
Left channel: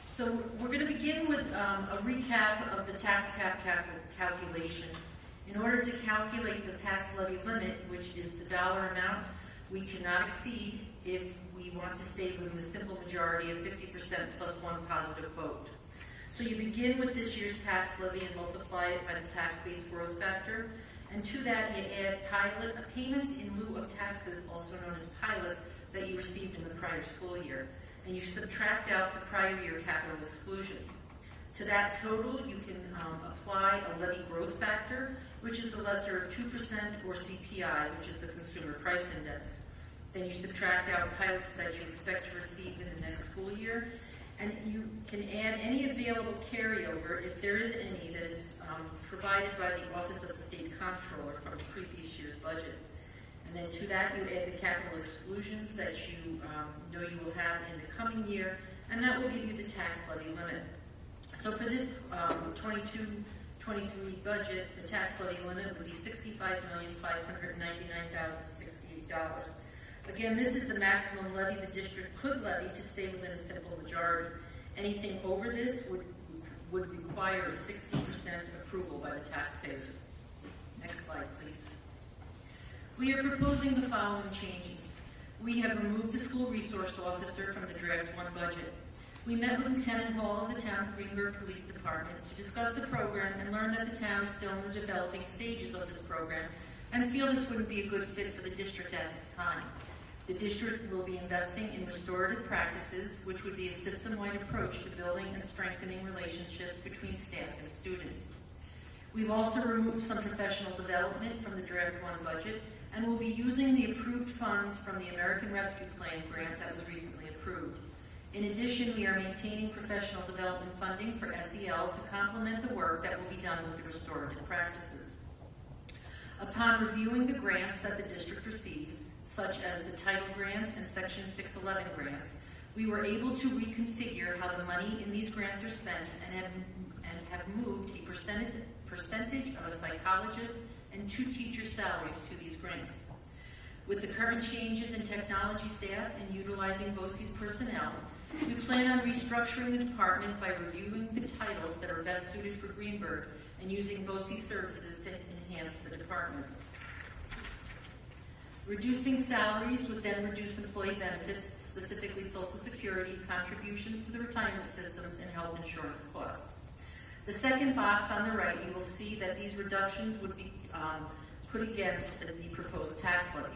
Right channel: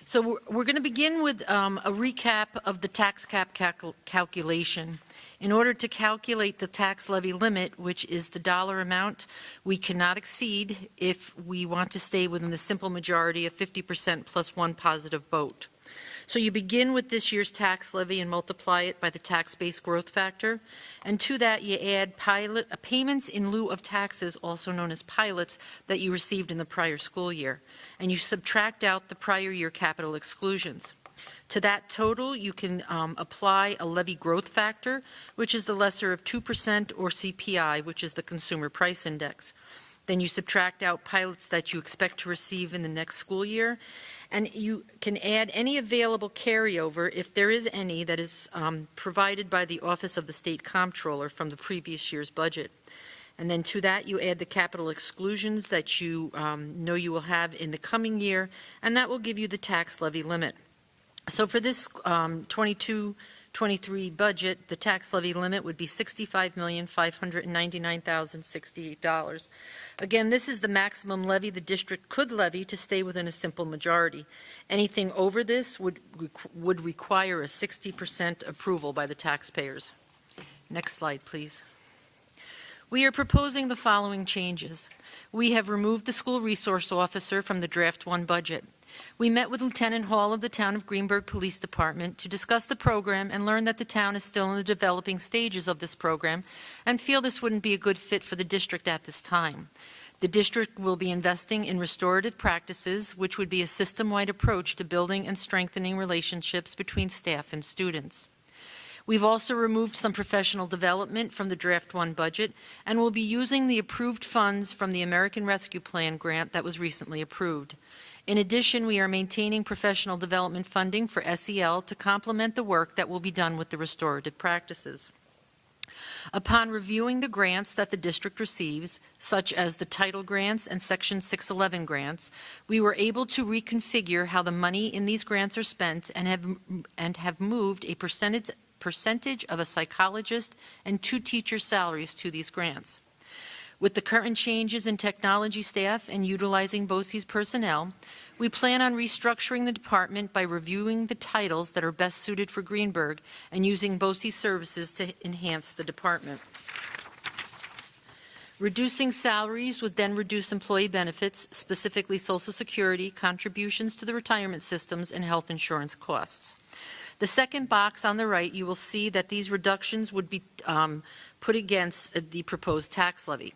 So we're going to begin with a recap of the tax cap calculation. In order to calculate the tax levy limit, which is the dollar amount we cannot exceed if we want to stay within the simple majority of 50% plus 1 positive vote. So you begin with this year's tax levy and multiply it by the tax-based growth factor. And to that, you add payments in lieu of taxes, also known as pilots, that you received in the prior school year. And you subtract out the prior year capital exclusions. To that total, you can apply a levy growth factor, which is the lesser of 2%, or CPI, which is the Consumer Price Index. Then you subtract out pilots that you expect to receive in the next school year. And you can add any available carryover, if there is any, that is provided by the Office of the State Comptroller from the previous year's budget. And then to that, you add the capital exclusions that you know you will have in the coming year, and that will give you the tax levy limit. So for this 22-23 budget, the tax levy limit would be $65,599,068. Again, this is the maximum levy the district could levy to stay within a simple majority. Anything over this would require a 60% approval by the taxpayers. Next slide, please. We are proposing the following changes. We have removed the school resource officer from the draft 1 budget. We met with Lieutenant Hall of the Town of Greenburgh Police Department to discuss the program and learn that the town is still in the developing stages of this program and feel this wouldn't be a good fit for the district at this time. The district will be investing in restorative practices, which would be a system-wide approach to building and strengthening relationships between staff and students. We've also removed some professional development from the Draft 1 budget and will be using the approved funds from the American Rescue Plan grant that was recently approved. In addition, we are maintaining professional development funding for SEL to complement the work that will be done with the restorative practices. Upon reviewing the grants that the district receives, such as the title grants and Section 611 grants, we were able to reconfigure how the money in these grants are spent and have moved a percentage of a psychologist and 2 teacher salaries to these grants. With the current changes in technology staff and utilizing BOCES personnel, we plan on restructuring the department by reviewing the titles that are best suited for Greenberg and using BOCES services to enhance the department. Reducing salaries would then reduce employee benefits, specifically Social Security, contributions to the retirement systems, and health insurance costs. The second box on the right, you will see that these reductions would be put against the proposed tax levy.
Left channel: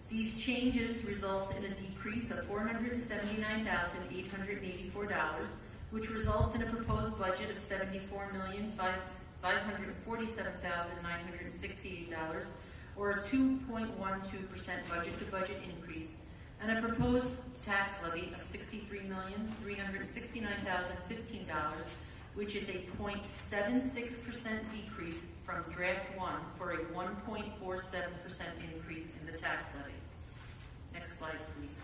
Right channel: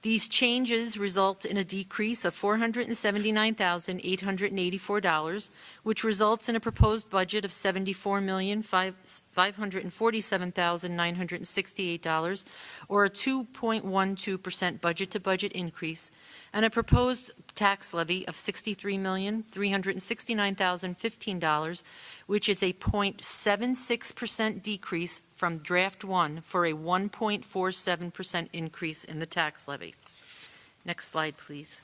These changes result in a decrease of $479,884, which results in a proposed budget of $74,547,968, or a 2.12% budget-to-budget increase, and a proposed tax levy of $63,369,015, which is a 0.76% decrease from Draft 1 for a 1.47% increase in the tax levy. Next slide, please.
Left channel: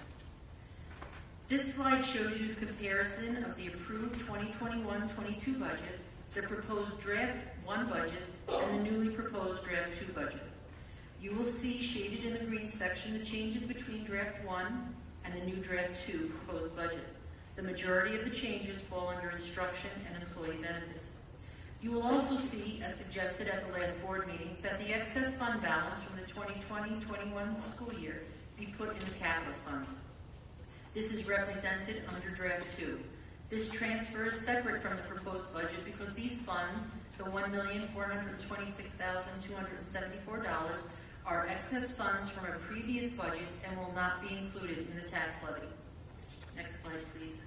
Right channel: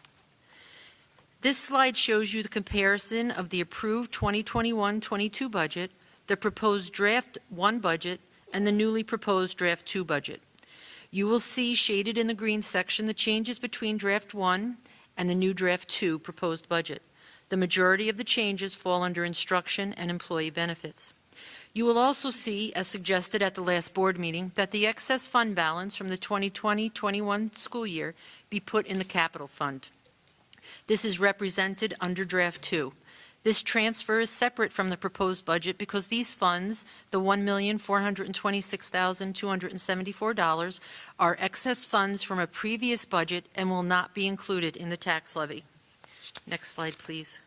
This slide shows you the comparison of the approved 2021-22 budget, the proposed Draft 1 budget, and the newly proposed Draft 2 budget. You will see shaded in the green section the changes between Draft 1 and the new Draft 2 proposed budget. The majority of the changes fall under instruction and employee benefits. You will also see, as suggested at the last board meeting, that the excess fund balance from the 2020-21 school year be put in the capital fund. This is represented under Draft 2. This transfer is separate from the proposed budget because these funds, the $1,426,274, are excess funds from a previous budget and will not be included in the tax levy. Next slide, please.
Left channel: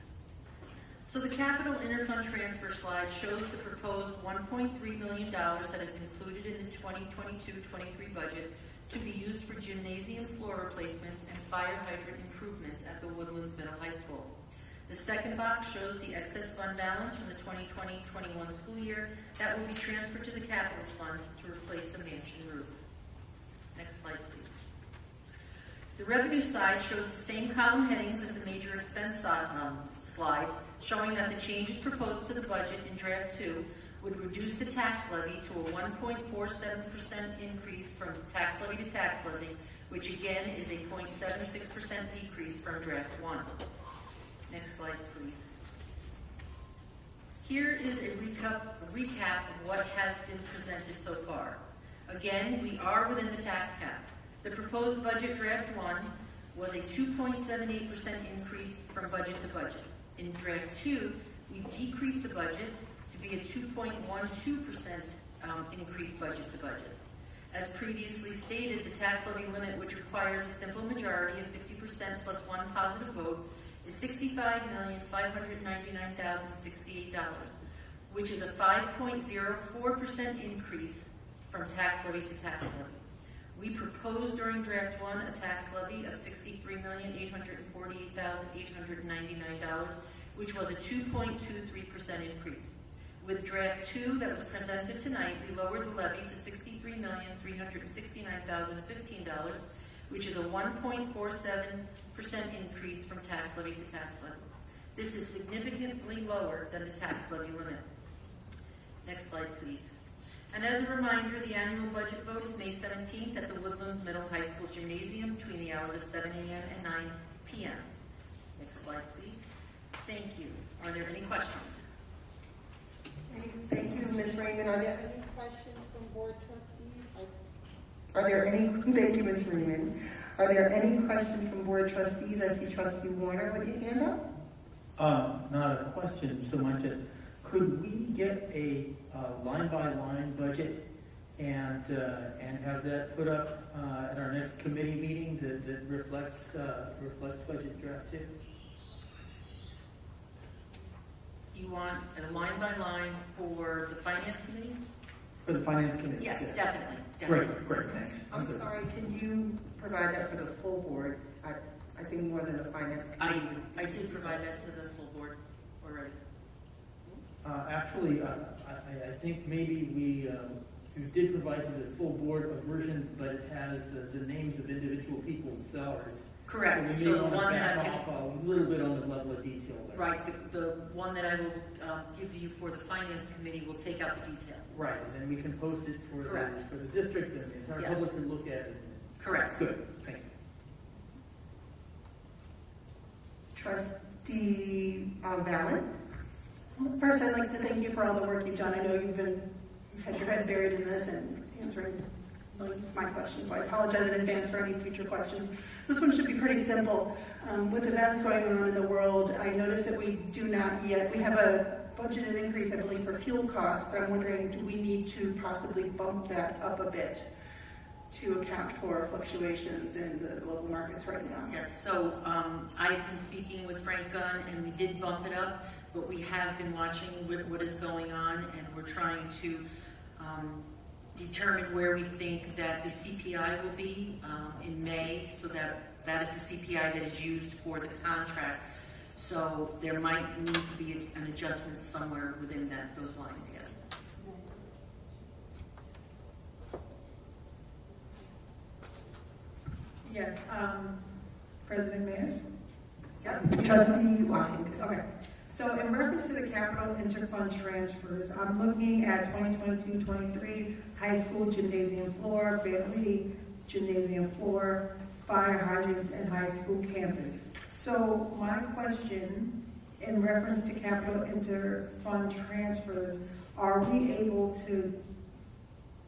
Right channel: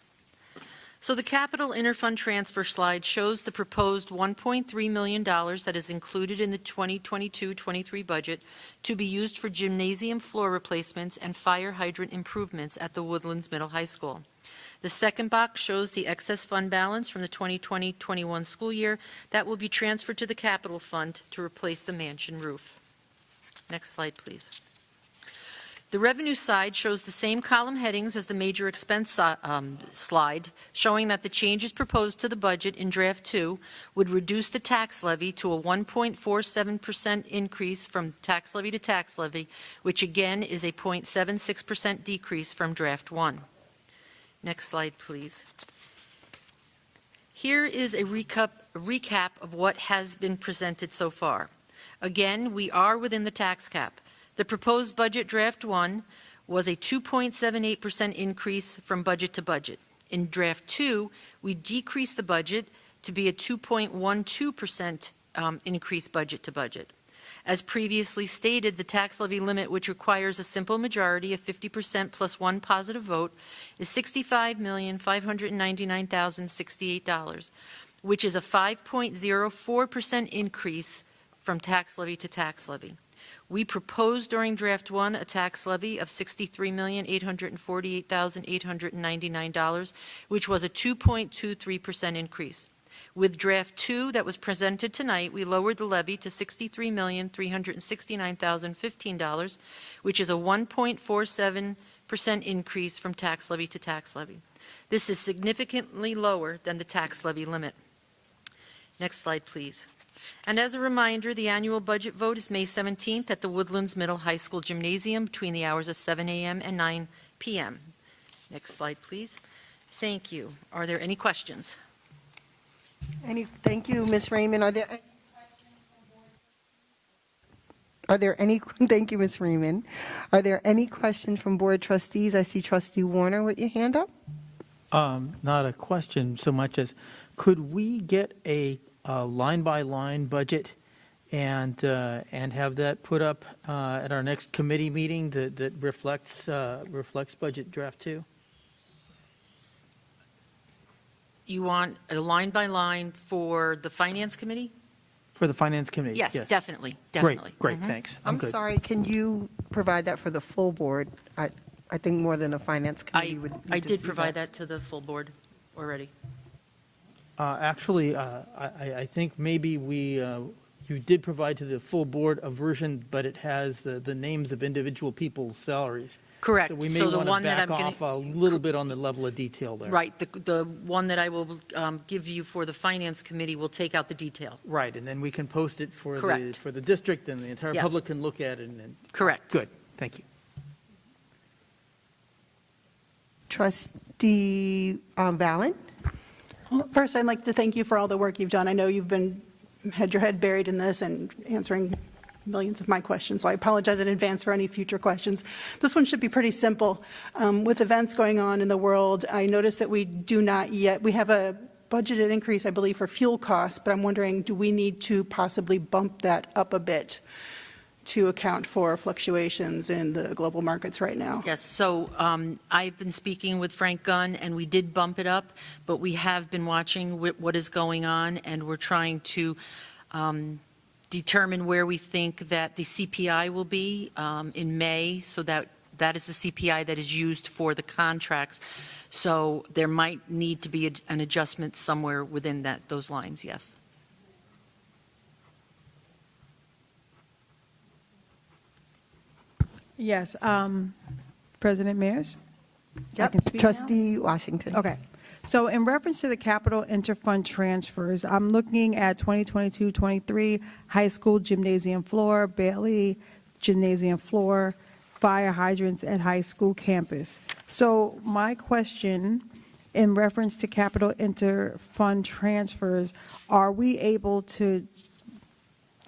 So the capital interfund transfer slide shows the proposed $1.3 million that is included in the 2022-23 budget to be used for gymnasium floor replacements and fire hydrant improvements at the Woodlands Middle High School. The second box shows the excess fund balance from the 2020-21 school year that will be transferred to the capital fund to replace the mansion roof. Next slide, please. The revenue side shows the same column headings as the major expense slide, showing that the changes proposed to the budget in Draft 2 would reduce the tax levy to a 1.47% increase from tax levy to tax levy, which again is a 0.76% decrease from Draft 1. Next slide, please. Here is a recap of what has been presented so far. Again, we are within the tax cap. The proposed budget Draft 1 was a 2.78% increase from budget to budget. In Draft 2, we decreased the budget to be a 2.12% increase budget to budget. As previously stated, the tax levy limit, which requires a simple majority of 50% plus one positive vote, is $65,599,068, which is a 5.04% increase from tax levy to tax levy. We proposed during Draft 1 a tax levy of $63,848,899, which was a 2.23% increase. With Draft 2 that was presented tonight, we lowered the levy to $63,369,015, which is a 1.47% increase from tax levy to tax levy. This is significantly lower than the tax levy limit. Next slide, please. And as a reminder, the annual budget vote is May 17th at the Woodlands Middle High School Gymnasium between the hours of 7 a.m. and 9 p.m. Next slide, please. Thank you. Are there any questions? Thank you, Ms. Raymond. Are there any questions from board trustees? Thank you, Ms. Raymond. Are there any questions from board trustees? I see Trustee Warner with your hand up. Not a question so much as, could we get a line-by-line budget and have that put up at our next committee meeting that reflects budget draft 2. You want a line by line for the finance committee? For the finance committee? Yes, definitely, definitely. Great, thanks. I'm good. sorry, can you provide that for the full board? I think more than a finance committee would. I did provide that to the full board already. Actually, I think maybe you did provide to the full board a version, but it has the names of individual people's salaries. Correct. We may So the want one to that back I'm off a little bit on the level of detail there. Right, the one that I will give you for the finance committee will take out the detail. Right, and then we can post it for Correct. the district, and the entire Yes. public can look at it. Correct. Good, thank you. Trustee Valen? Well, first, I'd like to thank you for all the work you've done. I know you've had your head buried in this and answering millions of my questions, so I apologize in advance for any future questions. This one should be pretty simple. With events going on in the world, I noticed that we have a budgeted increase, I believe, for fuel costs, but I'm wondering, do we need to possibly bump that up a bit to account for fluctuations in the global markets right now? Yes, so I've been speaking with Frank Gunn, and we did bump it up, but we have been watching what is going on, and we're trying to determine where we think that the CPI will be in May, so that is the CPI that is used for the contracts. So there might need to be an adjustment somewhere within those lines, yes. Yes, President Mears? Yep, Trustee Washington. Okay. So in reference to the capital interfund transfers, I'm looking at 2022-23 high school gymnasium floor, Bailey gymnasium floor, fire hydrants at high school campus. So my question in reference to capital interfund transfers, are we able to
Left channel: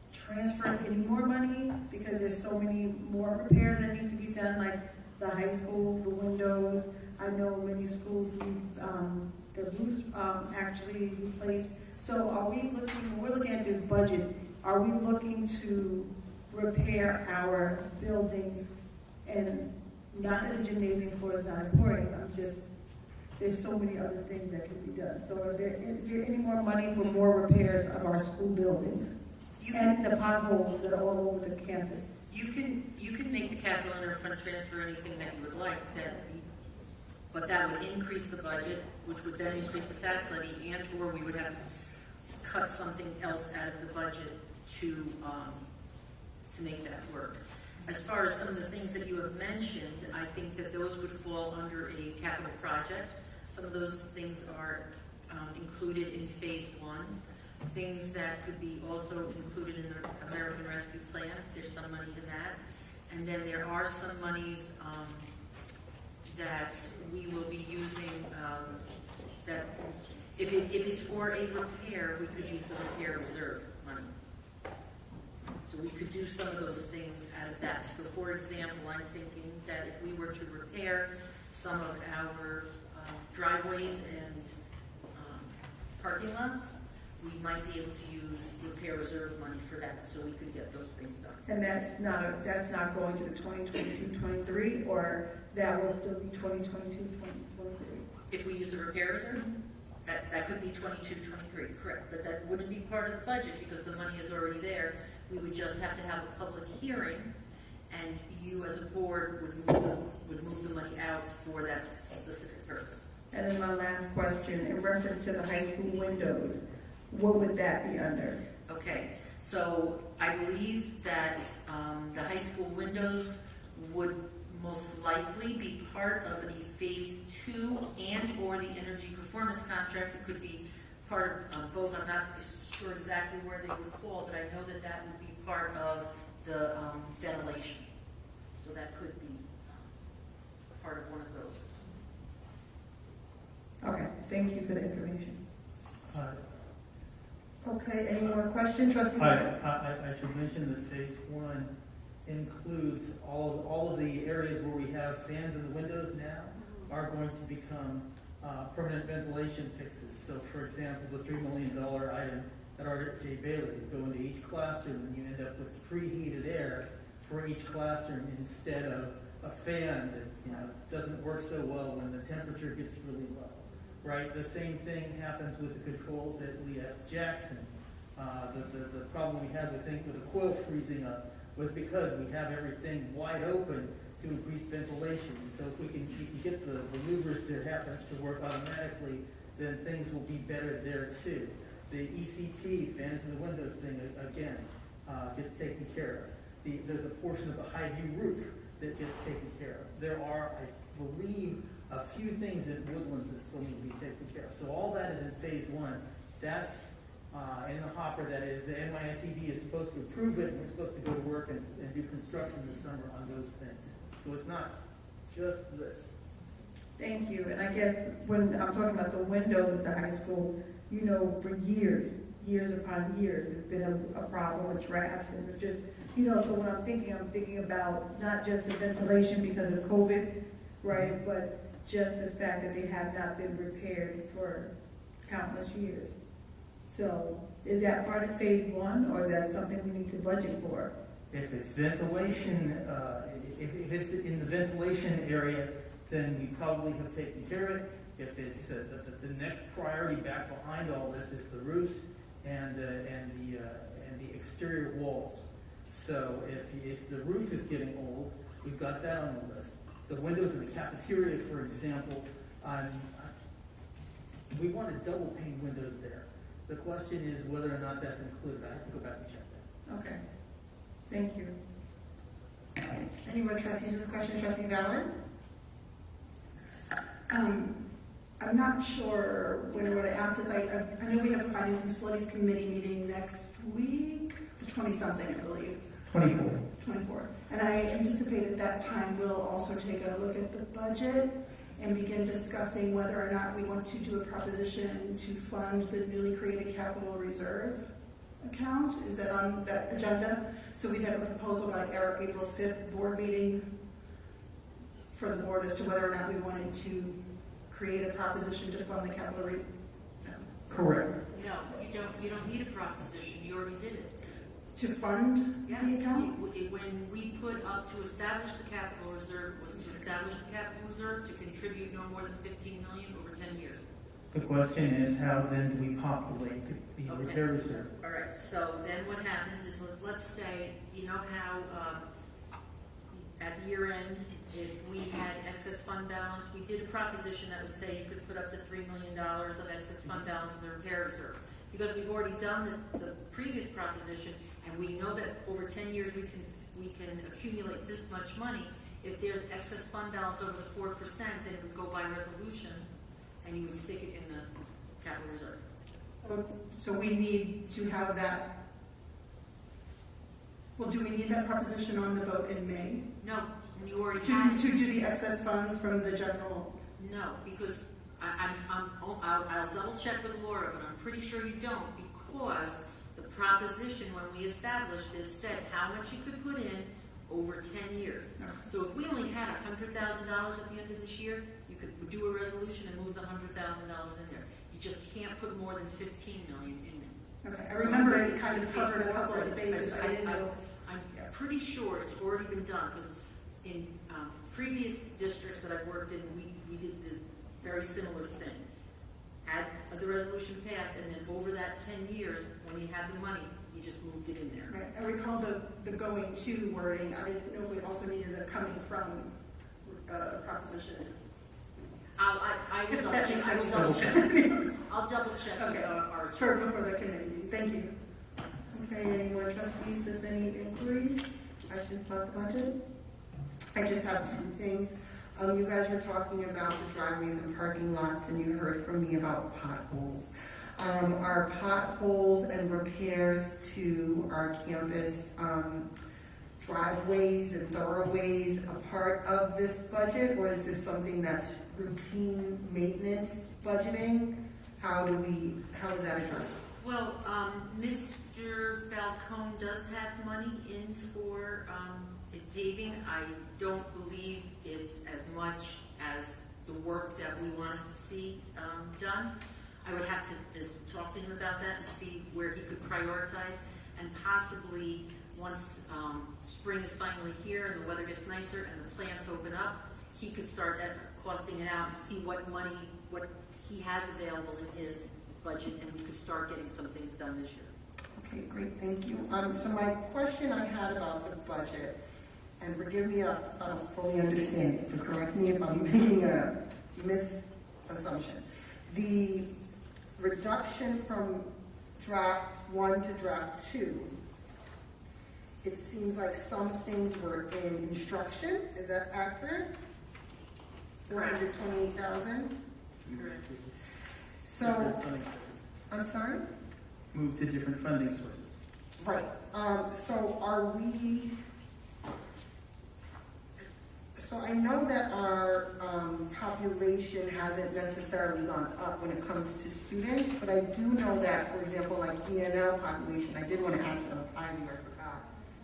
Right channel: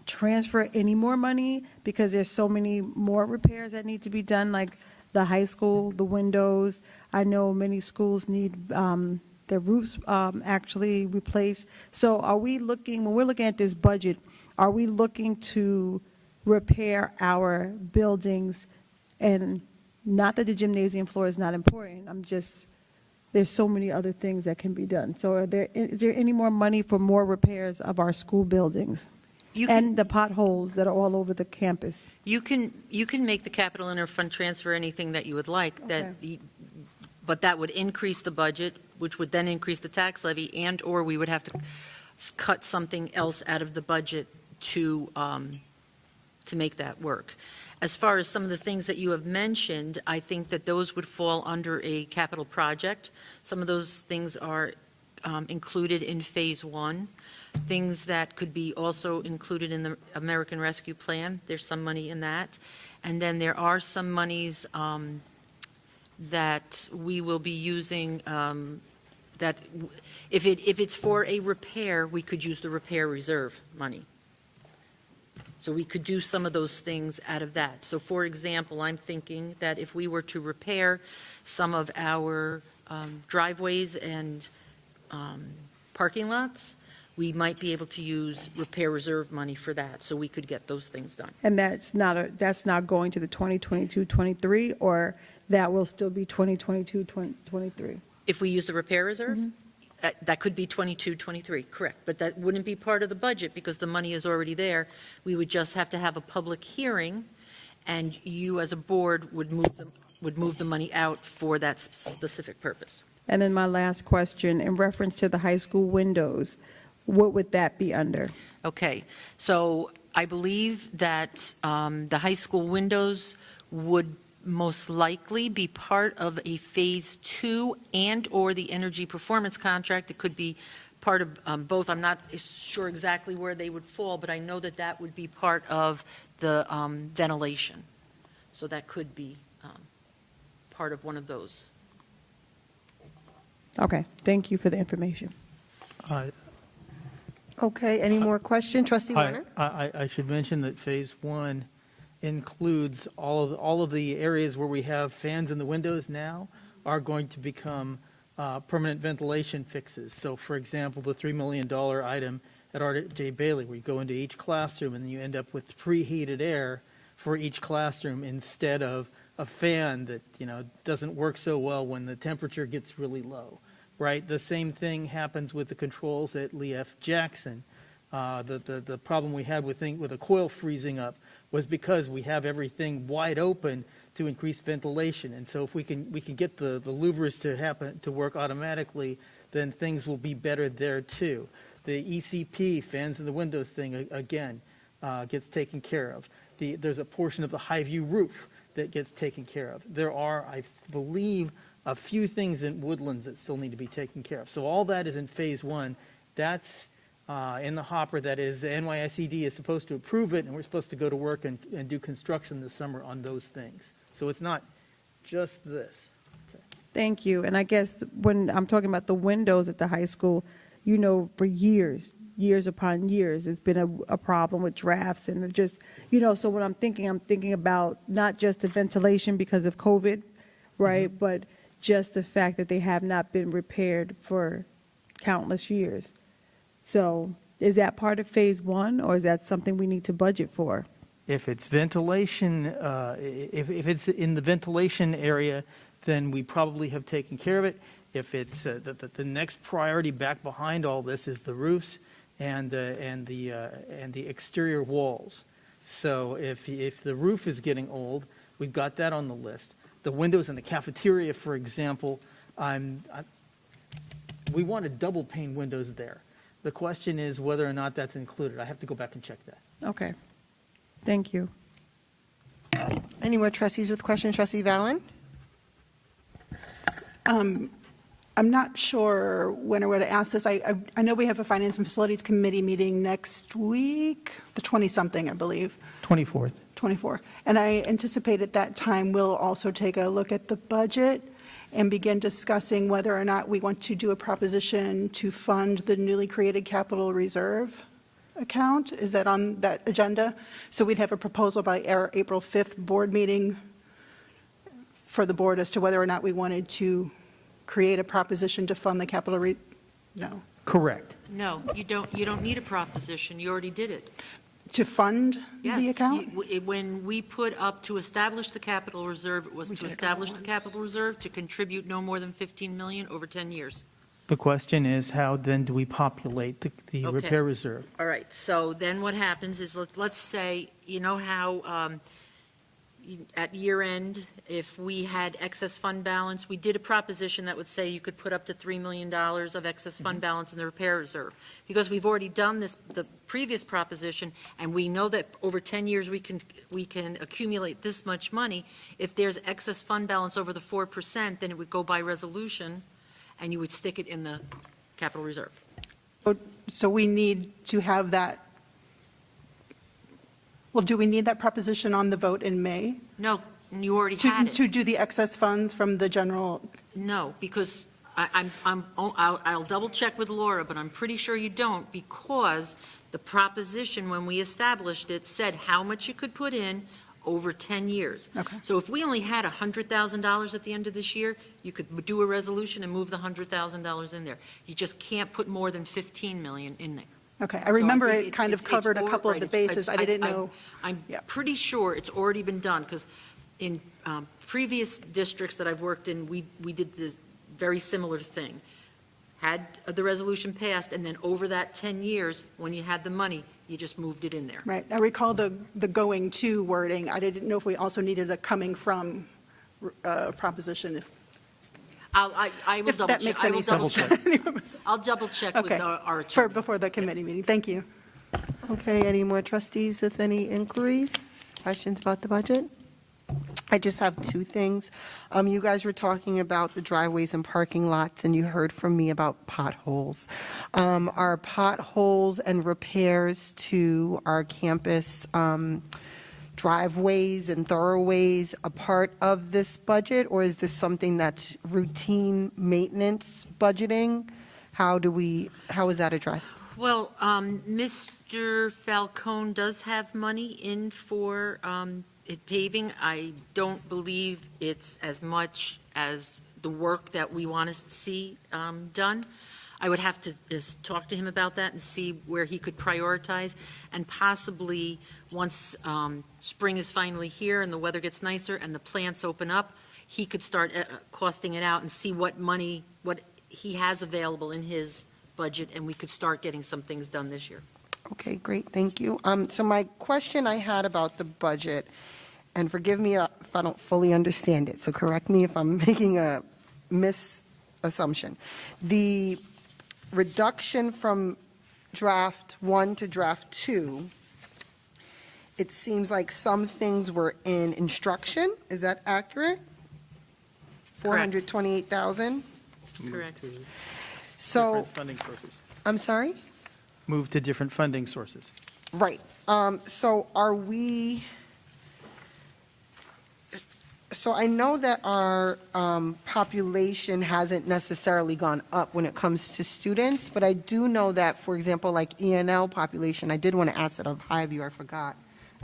transfer any more money because there's so many more repairs that need to be done, like the high school, the windows? I know many schools need their roofs actually replaced. So are we looking, when we're looking at this budget, are we looking to repair our buildings? And not that the gymnasium floor is not important, there's so many other things that can be done. So is there any more money for more repairs of our school buildings? And the potholes that are all over the campus? You can make the capital interfund transfer anything that you would like, but that would increase the budget, which would then increase the tax levy, and or we would have to cut something else out of the budget to make that work. As far as some of the things that you have mentioned, I think that those would fall under a capital project. Some of those things are included in phase 1. Things that could be also included in the American Rescue Plan, there's some money in that. And then there are some monies that we will be using that if it's for a repair, we could use the repair reserve money. So we could do some of those things out of that. So for example, I'm thinking that if we were to repair some of our driveways and parking lots, we might be able to use repair reserve money for that, so we could get those things done. And that's not going to the 2022-23, or that will still be 2022-23? If we use the repair reserve, that could be 22-23, correct. But that wouldn't be part of the budget because the money is already there. We would just have to have a public hearing, and you as a board would move the money out for that specific purpose. And then my last question, in reference to the high school windows, what would that be under? Okay, so I believe that the high school windows would most likely be part of a phase 2 and or the energy performance contract. It could be part of both. I'm not sure exactly where they would fall, but I know that that would be part of the ventilation. So that could be part of one of those. Okay, thank you for the information. Okay, any more questions? Trustee Warren? I should mention that phase 1 includes all of the areas where we have fans in the windows now are going to become permanent ventilation fixes. So for example, the $3 million item at R.J. Bailey, where you go into each classroom and you end up with preheated air for each classroom instead of a fan that, you know, doesn't work so well when the temperature gets really low, right? The same thing happens with the controls at Lee F. Jackson. The problem we had with a coil freezing up was because we have everything wide open to increase ventilation. And so if we can get the louvers to work automatically, then things will be better there too. The ECP, fans in the windows thing, again, gets taken care of. There's a portion of the Highview roof that gets taken care of. There are, I believe, a few things in Woodlands that still need to be taken care of. So all that is in phase one. That's in the hopper. That is, the NYSED is supposed to approve it, and we're supposed to go to work and do construction this summer on those things. So it's not just this. Thank you. And I guess when I'm talking about the windows at the high school, you know, for years upon years, it's been a problem with drafts and just, you know, so when I'm thinking about not just the ventilation because of COVID, right, but just the fact that they have not been repaired for countless years. So is that part of phase one, or is that something we need to budget for? If it's ventilation, if it's in the ventilation area, then we probably have taken care of it. If it's the next priority back behind all this is the roofs and the exterior walls. So if the roof is getting old, we've got that on the list. The windows in the cafeteria, for example, we wanted double pane windows there. The question is whether or not that's included. I have to go back and check that. Okay. Thank you. Any more trustees with questions? Trustee Valen? I'm not sure when or where to ask this. I know we have a Finance and Facilities Committee meeting next week, the 20-something, I believe. 24th. 24th. And I anticipate at that time we'll also take a look at the budget and begin discussing whether or not we want to do a proposition to fund the newly created capital reserve account. Is that on that agenda? So we'd have a proposal by our April 5th board meeting for the board as to whether or not we wanted to create a proposition to fund the capital no. Correct. No, you don't need a proposition. You already did it. To fund the account? Yes. When we put up to establish the capital reserve, it was to establish the capital reserve to contribute no more than $15 million over 10 years. The question is, how then do we populate the Okay. repair reserve? All right, so then what happens is, let's say, you know how at year end, if we had excess fund balance, we did a proposition that would say you could put up to $3 million of excess fund balance in the repair reserve. Because we've already done the previous proposition, and we know that over 10 years we can accumulate this much money. If there's excess fund balance over the 4%, then it would go by resolution, and you would stick it in the capital reserve. So we need to have that. Well, do we need that proposition on the vote in May? No, you already had it. To do the excess funds from the general? No, because I'll double check with Laura, but I'm pretty sure you don't, because the proposition when we established it said how much you could put in over 10 years. Okay. So if we only had $100,000 at the end of this year, you could do a resolution and move the $100,000 in there. You just can't put more than $15 million in there. Okay, I remember it kind of covered a couple of the bases. I didn't know. I'm pretty sure it's already been done, because in previous districts that I've worked in, we did this very similar thing. Had the resolution passed, and then over that 10 years, when you had the money, you just moved it in there. Right, I recall the going to wording. I didn't know if we also needed a coming from proposition. I will double check. I will double check. I'll double check with our attorney. Before the committee meeting. Thank you. Okay, any more trustees with any inquiries, questions about the budget? I just have two things. You guys were talking about the driveways and parking lots, and you heard from me about potholes. Are potholes and repairs to our campus driveways and thoroughways a part of this budget, or is this something that's routine maintenance budgeting? How is that addressed? Well, Mr. Falcone does have money in for paving. I don't believe it's as much as the work that we want to see done. I would have to just talk to him about that and see where he could prioritize, and possibly once spring is finally here and the weather gets nicer and the plants open up, he could start costing it out and see what he has available in his budget, and we could start getting some things done this year. Okay, great, thank you. So my question I had about the budget, and forgive me if I don't fully understand it, so correct me if I'm making a misassumption. The reduction from draft 1 to draft 2, it seems like some things were in instruction. Is that accurate? Correct. 428,000? Correct. So, Funding sources. I'm sorry? Move to different funding sources. Right. So are we, so I know that our population hasn't necessarily gone up when it comes to students, but I do know that, for example, like ENL population, I did want to ask it of Highview, I forgot.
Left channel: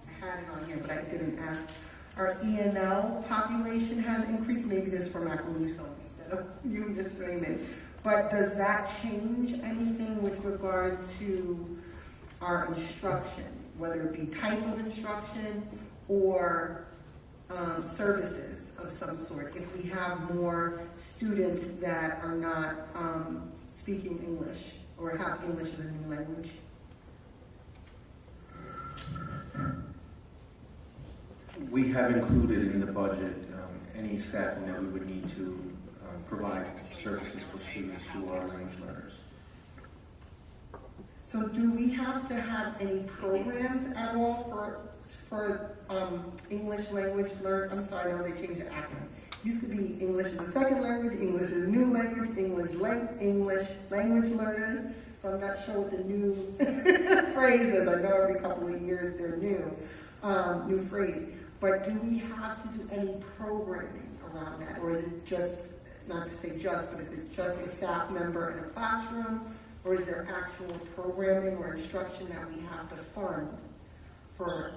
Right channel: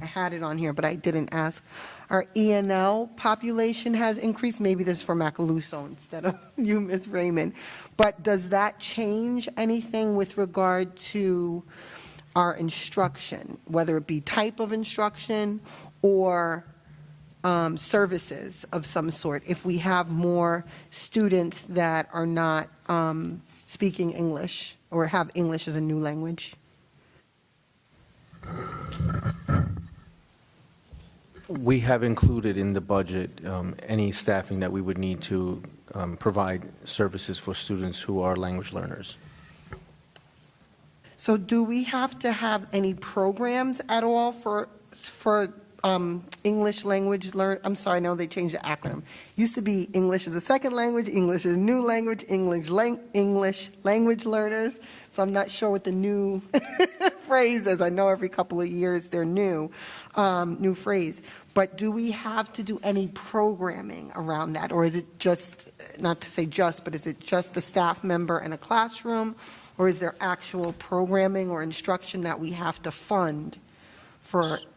I had it on here, but I didn't ask. Our ENL population has increased. Maybe this is for Macaluso instead of you, Ms. Raymond. But does that change anything with regard to our instruction, whether it be type of instruction or services of some sort, if we have more students that are not speaking English or have English as a new language? We have included in the budget any staffing that we would need to provide services for students who are language learners. So do we have to have any programs at all for English language I'm sorry, I know they changed the acronym. Used to be English as a second language, English as a new language, English language learners. So I'm not sure what the new phrase is. I know every couple of years they're new phrase. But do we have to do any programming around that? Or is it just, not to say just, but is it just a staff member in a classroom? Or is there actual programming or instruction that we have to fund for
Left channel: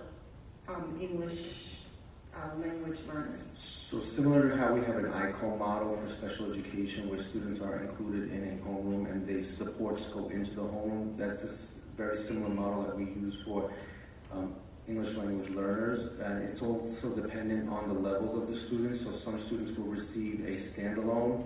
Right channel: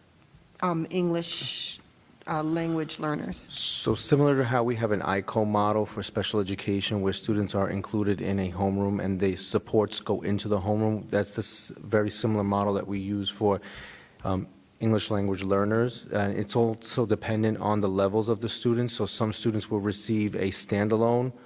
English language learners? So similar to how we have an ICO model for special education where students are included in a homeroom and the supports go into the homeroom, that's the very similar model that we use for English language learners. And it's also dependent on the levels of the students. So some students will receive a standalone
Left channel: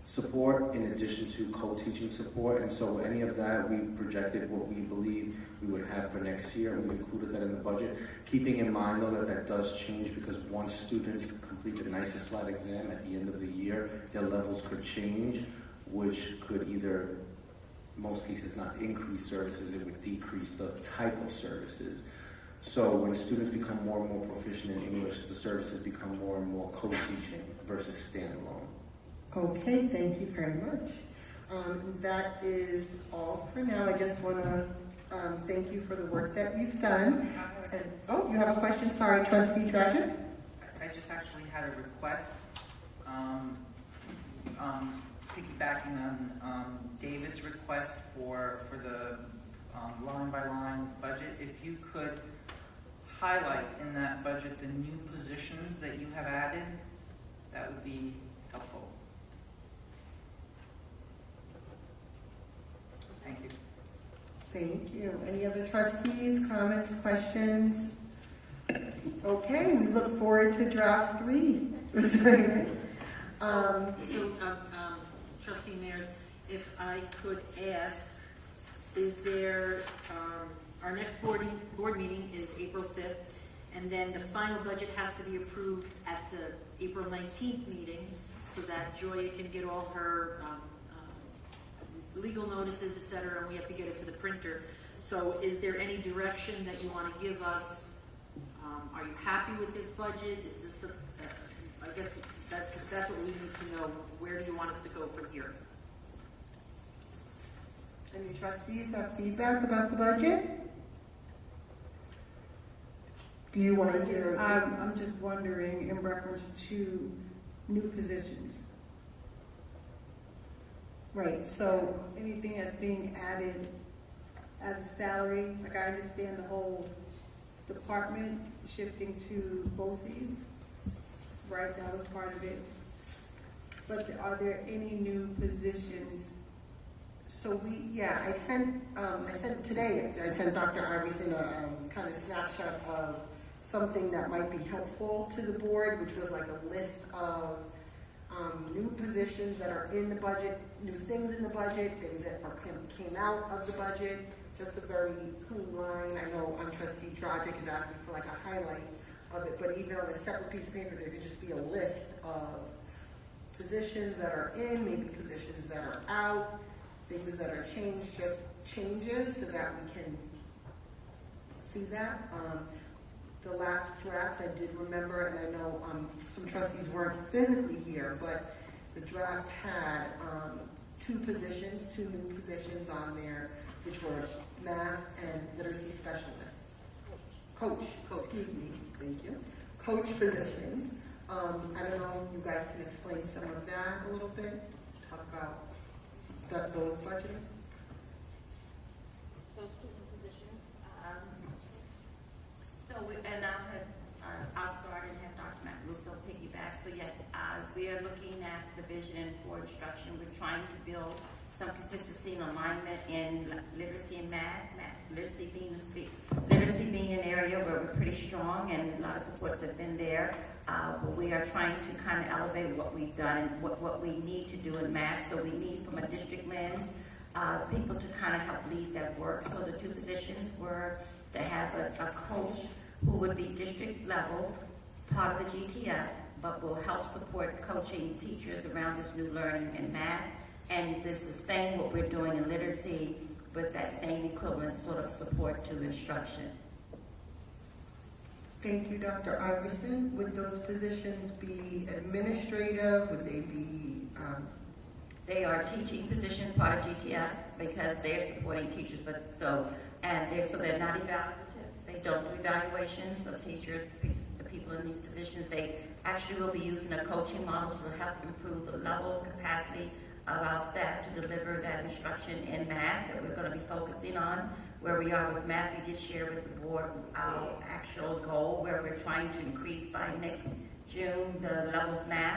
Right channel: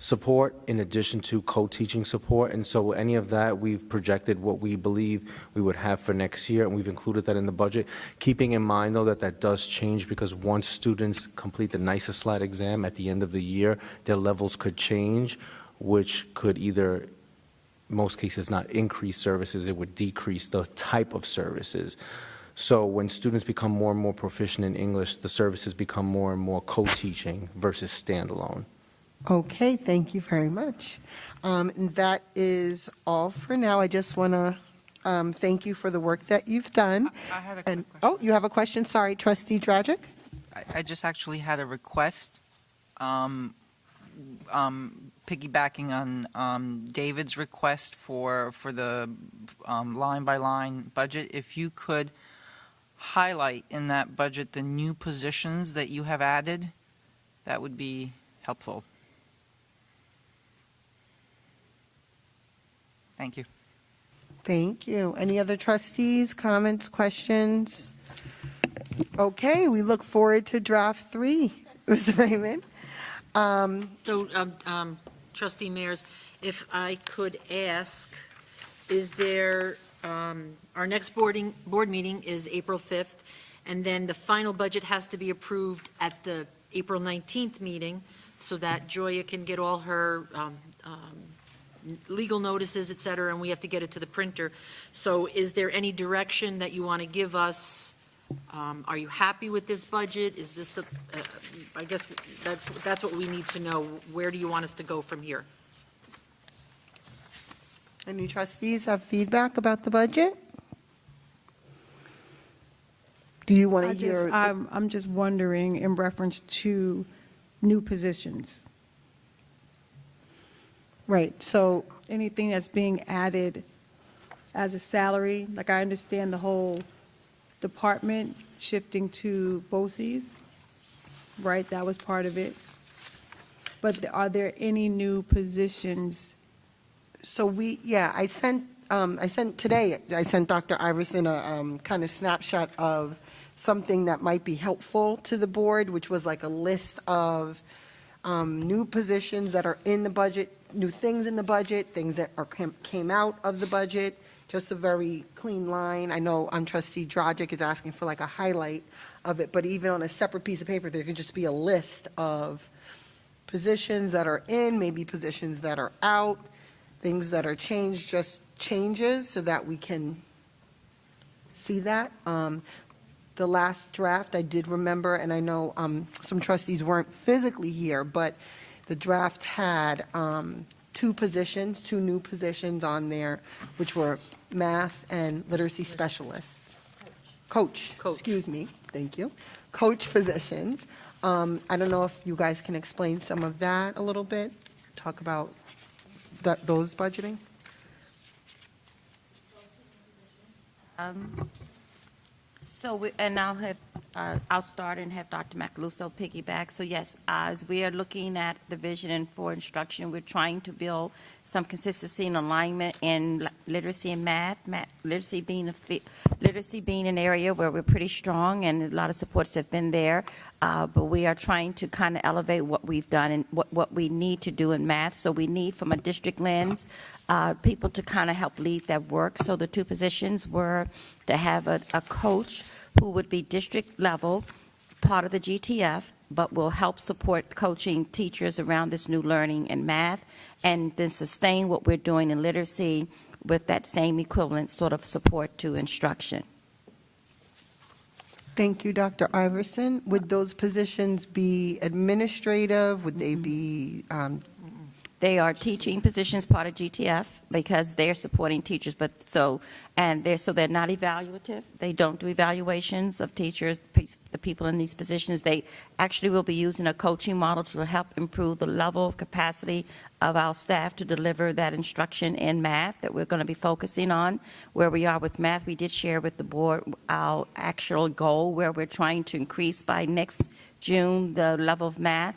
support in addition to co-teaching support. And so any of that, we've projected what we believe we would have for next year, and we've included that in the budget. Keeping in mind, though, that that does change because once students complete the NYSA slide exam at the end of the year, their levels could change, which could either, in most cases, not increase services, it would decrease the type of services. So when students become more and more proficient in English, the services become more and more co-teaching versus standalone. Okay, thank you very much. That is all for now. I just want to thank you for the work that you've done. And oh, you have a question? Sorry, Trustee Dragic. I just actually had a request, piggybacking on David's request for the line-by-line budget. If you could highlight in that budget the new positions that you have added, that would be helpful. Thank you. Thank you. Any other trustees, comments, questions? Okay, we look forward to draft 3, Ms. Raymond. So, Trustee Mayers, if I could ask, is there, our next board meeting is April 5th, and then the final budget has to be approved at the April 19th meeting so that Joya can get all her legal notices, et cetera, and we have to get it to the printer. So is there any direction that you want to give us? Are you happy with this budget? Is this the, I guess that's what we need to know. Where do you want us to go from here? Any trustees have feedback about the budget? Do you want to hear? I'm just wondering in reference to new positions. Right, so anything that's being added as a salary, like I understand the whole department shifting to BOCES, right? That was part of it. But are there any new positions I sent Dr. Iverson a kind of snapshot of something that might be helpful to the board, which was like a list of new positions that are in the budget, new things in the budget, things that came out of the budget, just a very clean line. I know Trustee Drogic is asking for like a highlight of it, but even on a separate piece of paper, there could just be a list of positions that are in, maybe positions that are out, things that are changed, just changes so that we can see that. The last draft, I did remember, and I know some trustees weren't physically here, but the draft had two new positions on there, which were math and literacy specialists. Coach. Excuse me, thank you. Coach positions. I don't know if you guys can explain some of that a little bit, talk about those budgeting. I'll start and have Dr. Macaluso piggyback. So yes, as we are looking at the vision for instruction, we're trying to build some consistency and alignment in literacy and math. Literacy being an area where we're pretty strong, and a lot of supports have been there. But we are trying to kind of elevate what we've done and what we need to do in math. So we need, from a district lens, people to kind of help lead that work. So the two positions were to have a coach who would be district level, part of the GTF, but will help support coaching teachers around this new learning in math, and then sustain what we're doing in literacy with that same equivalent sort of support to instruction. Thank you, Dr. Iverson. Would those positions be administrative? Would they be? They are teaching positions, part of GTF, because they're supporting teachers, they're not evaluative. They don't do evaluations of teachers, the people in these positions. They actually will be using a coaching model to help improve the level of capacity of our staff to deliver that instruction in math that we're going to be focusing on. Where we are with math, we did share with the board our actual goal, where we're trying to increase by next June the level of math.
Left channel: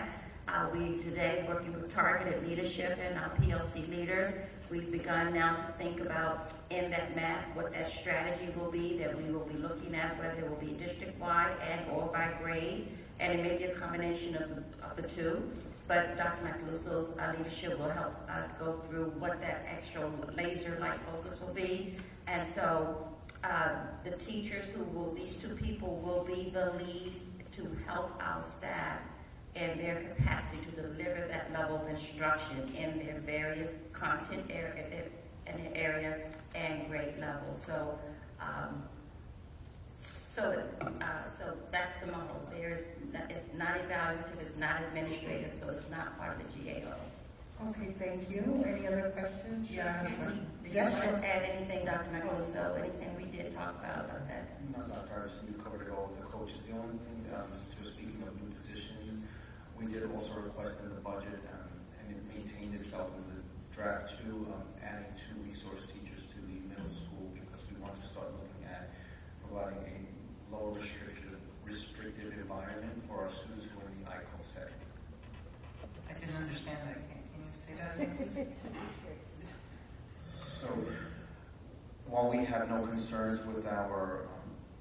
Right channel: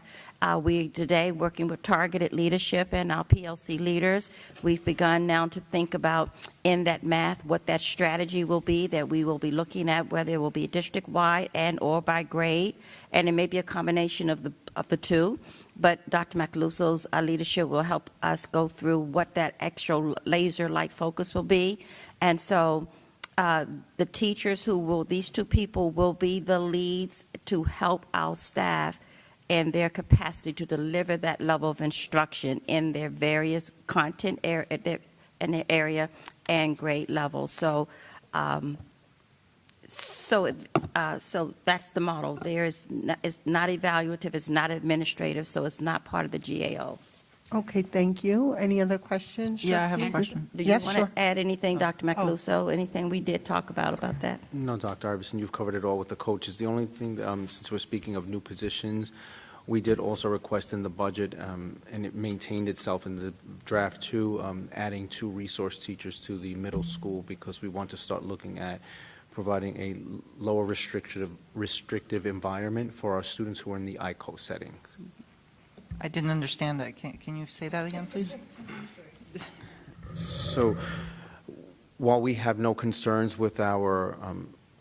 We today, working with targeted leadership and our PLC leaders, we've begun now to think about in that math what that strategy will be that we will be looking at, whether it will be district-wide and or by grade, and it may be a combination of the two. But Dr. Macaluso's leadership will help us go through what that extra laser-like focus will be. And so the teachers these two people will be the leads to help our staff and their capacity to deliver that level of instruction in their various content in their area and grade levels. So that's the model. It's not evaluative, it's not administrative, so it's not part of the GAO. Okay, thank you. Any other questions? Yeah, I have a question. Do you want to add anything, Dr. Macaluso? Anything we did talk about that? No, Dr. Iverson, you've covered it all with the coaches. The only thing, since we're speaking of new positions, we did also request in the budget, and it maintained itself in the draft too, adding 2 resource teachers to the middle school, because we want to start looking at providing a lower restrictive environment for our students who are in the ICO setting. I didn't understand that. Can you say that again, please? So while we have no concerns with our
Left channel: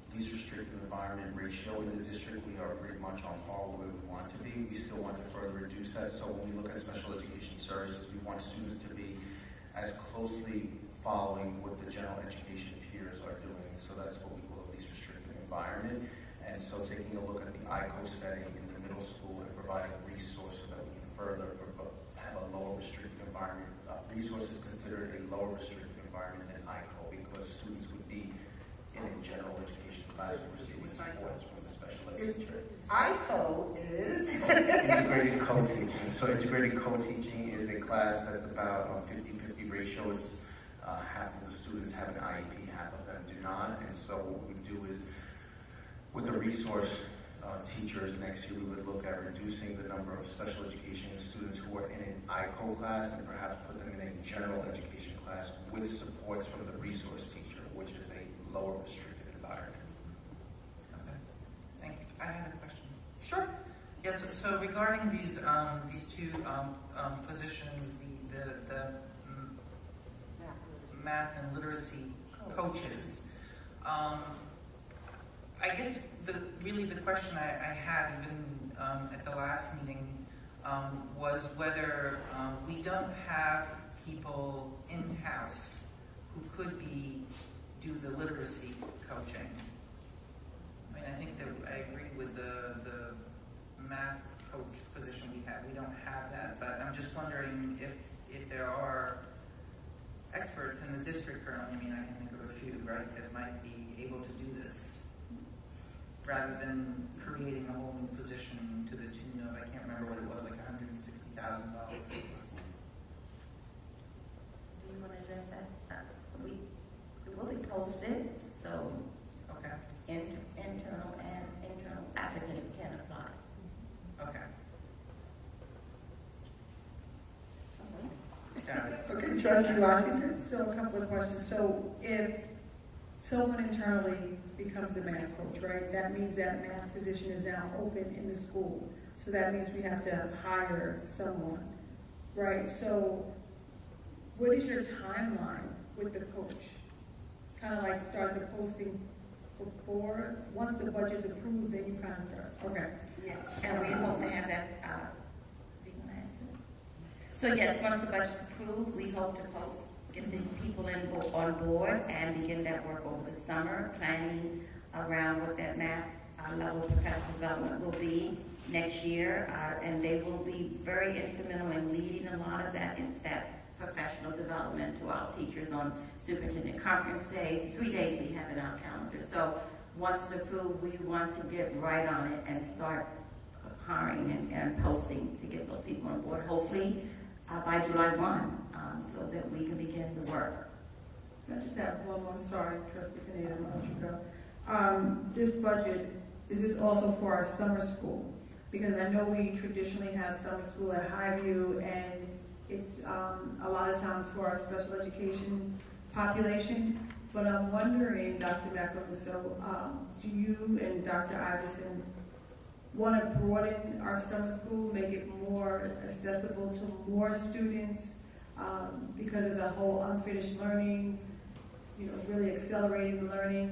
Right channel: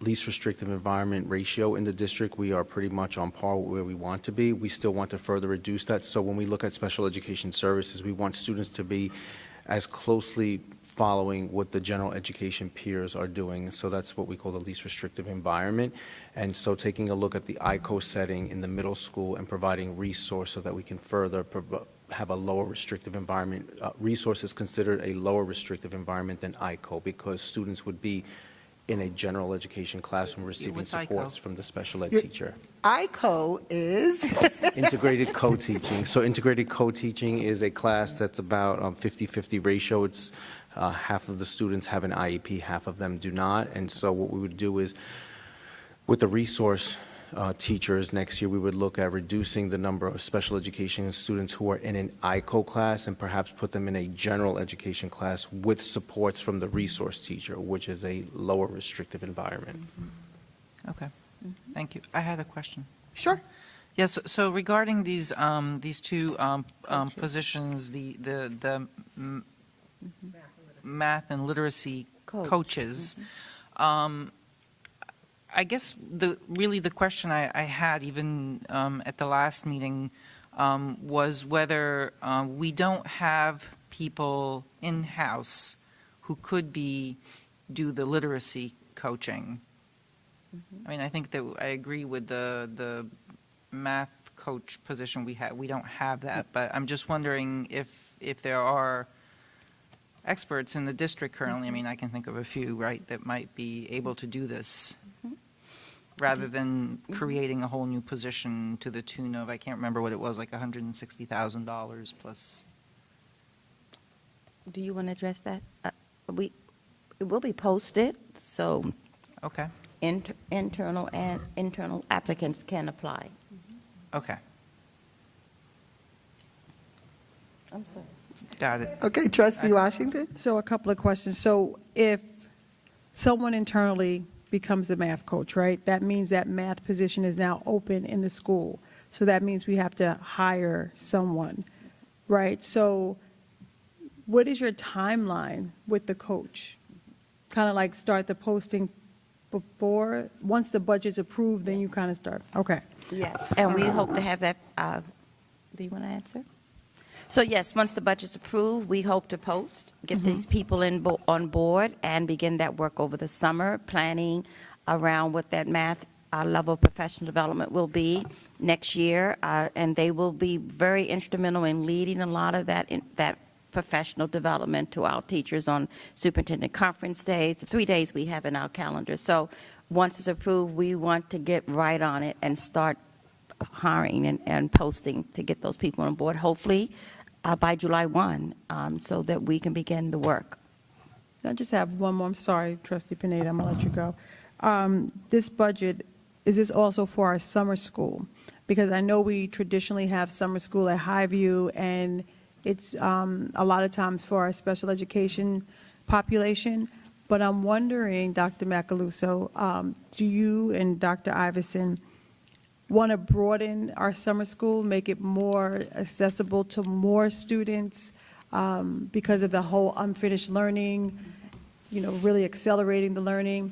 least restrictive environment ratio in the district, we are pretty much on par with where we want to be. We still want to further reduce that. So when we look at special education services, we want students to be as closely following what the general education peers are doing. So that's what we call the least restrictive environment. And so taking a look at the ICO setting in the middle school and providing resource so that we can further have a lower restrictive environment. Resource is considered a lower restrictive environment than ICO because students would be in a general education classroom receiving supports from the special ed teacher. ICO is? Integrated co-teaching. So integrated co-teaching is a class that's about 50-50 ratio. It's half of the students have an IEP, half of them do not. And so what we would do is, with the resource teachers next year, we would look at reducing the number of special education students who are in an ICO class and perhaps put them in a general education class with supports from the resource teacher, which is a lower restrictive environment. Okay, thank you. I had a question. Sure. Yes. So regarding these 2 positions, the math and literacy coaches. I guess the question I had even at the last meeting was whether we don't have people in-house who could do the literacy coaching. I mean, I think that I agree with the math coach position we have. We don't have that, but I'm just wondering if there are experts in the district currently. I mean, I can think of a few, right, that might be able to do this, rather than creating a whole new position to the tune of, I can't remember what it was, like $160,000 plus. Do you want to address that? It will be posted, so okay. Internal applicants can apply. Okay. I'm sorry. Got it. Okay, Trustee Washington? So a couple of questions. So if someone internally becomes a math coach, right, that means that math position is now open in the school. So that means we have to hire someone, right? So what is your timeline with the coach? Kind of like start the posting before, once the budget's approved, then you kind of start. Okay. Yes, and we hope to have that. Do you want to answer? So yes, once the budget's approved, we hope to get these people on board and begin that work over the summer, planning around what that math level professional development will be next year, and they will be very instrumental in leading a lot of that professional development to our teachers on superintendent conference days, the 3 days we have in our calendar. So once it's approved, we want to get right on it and start hiring and posting to get those people on board, hopefully by July 1, so that we can begin the work. I just have one more. I'm sorry, Trustee Pineda, I'm going to let you go. This budget, is this also for our summer school? Because I know we traditionally have summer school at Highview, and it's a lot of times for our special education population. But I'm wondering, Dr. Macaluso, do you and Dr. Iverson want to broaden our summer school, make it more accessible to more students because of the whole unfinished learning, really accelerating the learning?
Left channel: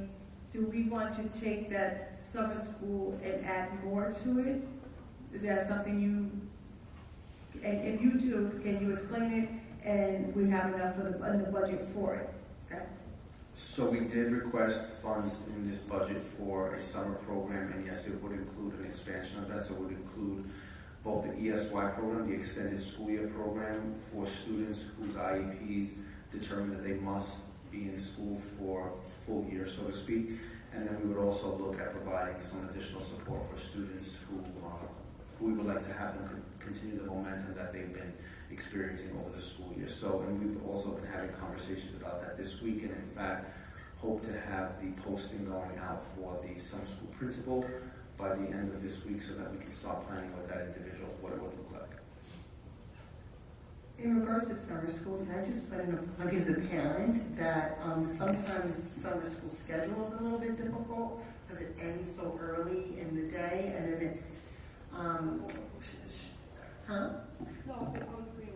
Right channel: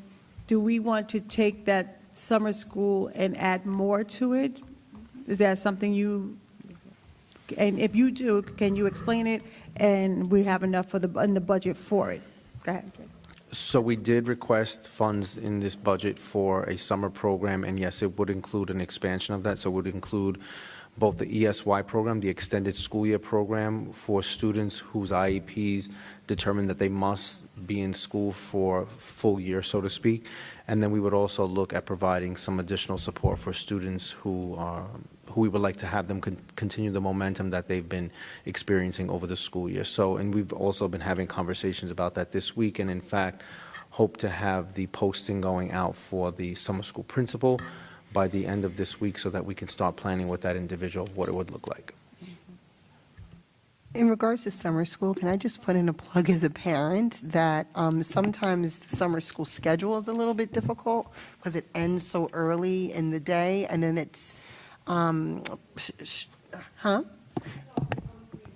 Do we want to take that summer school and add more to it? Is that something and if you do, can you explain it? And we have enough in the budget for it. Go ahead. So we did request funds in this budget for a summer program, and yes, it would include an expansion of that. So it would include both the ESY program, the extended school year program for students whose IEPs determine that they must be in school for full year, so to speak. And then we would also look at providing some additional support for students who we would like to have them continue the momentum that they've been experiencing over the school year. So, and we've also been having conversations about that this week, and in fact, hope to have the posting going out for the summer school principal by the end of this week so that we can start planning with that individual what it would look like. In regards to summer school, can I just put in a plug as a parent that sometimes the summer school schedule is a little bit difficult because it ends so early in the day, and then it's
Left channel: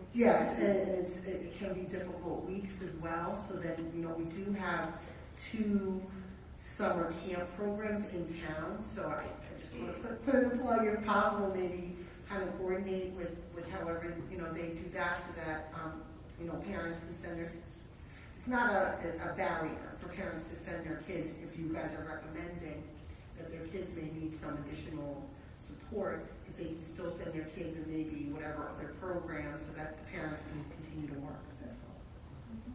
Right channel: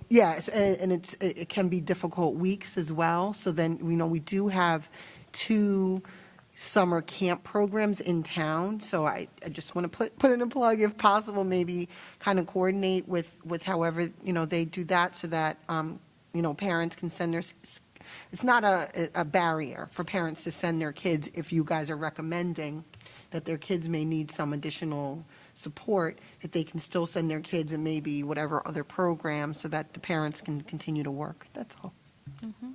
Yes, and it can be difficult weeks as well. So then, we do have 2 summer camp programs in town. So I just want to put in a plug, if possible, maybe kind of coordinate with however, they do that so that, parents can send their, it's not a barrier for parents to send their kids if you guys are recommending that their kids may need some additional support, that they can still send their kids in maybe whatever other program so that the parents can continue to work. That's all. Mm-hmm.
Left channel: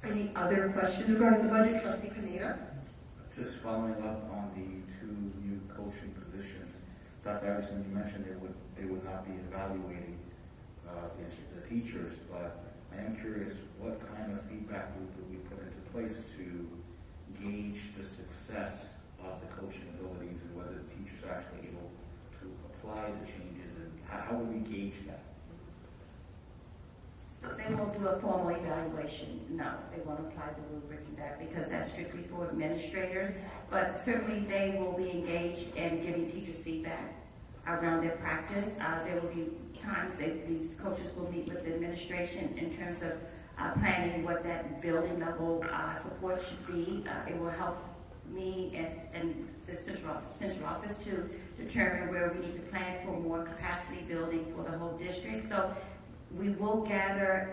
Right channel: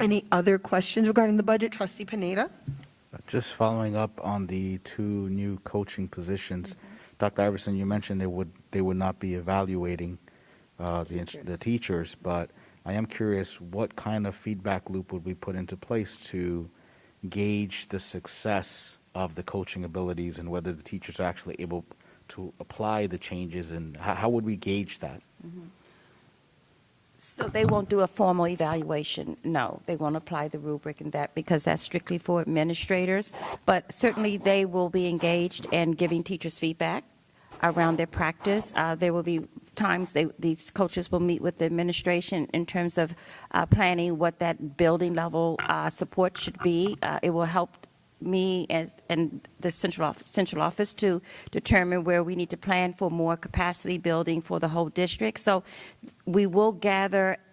Any other questions regarding the budget? Trustee Pineda? Just following up on the 2 new coaching positions. Dr. Iverson, you mentioned they would not be evaluating the teachers, but I am curious, what kind of feedback loop would we put into place to gauge the success of the coaching abilities and whether the teachers are actually able to apply the changes, and how would we gauge that? So they won't do a formal evaluation. No, they won't apply the rubric and that, because that's strictly for administrators. But certainly they will be engaged in giving teachers feedback around their practice. There will be times these coaches will meet with the administration in terms of planning what that building level support should be. It will help me and the central office to determine where we need to plan for more capacity building for the whole district. So we will gather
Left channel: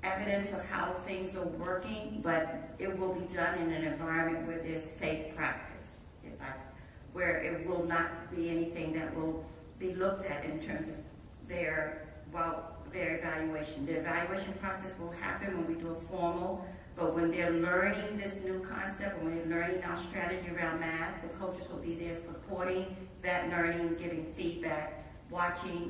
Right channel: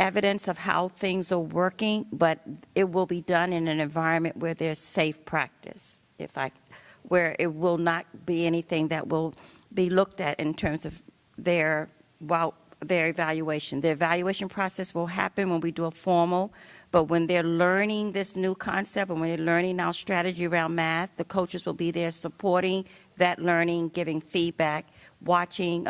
evidence of how things are working, but it will be done in an environment where there's safe practice, where it will not be anything that will be looked at in terms of their evaluation. The evaluation process will happen when we do a formal, but when they're learning this new concept and when they're learning our strategy around math, the coaches will be there supporting that learning, giving feedback, watching,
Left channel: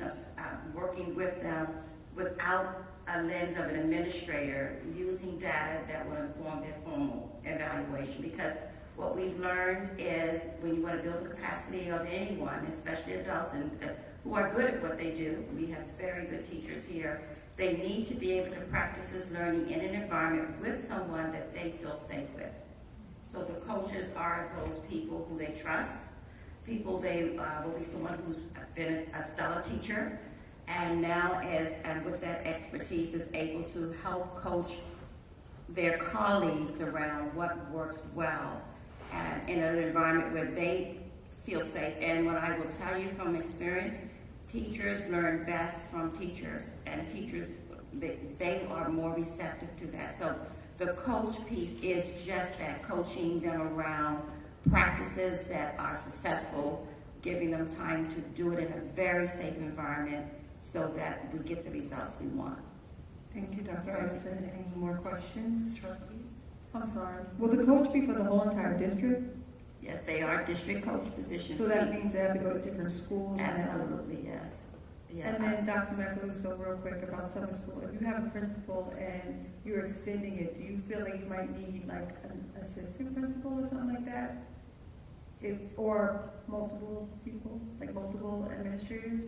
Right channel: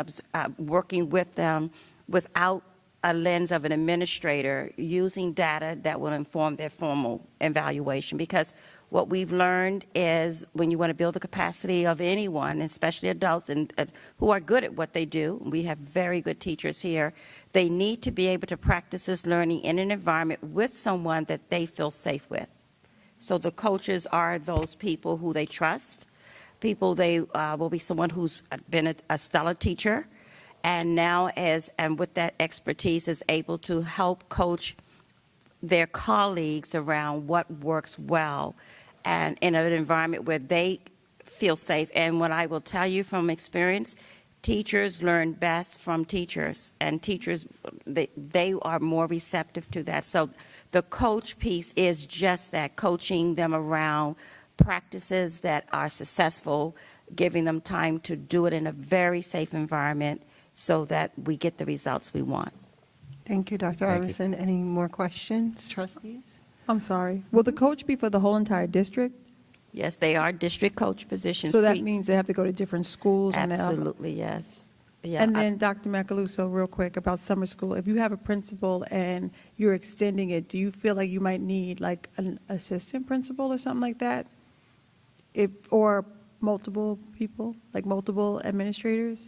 working with them without a lens of an administrator, using data that will inform their formal evaluation. Because what we've learned is when you want to build the capacity of anyone, especially adults and who are good at what they do, we have very good teachers here, they need to be able to practice this learning in an environment with someone that they feel safe with. So the coaches are those people who they trust, people they will be someone who's been a stellar teacher, and now and with that expertise is able to help coach their colleagues around what works well and in an environment where they feel safe. And what I will tell you from experience, teachers learn best from teachers, and teachers, they are more receptive to that. So the coach piece is just that, coaching them around practices that are successful, giving them time to do it in a very safe environment so that we get the results we want. Thank you, Dr. Iverson. Any more questions, trustees? I'm sorry. Will the coach be for the whole entire district? Yes, they are district coach positions. So that means they have to go to different schools? Absolutely, yes. Yeah, and then Dr. Macaluso, real quick about summer school. If you have a principal and you're extending it, do you feel like you might need like an assistant principal or something like that? Or multiple people, like multiple administrators?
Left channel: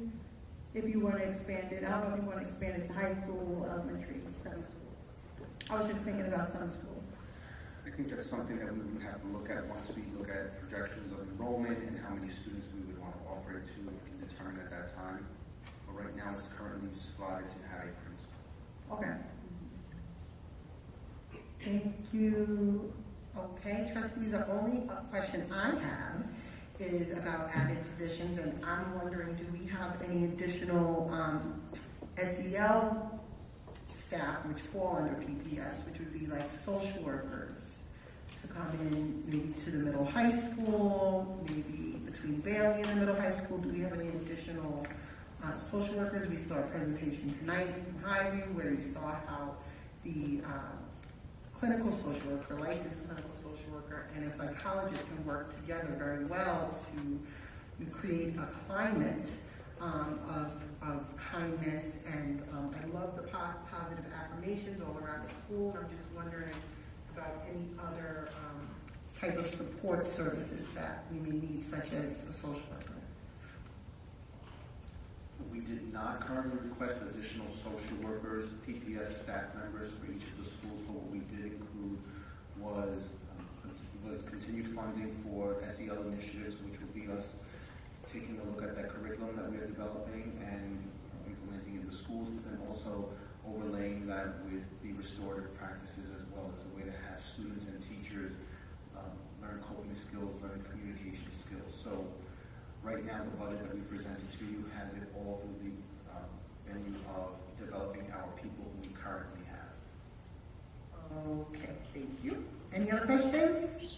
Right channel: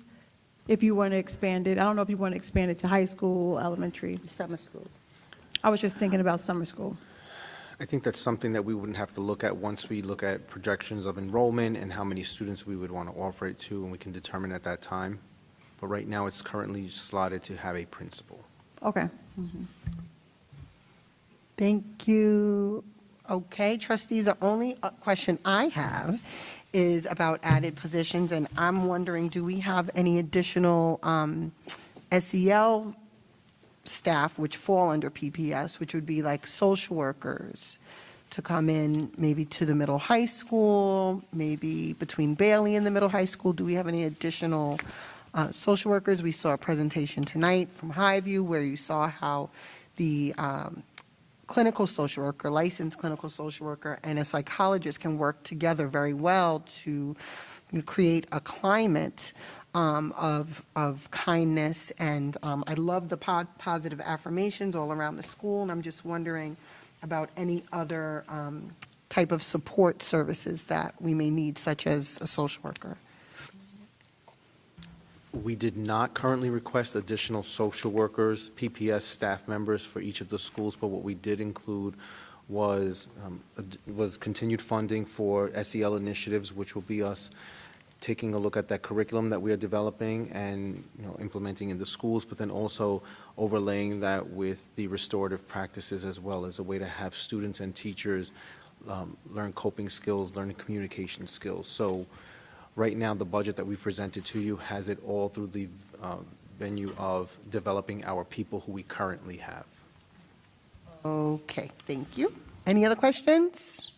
If you want to expand it, I don't know if you want to expand it to high school, elementary. Summer school. I was just thinking about summer school. I think that's something that we wouldn't have to look at once we look at projections of enrollment and how many students we would want to offer it to, and we can determine at that time. But right now, it's currently slotted to have a principal. Okay. Thank you. Okay, trustees, the only question I have is about added positions, and I'm wondering, do we have any additional SEL staff which fall under PPS, which would be like social workers to come in maybe to the middle high school, maybe between Bailey and the middle high school? Do we have any additional social workers? We saw a presentation tonight from Highview where you saw how the clinical social worker, licensed clinical social worker, and a psychologist can work together very well to create a climate of kindness. And I love the positive affirmations all around the school, and I'm just wondering about any other type of support services that we may need, such as a social worker. We did not currently request additional social workers, PPS staff members for each of the schools, but what we did include was continued funding for SEL initiatives, which will be us taking a look at that curriculum that we are developing and implementing in the schools, but then also overlaying that with the restorative practices as well as a way to have students and teachers learn coping skills, learn communication skills. So right now, the budget that we presented to you has it all through the venue of developing our people who we currently have. Okay, thank you. Any other questions?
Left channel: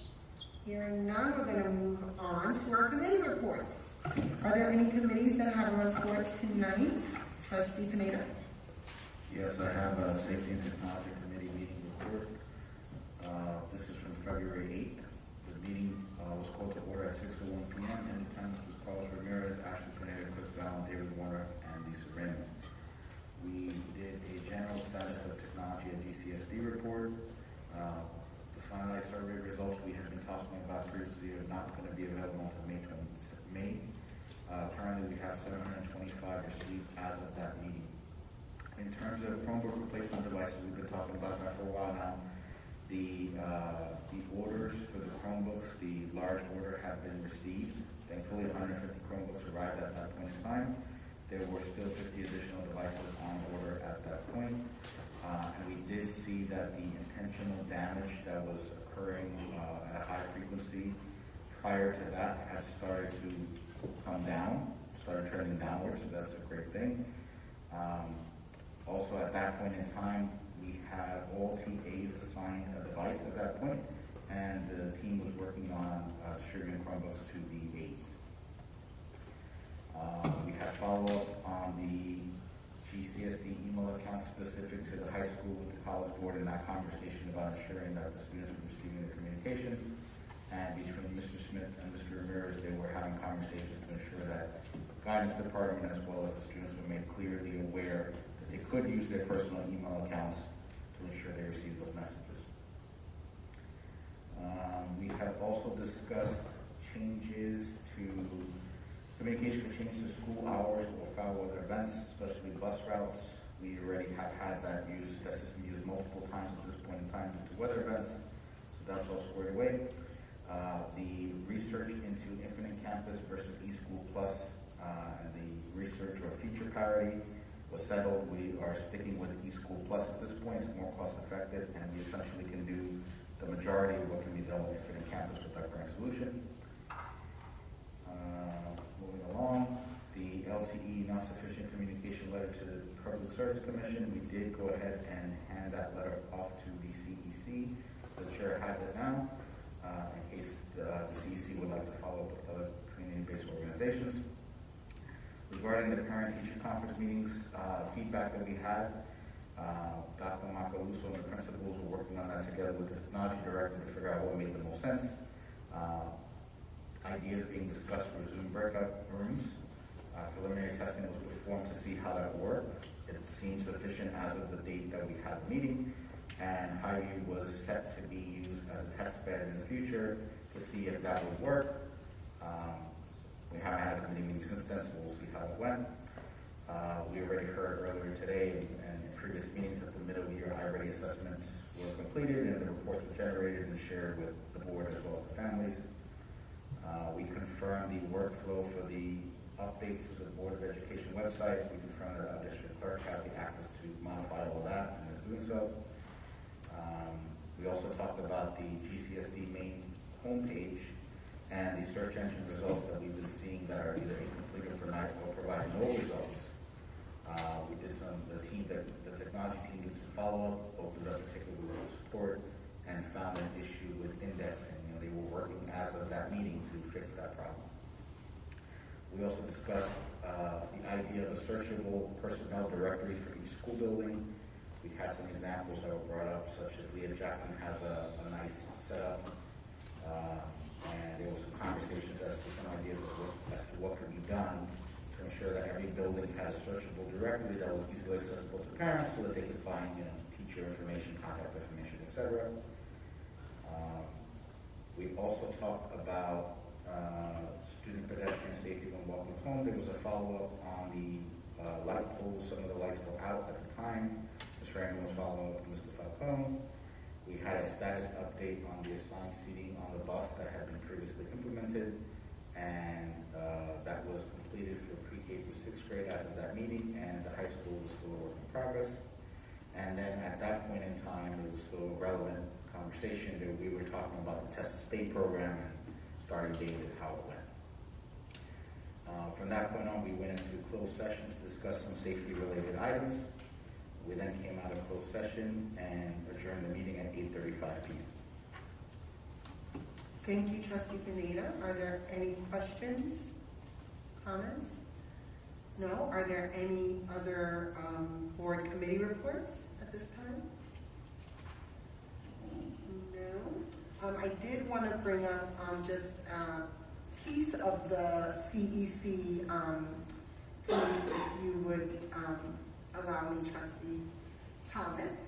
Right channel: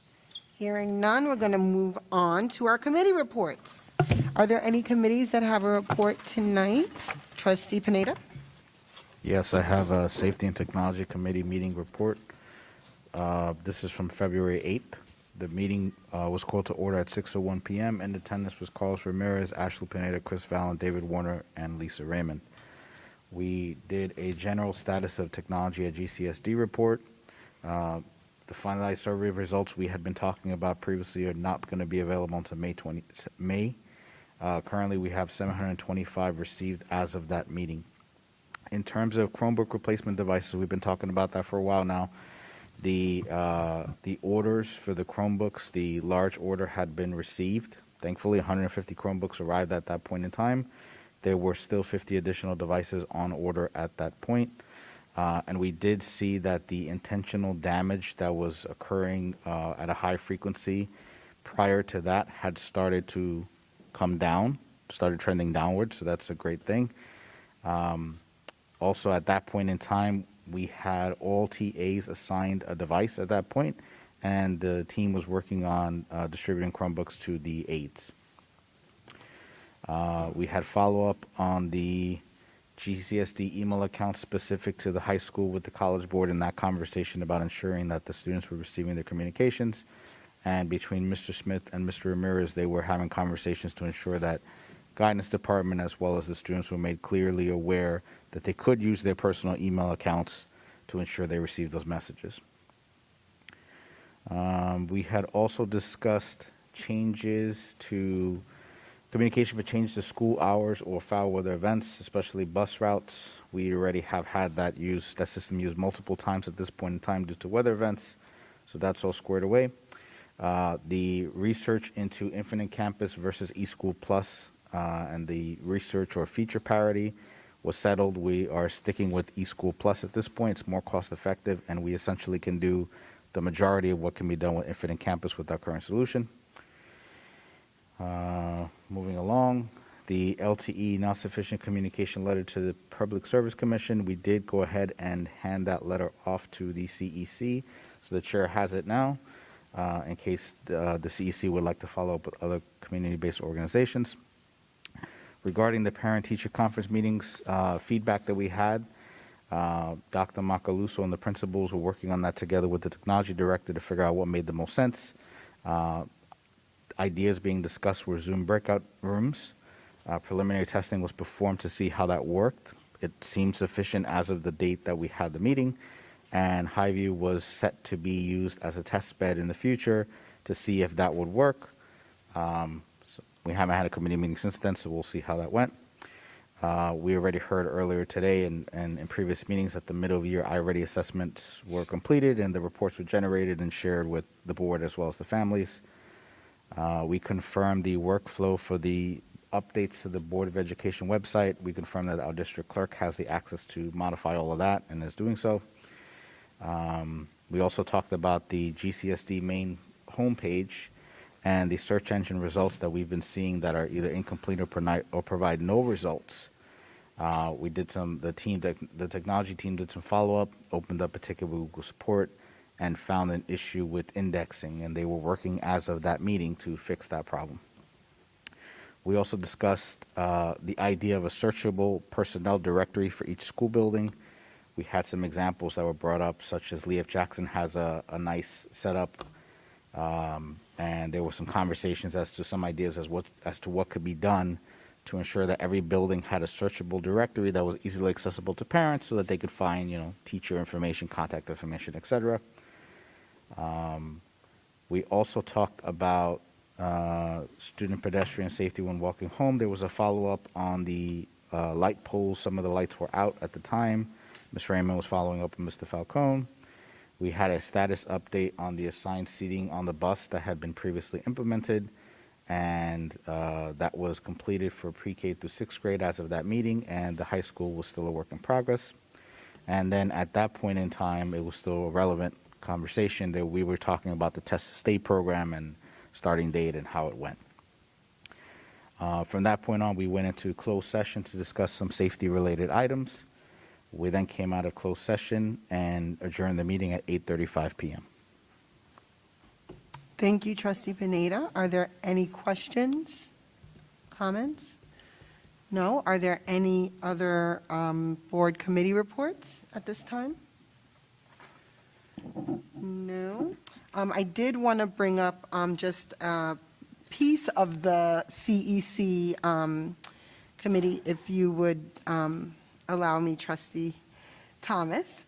Hearing none, we're going to move on to our committee reports. Are there any committees that have a report tonight? Trustee Pineda? Yes, I have a Safety and Technology Committee meeting report. This is from February 8th. The meeting was called to order at 6:01 p.m. In attendance was Carlos Ramirez, Ashley Pineda, Chris Vallon, David Warner, and Lisa Raymond. We did a general status of technology at GCSD report. The finalized survey results we had been talking about previously are not going to be available until May. Currently, we have 725 received as of that meeting. In terms of Chromebook replacement devices, we've been talking about that for a while now. The orders for the Chromebooks, the large order had been received. Thankfully, 150 Chromebooks arrived at that point in time. There were still 50 additional devices on order at that point. And we did see that the intentional damage that was occurring at a high frequency prior to that had started to come down, started trending downward, so that's a great thing. Also, at that point in time, we had all TAs assigned a device at that point, and the team was working on distributing Chromebooks to the aides. We had follow-up on the GCSD email account specific to the high school with the College Board, and that conversation about ensuring that the students were receiving their communications. And between Mr. Smith and Mr. Ramirez, they were having conversations to ensure that guidance department as well as the students were made clearly aware that they could use their personal email accounts to ensure they received those messages. We had also discussed changes to communication for change to school hours or foul weather events, especially bus routes. We already have had that system used multiple times at this point in time due to weather events, so that's all squared away. The research into Infinite Campus versus eSchool Plus and the research or feature parity was settled. We are sticking with eSchool Plus at this point. It's more cost effective, and we essentially can do the majority of what can be done with Infinite Campus with our current solution. Moving along, the LTE non-sufficient communication letter to the Public Service Commission, we did go ahead and hand that letter off to the CEC, so the chair has it now, in case the CEC would like to follow up with other community-based organizations. Regarding the parent-teacher conference meetings, feedback that we had, Dr. Macaluso and the principals were working on that together with the technology director to figure out what made the most sense. Ideas being discussed were Zoom breakout rooms. Preliminary testing was performed to see how that worked. It seemed sufficient as of the date that we had the meeting, and Highview was set to be used as a test bed in the future to see if that would work. So we haven't had a committee meeting since then, so we'll see how that went. We already heard earlier today and in previous meetings that the middle of the year I-Ready assessments were completed and the reports were generated and shared with the board as well as the families. We confirmed the workflow for the updates to the Board of Education website. We confirmed that our district clerk has the access to modify all of that and is doing so. We also talked about the GCSD main homepage and the search engine results that we've been seeing that are either incomplete or provide no results. We did the technology team did some follow-up, opened up a ticket with Google support, and found an issue with indexing, and they were working as of that meeting to fix that problem. We also discussed the idea of a searchable personnel directory for each school building. We had some examples that were brought up, such as Lee F. Jackson has a nice setup, and there were some conversations as to some ideas as to what could be done to ensure that every building had a searchable directory that was easily accessible to parents so that they could find, teacher information, contact information, etc. We also talked about student pedestrian safety when walking home. There was a follow-up on the light poles. Some of the lights were out at the time. Ms. Raymond was following up with Mr. Falcone. We had a status update on the assigned seating on the bus that had been previously implemented, and that was completed for pre-K through 6th grade as of that meeting, and the high school was still a work in progress. And then at that point in time, it was still a relevant conversation that we were talking about the test to state program and starting date and how it went. From that point on, we went into closed session to discuss some safety related items. We then came out of closed session and adjourned the meeting at 8:35 p.m. Thank you, Trustee Pineda. Are there any questions, comments? No? Are there any other board committee reports at this time? No. I did want to bring up just a piece of the CEC committee, if you would allow me, Trustee Thomas.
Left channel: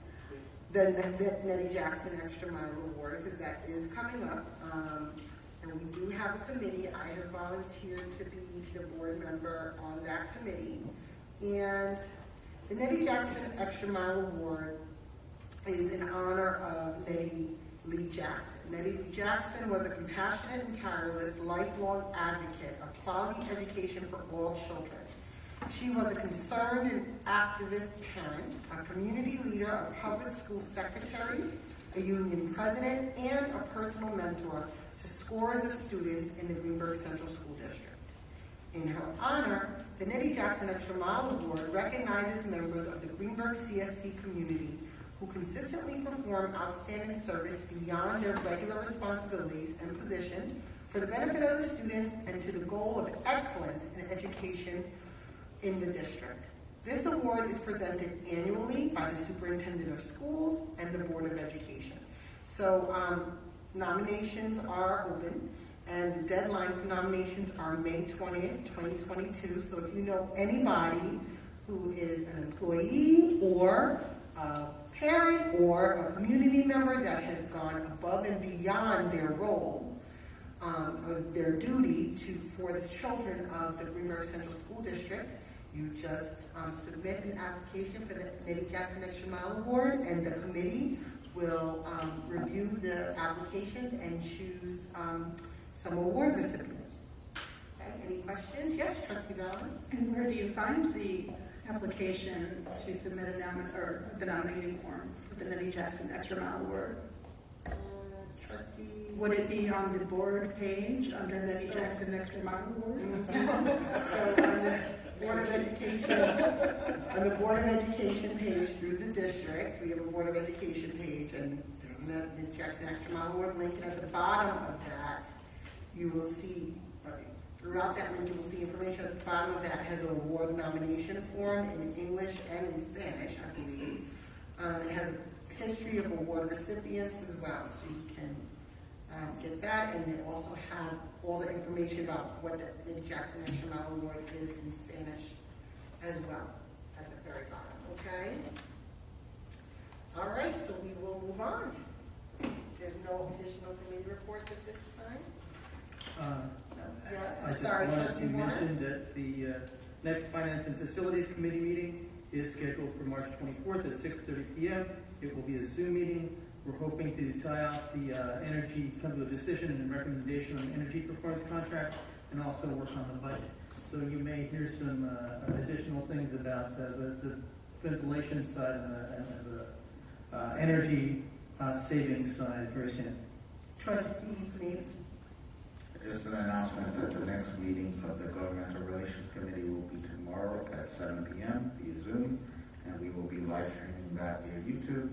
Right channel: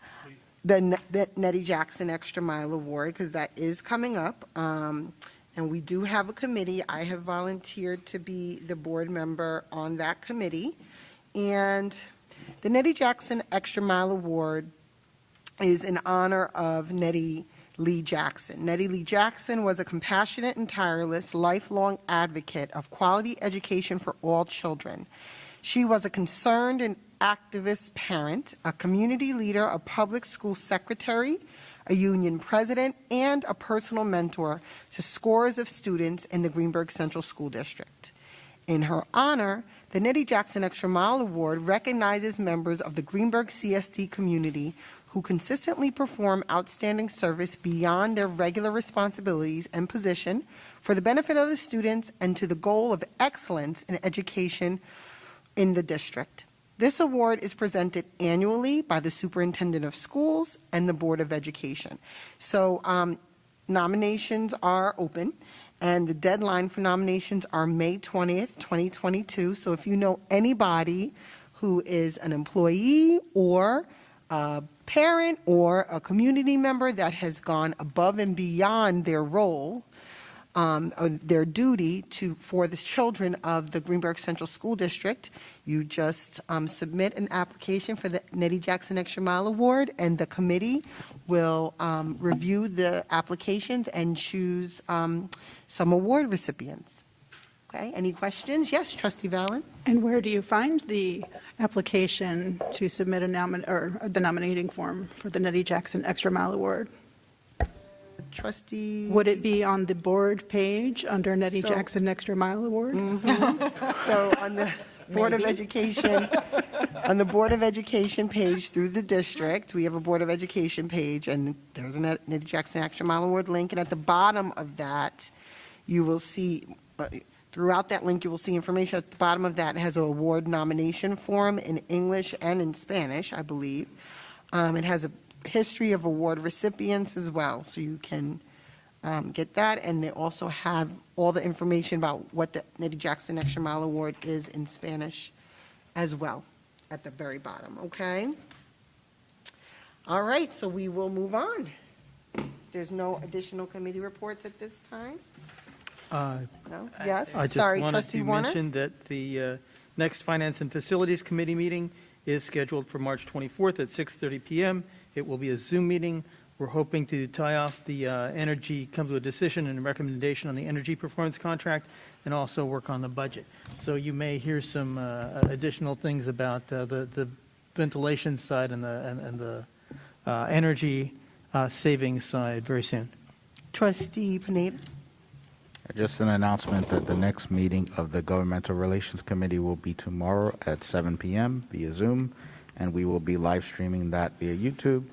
The Nettie Jackson Extra Mile Award, because that is coming up. And we do have a committee. I have volunteered to be the board member on that committee. And the Nettie Jackson Extra Mile Award is in honor of Nettie Lee Jackson. Nettie Lee Jackson was a compassionate and tireless lifelong advocate of quality education for all children. She was a concerned and activist parent, a community leader, a public school secretary, a union president, and a personal mentor to scores of students in the Greenburgh Central School District. In her honor, the Nettie Jackson Extra Mile Award recognizes members of the Greenburgh CSD community who consistently perform outstanding service beyond their regular responsibilities and position for the benefit of the students and to the goal of excellence in education in the district. This award is presented annually by the Superintendent of Schools and the Board of Education. So nominations are open, and the deadline for nominations are May 20th, 2022. So if you know anybody who is an employee or a parent or a community member that has gone above and beyond their role, or their duty for the children of the Greenburgh Central School District, you just submit an application for the Nettie Jackson Extra Mile Award, and the committee will review the applications and choose some award recipients. Okay, any questions? Yes, Trustee Valen. And where do you find the application to submit the nominating form for the Nettie Jackson Extra Mile Award? Trustee. Would it be on the board page under Nettie Jackson Extra Mile Award? So on the Board of Education, on the Board of Education page through the district, we have a Board of Education page, and there's a Nettie Jackson Extra Mile Award link, and at the bottom of that, you will see, throughout that link, you will see information at the bottom of that. It has an award nomination form in English and in Spanish, I believe. It has a history of award recipients as well, so you can get that, and they also have all the information about what the Nettie Jackson Extra Mile Award is in Spanish as well at the very bottom, okay? All right, so we will move on. There's no additional committee reports at this time? No? Yes, I just sorry, wanted Trustee to Warner? mention that the next Finance and Facilities Committee meeting is scheduled for March 24th at 6:30 p.m. It will be a Zoom meeting. We're hoping to tie off the come to a decision and recommendation on the energy performance contract, and also work on the budget. So you may hear some additional things about the ventilation side and the energy savings side very soon. Trustee Panetta. Just an announcement that the next meeting of the Governmental Relations Committee will be tomorrow at 7 p.m. via Zoom, and we will be live streaming that via YouTube.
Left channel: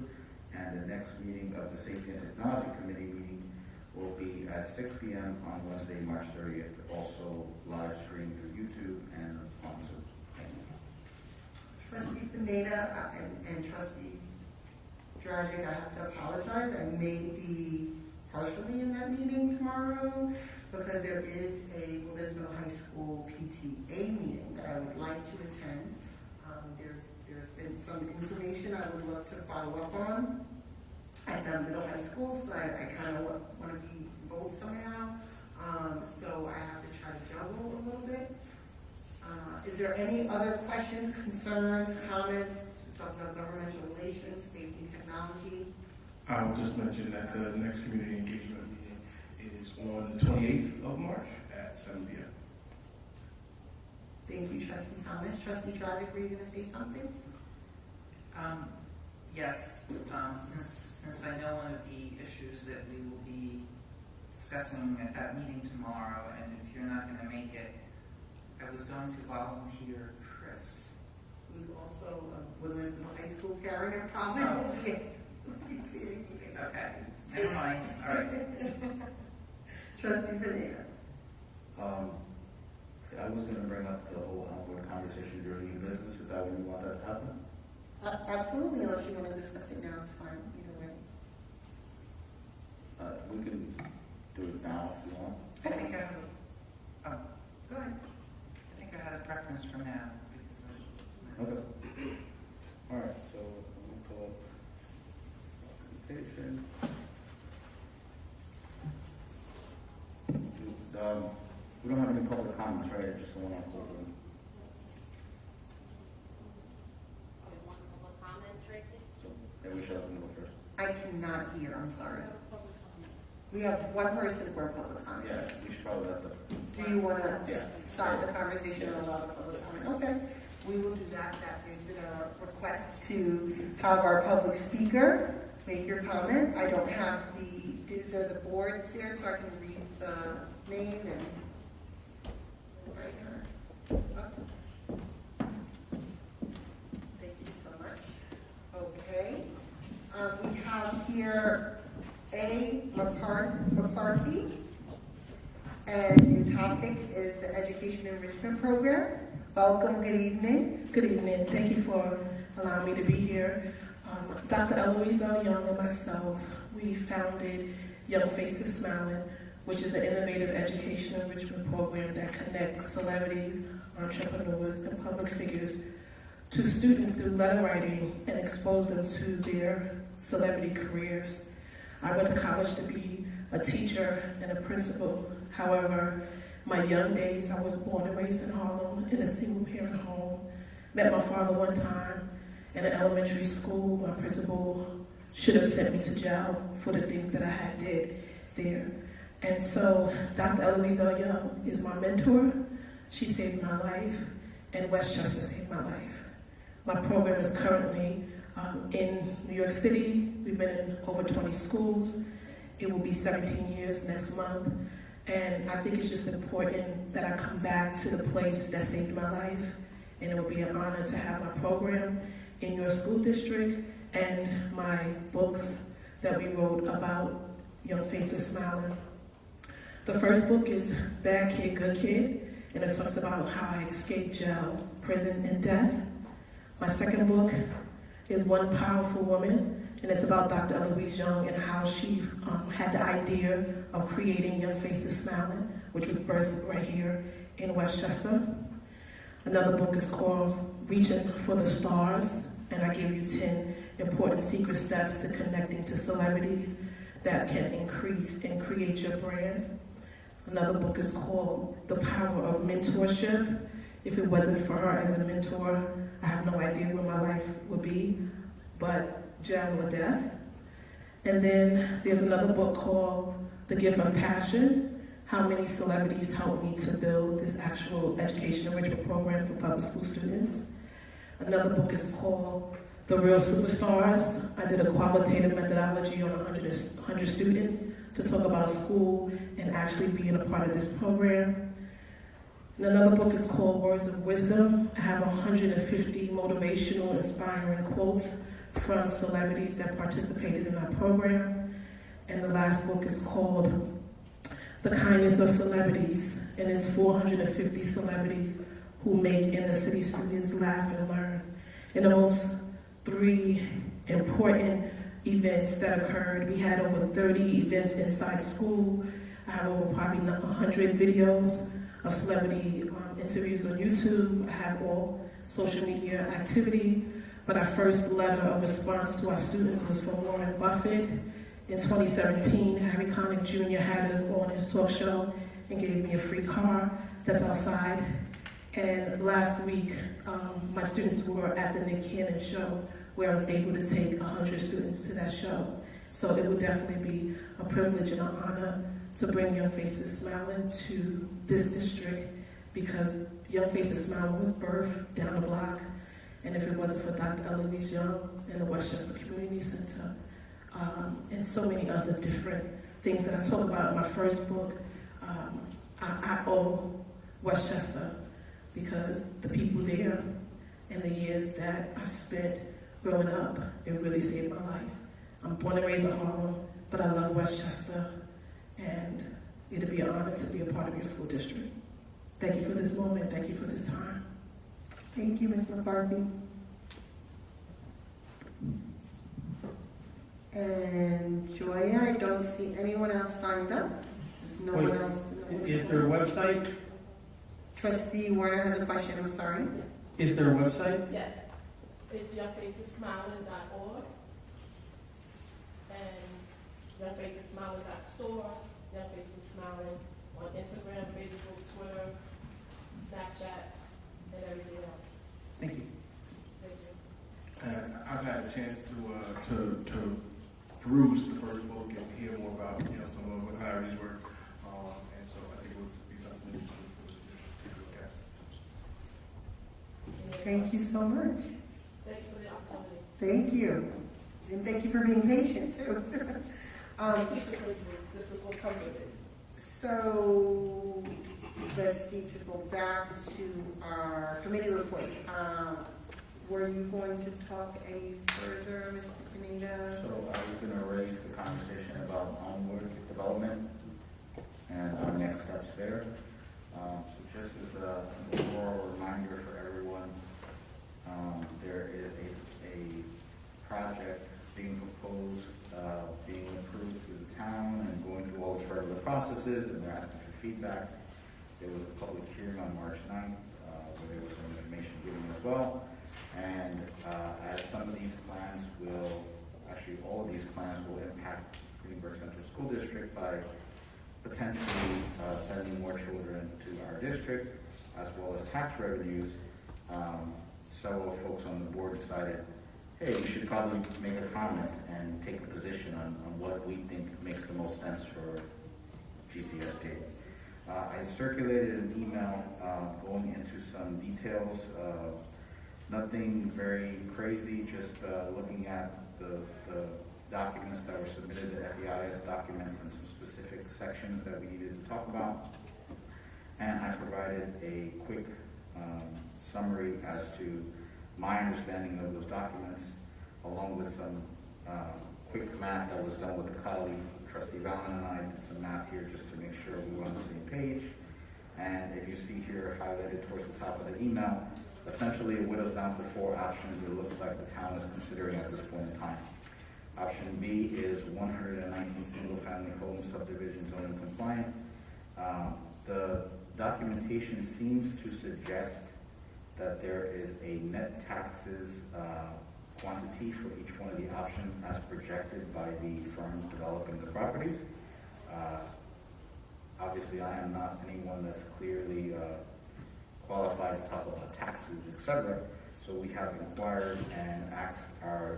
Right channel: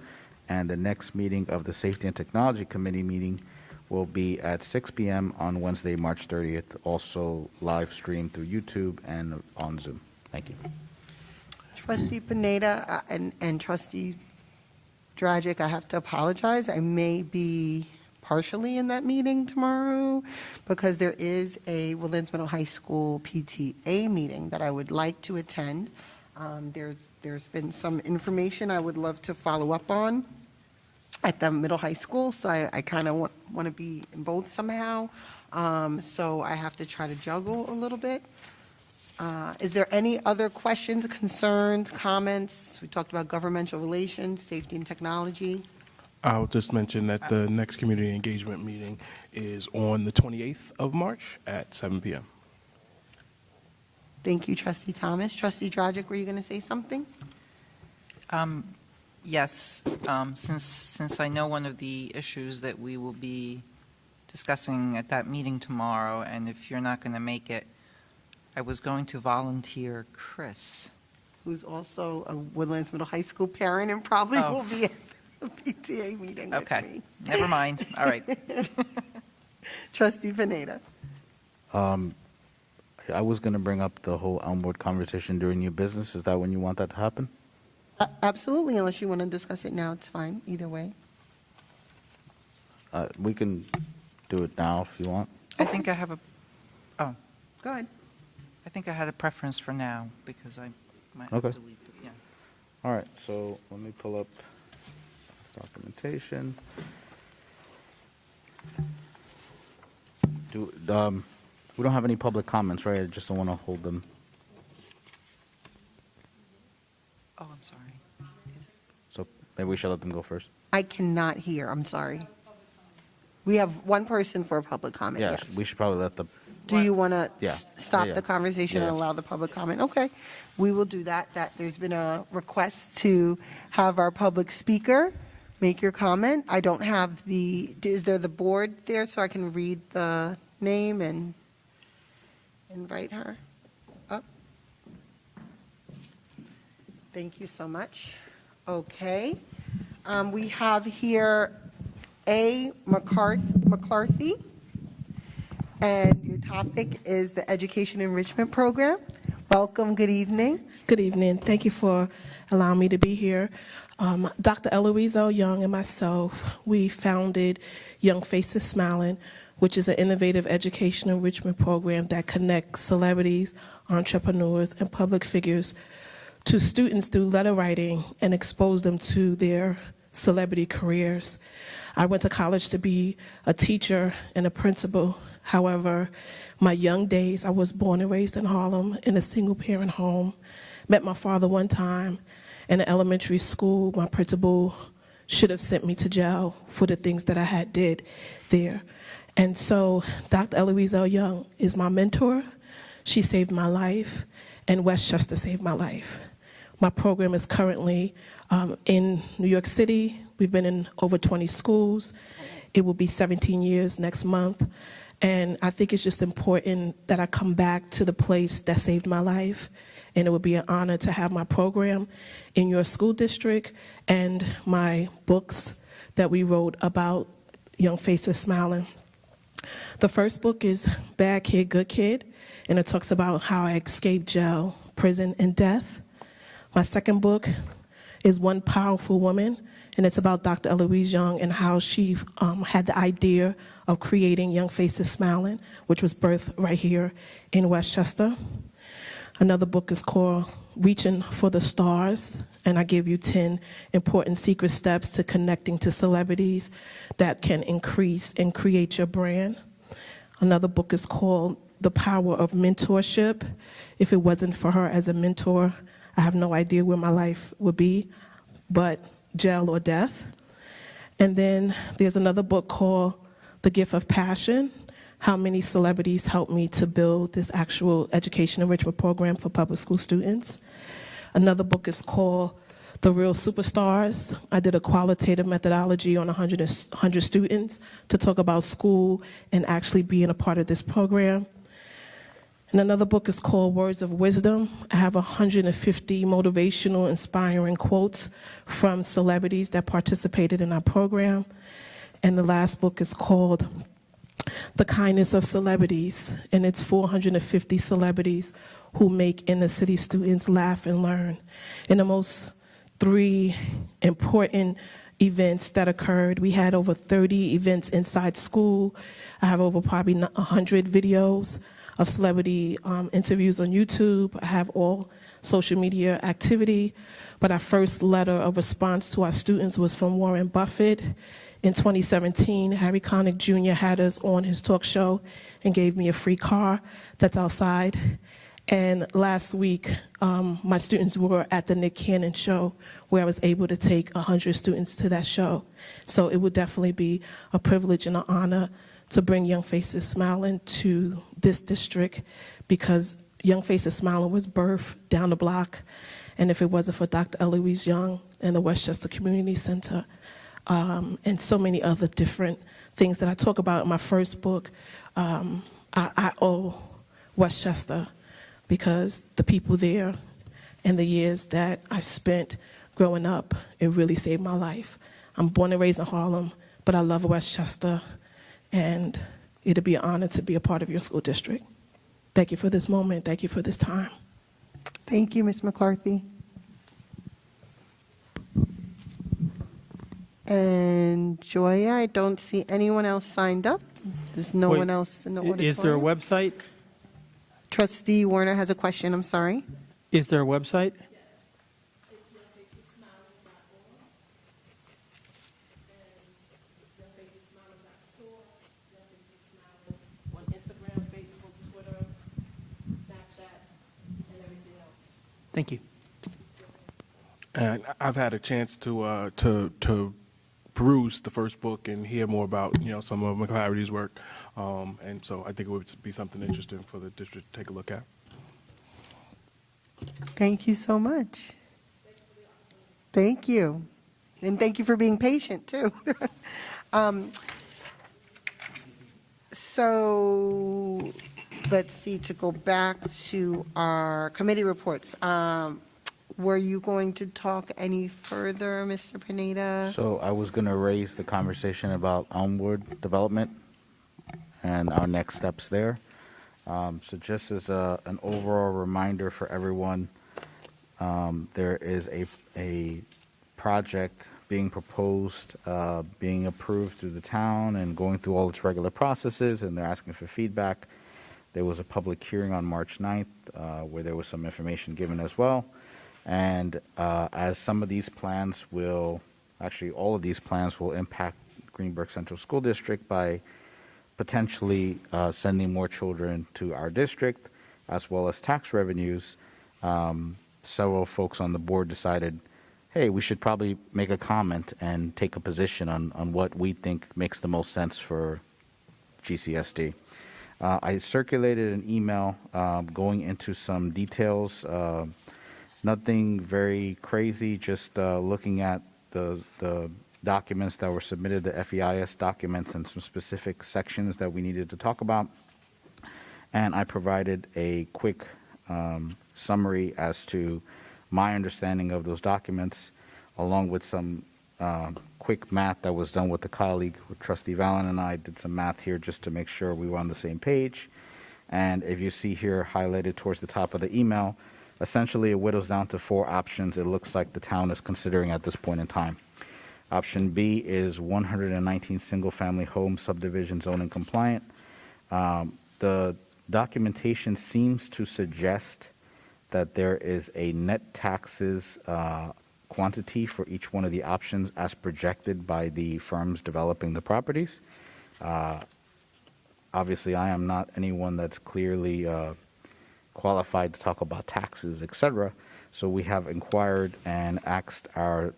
And the next meeting of the Safety and Technology Committee meeting will be at 6 p.m. on Wednesday, March 30th, also live streamed through YouTube and on Zoom. Thank you. Trustee Panetta and Trustee Dragic, I have to apologize. I may be partially in that meeting tomorrow because there is a Woodlands Middle High School PTA meeting that I would like to attend. There's been some information I would love to follow up on at the middle high school, so I kind of want to be in both somehow. So I have to try to juggle a little bit. Is there any other questions, concerns, comments? We talked about governmental relations, safety and technology. I'll just mention that the next community engagement meeting is on the 28th of March at 7 p.m. Thank you, Trustee Thomas. Trustee Dragic, were you going to say something? Yes, since I know one of the issues that we will be discussing at that meeting tomorrow, and if you're not going to make it, I was going to volunteer Chris. Who's also a Woodlands Middle High School parent and probably will be at the PTA meeting. Okay, never mind. All right. Trustee Panetta. I was going to bring up the whole Elmwood conversation during new business. Is that when you want that to happen? Absolutely, unless you want to discuss it now, it's fine, either way. We can do it now if you want. I think I have a, oh. Go ahead. I think I had a preference for now because Okay. All right, so let me pull up documentation. We don't have any public comments, right? I just don't want to hold them. Oh, I'm sorry. So maybe we should let them go first. I cannot hear, I'm sorry. We have one person for a public comment, Yes, yes. we should probably let the, Do you want to Yeah. stop Yeah. the conversation and Yeah. allow the public comment? Okay, we will do that. There's been a request to have our public speaker make your comment. I don't have is there the board there so I can read the name and invite her up? Thank you so much. Okay, we have here A. McCarthy. And the topic is the Education Enrichment Program. Welcome, good evening. Good evening. Thank you for allowing me to be here. Dr. Eloise L. Young and myself, we founded Young Faces Smiling, which is an innovative education enrichment program that connects celebrities, entrepreneurs, and public figures to students through letter writing and expose them to their celebrity careers. I went to college to be a teacher and a principal. However, my young days, I was born and raised in Harlem in a single-parent home. Met my father one time in an elementary school. My principal should have sent me to jail for the things that I had did there. And so Dr. Eloise L. Young is my mentor. She saved my life, and Westchester saved my life. My program is currently in New York City. We've been in over 20 schools. It will be 17 years next month. And I think it's just important that I come back to the place that saved my life. And it would be an honor to have my program in your school district and my books that we wrote about Young Faces Smiling. The first book is Bad Kid, Good Kid, and it talks about how I escaped jail, prison, and death. My second book is One Powerful Woman, and it's about Dr. Eloise Young and how she had the idea of creating Young Faces Smiling, which was birthed right here in Westchester. Another book is called Reaching for the Stars, and I give you 10 important secret steps to connecting to celebrities that can increase and create your brand. Another book is called The Power of Mentorship. If it wasn't for her as a mentor, I have no idea where my life would be, but jail or death. And then there's another book called The Gift of Passion, how many celebrities helped me to build this actual education enrichment program for public school students. Another book is called The Real Superstars. I did a qualitative methodology on 100 students to talk about school and actually being a part of this program. And another book is called Words of Wisdom. I have 150 motivational, inspiring quotes from celebrities that participated in our program. And the last book is called The Kindness of Celebrities, and it's 450 celebrities who make inner city students laugh and learn. And the most 3 important events that occurred, we had over 30 events inside school. I have over probably 100 videos of celebrity interviews on YouTube. I have all social media activity. But our first letter of response to our students was from Warren Buffett. In 2017, Harry Connick Jr. had us on his talk show and gave me a free car that's outside. And last week, my students were at the Nick Cannon show where I was able to take 100 students to that show. So it would definitely be a privilege and an honor to bring Young Faces Smiling to this district, because Young Faces Smiling was birthed down the block. And if it wasn't for Dr. Eloise Young and the Westchester Community Center, and so many other different things that I talk about in my first book, I owe Westchester, because the people there and the years that I spent growing up, it really saved my life. I'm born and raised in Harlem, but I love Westchester, and it'll be an honor to be a part of your school district. Thank you for this moment. Thank you for this time. Thank you, Ms. McCarthy. And Joya, I don't see anyone else signed up. There's no one else in the auditorium. Is there a website? Trustee Warner has a question, I'm sorry. Is there a website? Yes. It's youngfacessmiling.org and youngfacessmiling.store, Young Faces Smiling on Instagram, Facebook, Twitter, Snapchat, and everything else. Thank you. And I've had a chance to peruse the first book and hear more about some of McClary's work. And so I think it would be something interesting for the district to take a look at. Thank you so much. Thank you. And thank you for being patient, too. So let's see, to go back to our committee reports. Were you going to talk any further, Mr. Pineda? So I was going to raise the conversation about Elmwood development and our next steps there. So just as an overall reminder for everyone, there is a project being proposed, being approved through the town and going through all its regular processes, and they're asking for feedback. There was a public hearing on March 9th where there was some information given as well. And as some of these plans will, actually all of these plans will impact Greenberg Central School District by potentially sending more children to our district, as well as tax revenues, several folks on the board decided, hey, we should probably make a comment and take a position on what we think makes the most sense for GCSD. I circulated an email going into some details, nothing very crazy, just looking at the documents that were submitted, the FEIS documents, and some specific sections that we needed to talk about. And I provided a quick summary as to my understanding of those documents, along with some quick math that was done with the colleague, Trustee Vallon and I did some math here just to make sure we were on the same page. And if you see here highlighted towards the top of the email, essentially it whittles down to 4 options it looks like the town is considering at this point in time. Option B is 119 single-family home subdivision zoning compliant. The documentation seems to suggest that there is a net taxes quantity for each one of the options as projected by the firms developing the properties. Obviously, I am not anyone that's clearly qualified to talk about taxes, etc. So we have inquired and asked our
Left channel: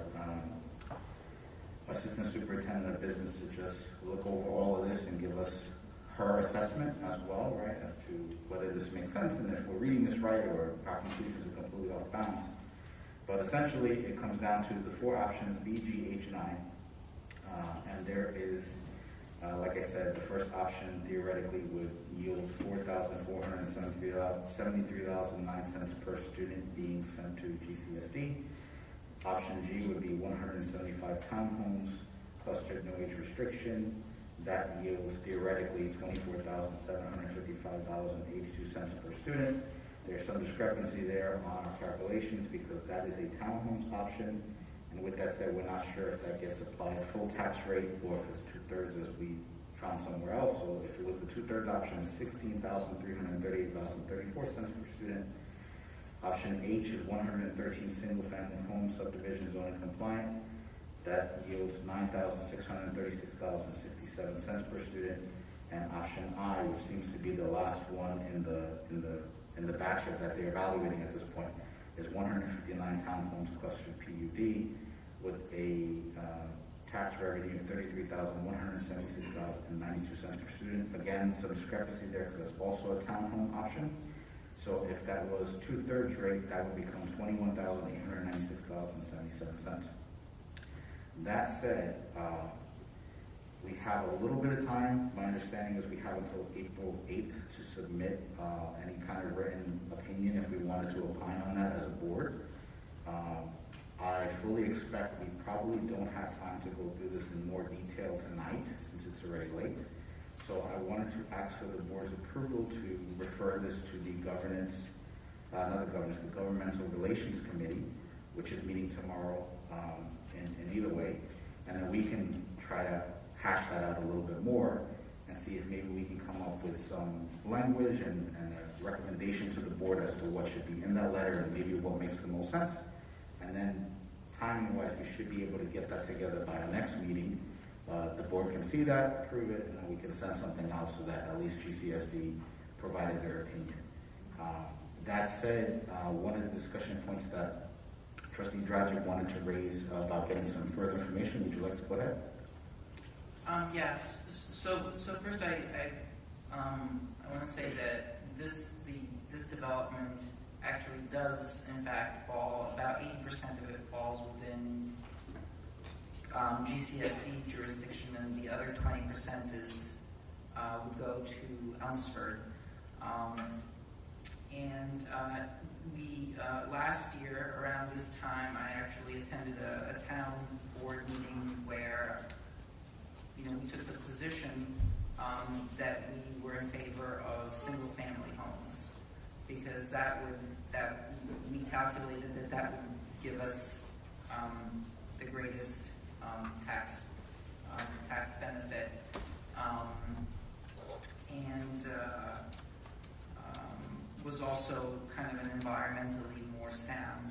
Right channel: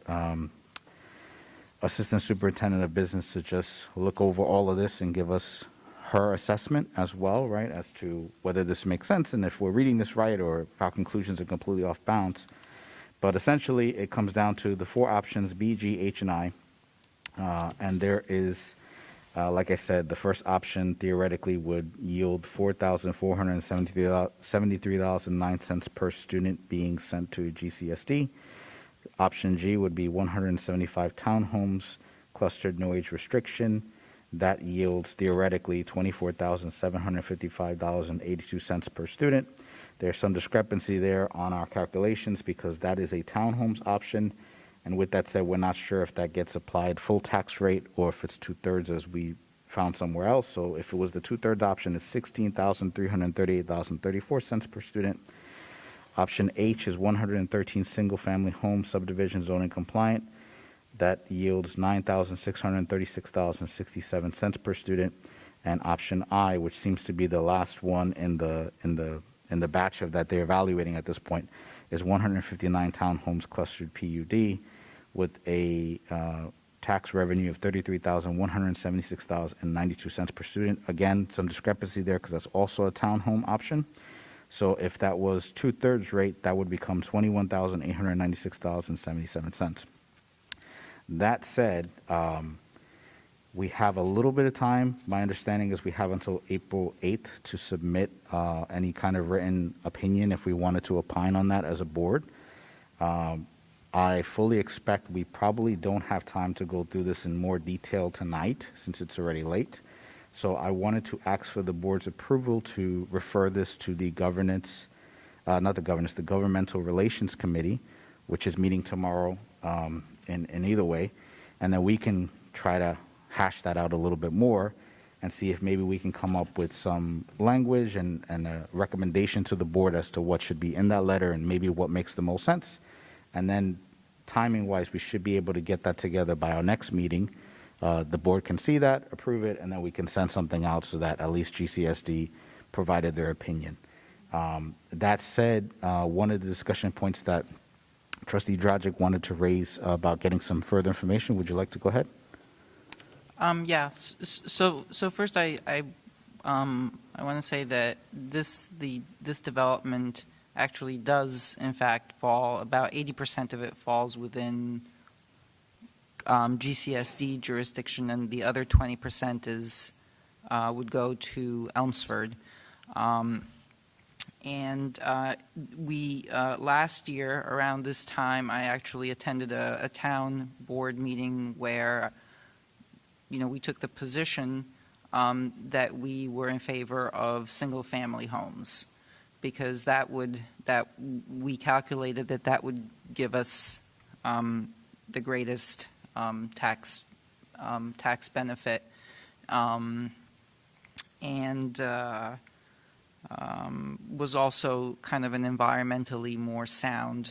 Assistant Superintendent of Business to just look over all of this and give us her assessment as well, right, as to whether this makes sense and if we're reading this right or if our conclusions are completely off bounds. But essentially, it comes down to the 4 options, B, G, H, and I. And there is, like I said, the first option theoretically would yield $4,473.09 per student being sent to GCSD. Option G would be 175 townhomes, clustered no age restriction. That yields theoretically $24,755.82 per student. There's some discrepancy there on our calculations because that is a townhomes option. And with that said, we're not sure if that gets applied full tax rate or if it's 2/3 as we found somewhere else. So if it was the 2/3 option, it's $16,338.34 per student. Option H is 113 single-family home subdivision zoning compliant. That yields $9,636.67 per student. And option I, which seems to be the last one in the batch of that they're evaluating at this point, is 159 townhomes clustered PUD with a tax revenue of $33,176.92 per student. Again, some discrepancy there because that's also a townhome option. So if that was 2/3 rate, that would become $21,896.77. That said, we have a little bit of time. My understanding is we have until April 8th to submit any kind of written opinion if we wanted to opine on that as a board. I fully expect we probably don't have time to go through this in more detail tonight since it's already late. So I wanted to ask for the board's approval to refer this to the the Governmental Relations Committee, which is meeting tomorrow in either way. And then we can try to hash that out a little bit more and see if maybe we can come up with some language and a recommendation to the board as to what should be in that letter and maybe what makes the most sense. And then timing-wise, we should be able to get that together by our next meeting. The board can see that, approve it, and then we can send something out so that at least GCSD provided their opinion. That said, one of the discussion points that Trustee Dragic wanted to raise about getting some further information, would you like to go ahead? Yeah. So first, I want to say that this development actually does, in fact, fall. About 80% of it falls within GCSD jurisdiction, and the other 20% is would go to Elmsford. We last year around this time, I actually attended a town board meeting where, we took the position that we were in favor of single-family homes, because we calculated that would give us the greatest tax benefit, and was also kind of an environmentally more sound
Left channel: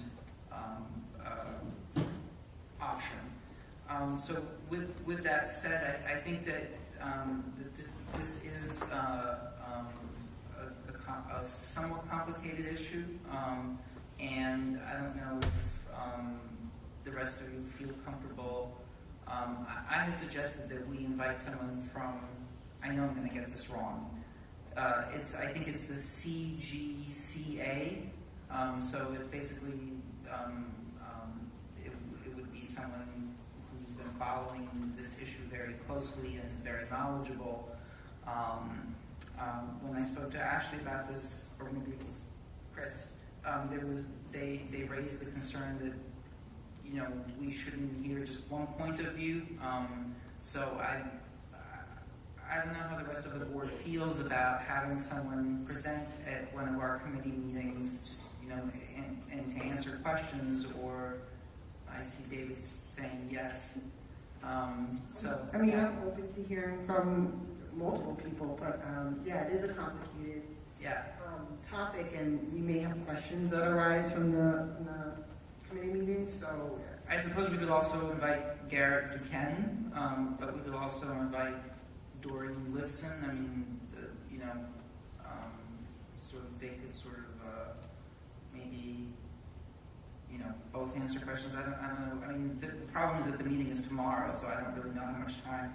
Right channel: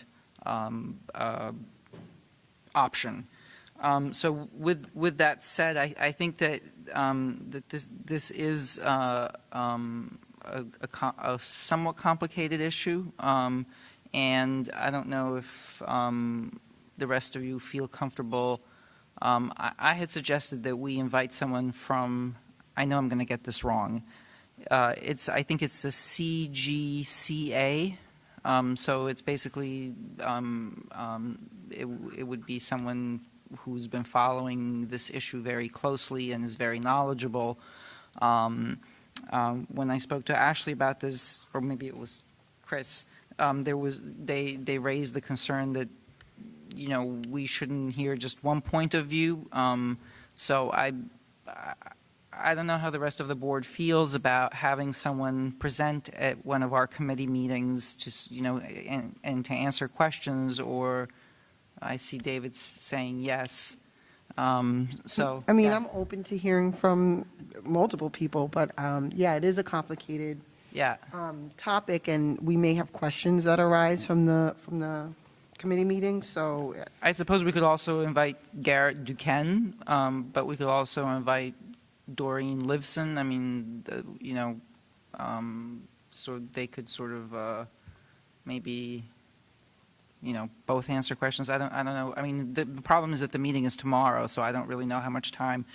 option. So with that said, I think that this is a somewhat complicated issue, and I don't know if the rest of you feel comfortable. I had suggested that we invite someone from, I know I'm going to get this wrong, I think it's the CGCA, so it's basically, it would be someone who's been following this issue very closely and is very knowledgeable. When I spoke to Ashley about this, or maybe it was Chris, they raised the concern that we shouldn't hear just one point of view. So I don't know how the rest of the board feels about having someone present at one of our committee meetings, just and to answer questions. Or I see David saying yes. So I mean, I'm open to hearing from multiple people, but yeah, it is a complicated topic, and we may have questions that arise from the committee meeting. So I suppose we could also invite Garrett Duquesne, but we could also invite Doreen Livson. I mean, so they could sort of maybe both answer questions. I don't know. I mean, the problem is that the meeting is tomorrow, so I don't really know how much time.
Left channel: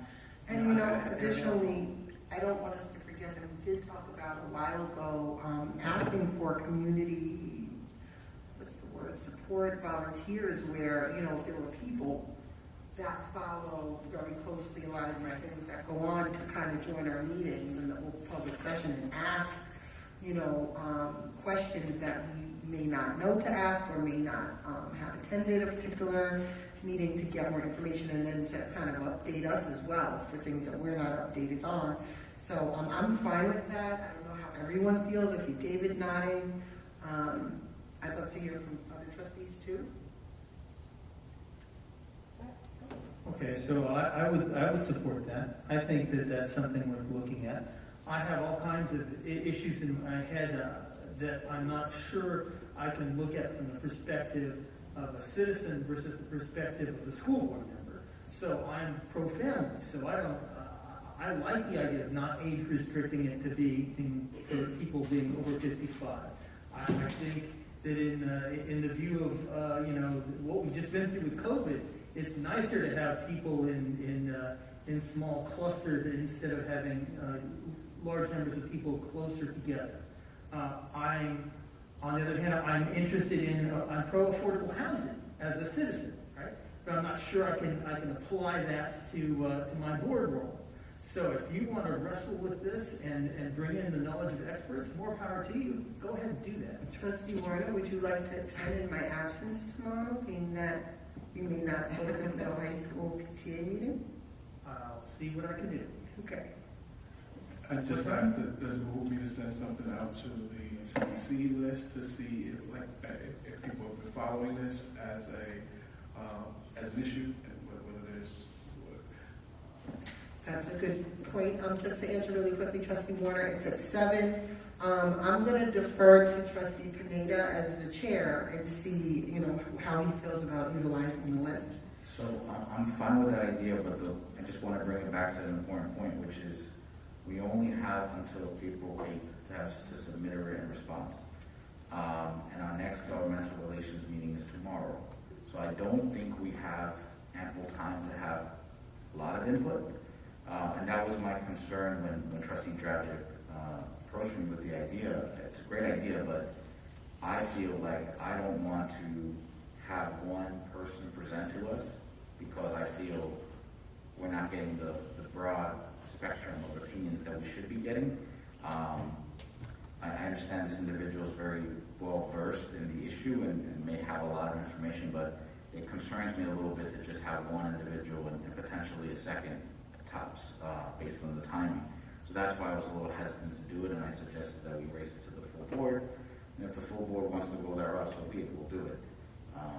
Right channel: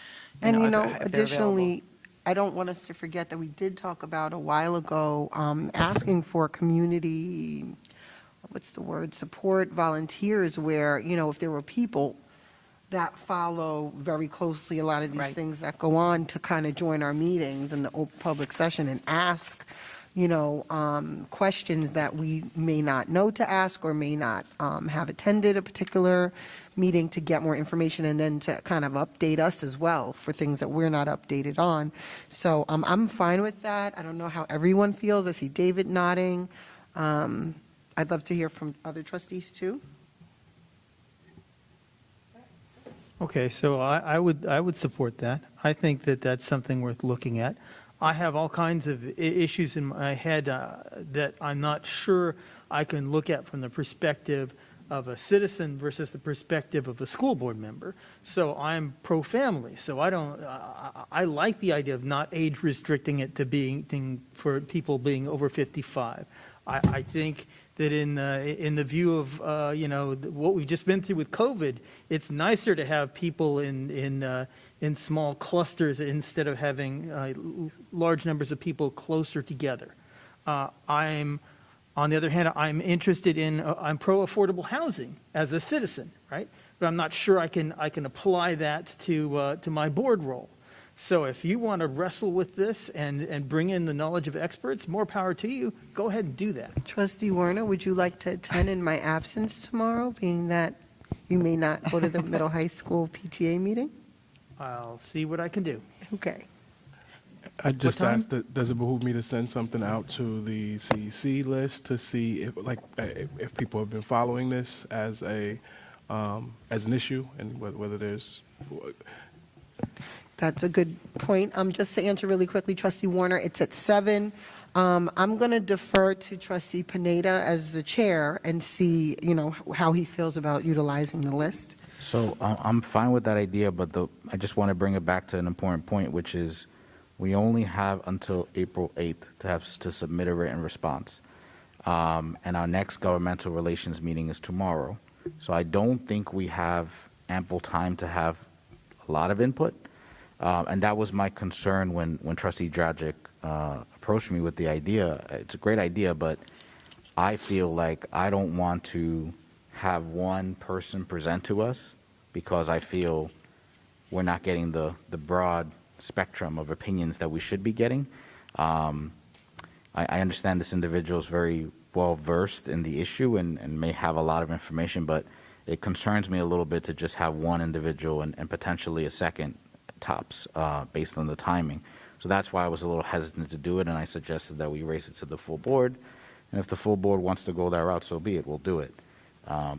And additionally, I don't want us to forget that we did talk about a while ago asking for community, support volunteers, where, if there were people that follow very closely a lot of these things that go on, to kind of join our meetings in the open public session and ask, questions that we may not know to ask, or may not have attended a particular meeting, to get more information, and then to kind of update us as well for things that we're not updated on. So I'm fine with that. I don't know how everyone feels. I see David nodding. I'd love to hear from other trustees too. Okay, so I would support that. I think that that's something worth looking at. I have all kinds of issues in my head that I'm not sure I can look at from the perspective of a citizen versus the perspective of a school board member. So I'm pro-family. So I like the idea of not age restricting it to being for people being over 55. I think that in the view of what we've just been through with COVID, it's nicer to have people in small clusters instead of having large numbers of people closer together. On the other hand, I'm interested in I'm pro-affordable housing as a citizen, right? But I'm not sure I can apply that to my board role. So if you want to wrestle with this and bring in the knowledge of experts, more power to you. Go ahead and do that. Trustee Warner, would you like to attend in my absence tomorrow, being that you may not go to the middle high school PTA meeting? I'll see what I can do. Okay. I just asked, does it behoove me to send something out to the CDC list to see if people have been following this as an issue, and whether there's. That's a good point. Just to answer really quickly, Trustee Warner, it's at 7. I'm going to defer to Trustee Pineda as the chair and see, how he feels about utilizing the list. So I'm fine with that idea, but I just want to bring it back to an important point, which is we only have until April 8th to submit a written response. And our next governmental relations meeting is tomorrow. So I don't think we have ample time to have a lot of input. And that was my concern when Trustee Dragic approached me with the idea. It's a great idea, but I feel like I don't want to have one person present to us because I feel we're not getting the broad spectrum of opinions that we should be getting. I understand this individual is very well versed in the issue and may have a lot of information, but it concerns me a little bit to just have one individual and potentially a second tops based on the timing. So that's why I was a little hesitant to do it, and I suggested that we raise it to the full board. And if the full board wants to go that route, so be it, we'll do it.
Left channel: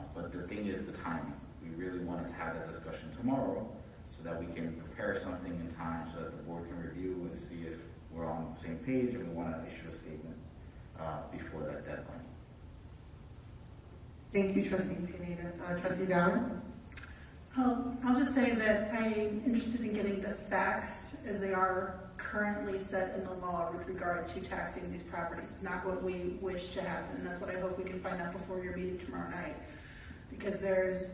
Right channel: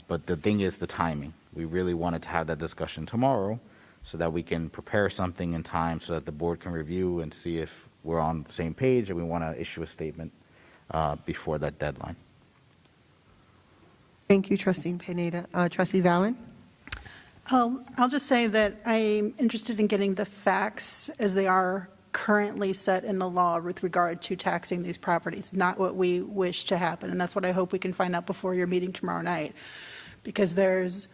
But the thing is the timing. We really wanted to have that discussion tomorrow so that we can prepare something in time so that the board can review and see if we're on the same page and we want to issue a statement before that deadline. Thank you, Trustee Pineda. Trustee Valen? I'll just say that I'm interested in getting the facts as they are currently set in the law with regard to taxing these properties, not what we wish to happen. And that's what I hope we can find out before your meeting tomorrow night. Because there's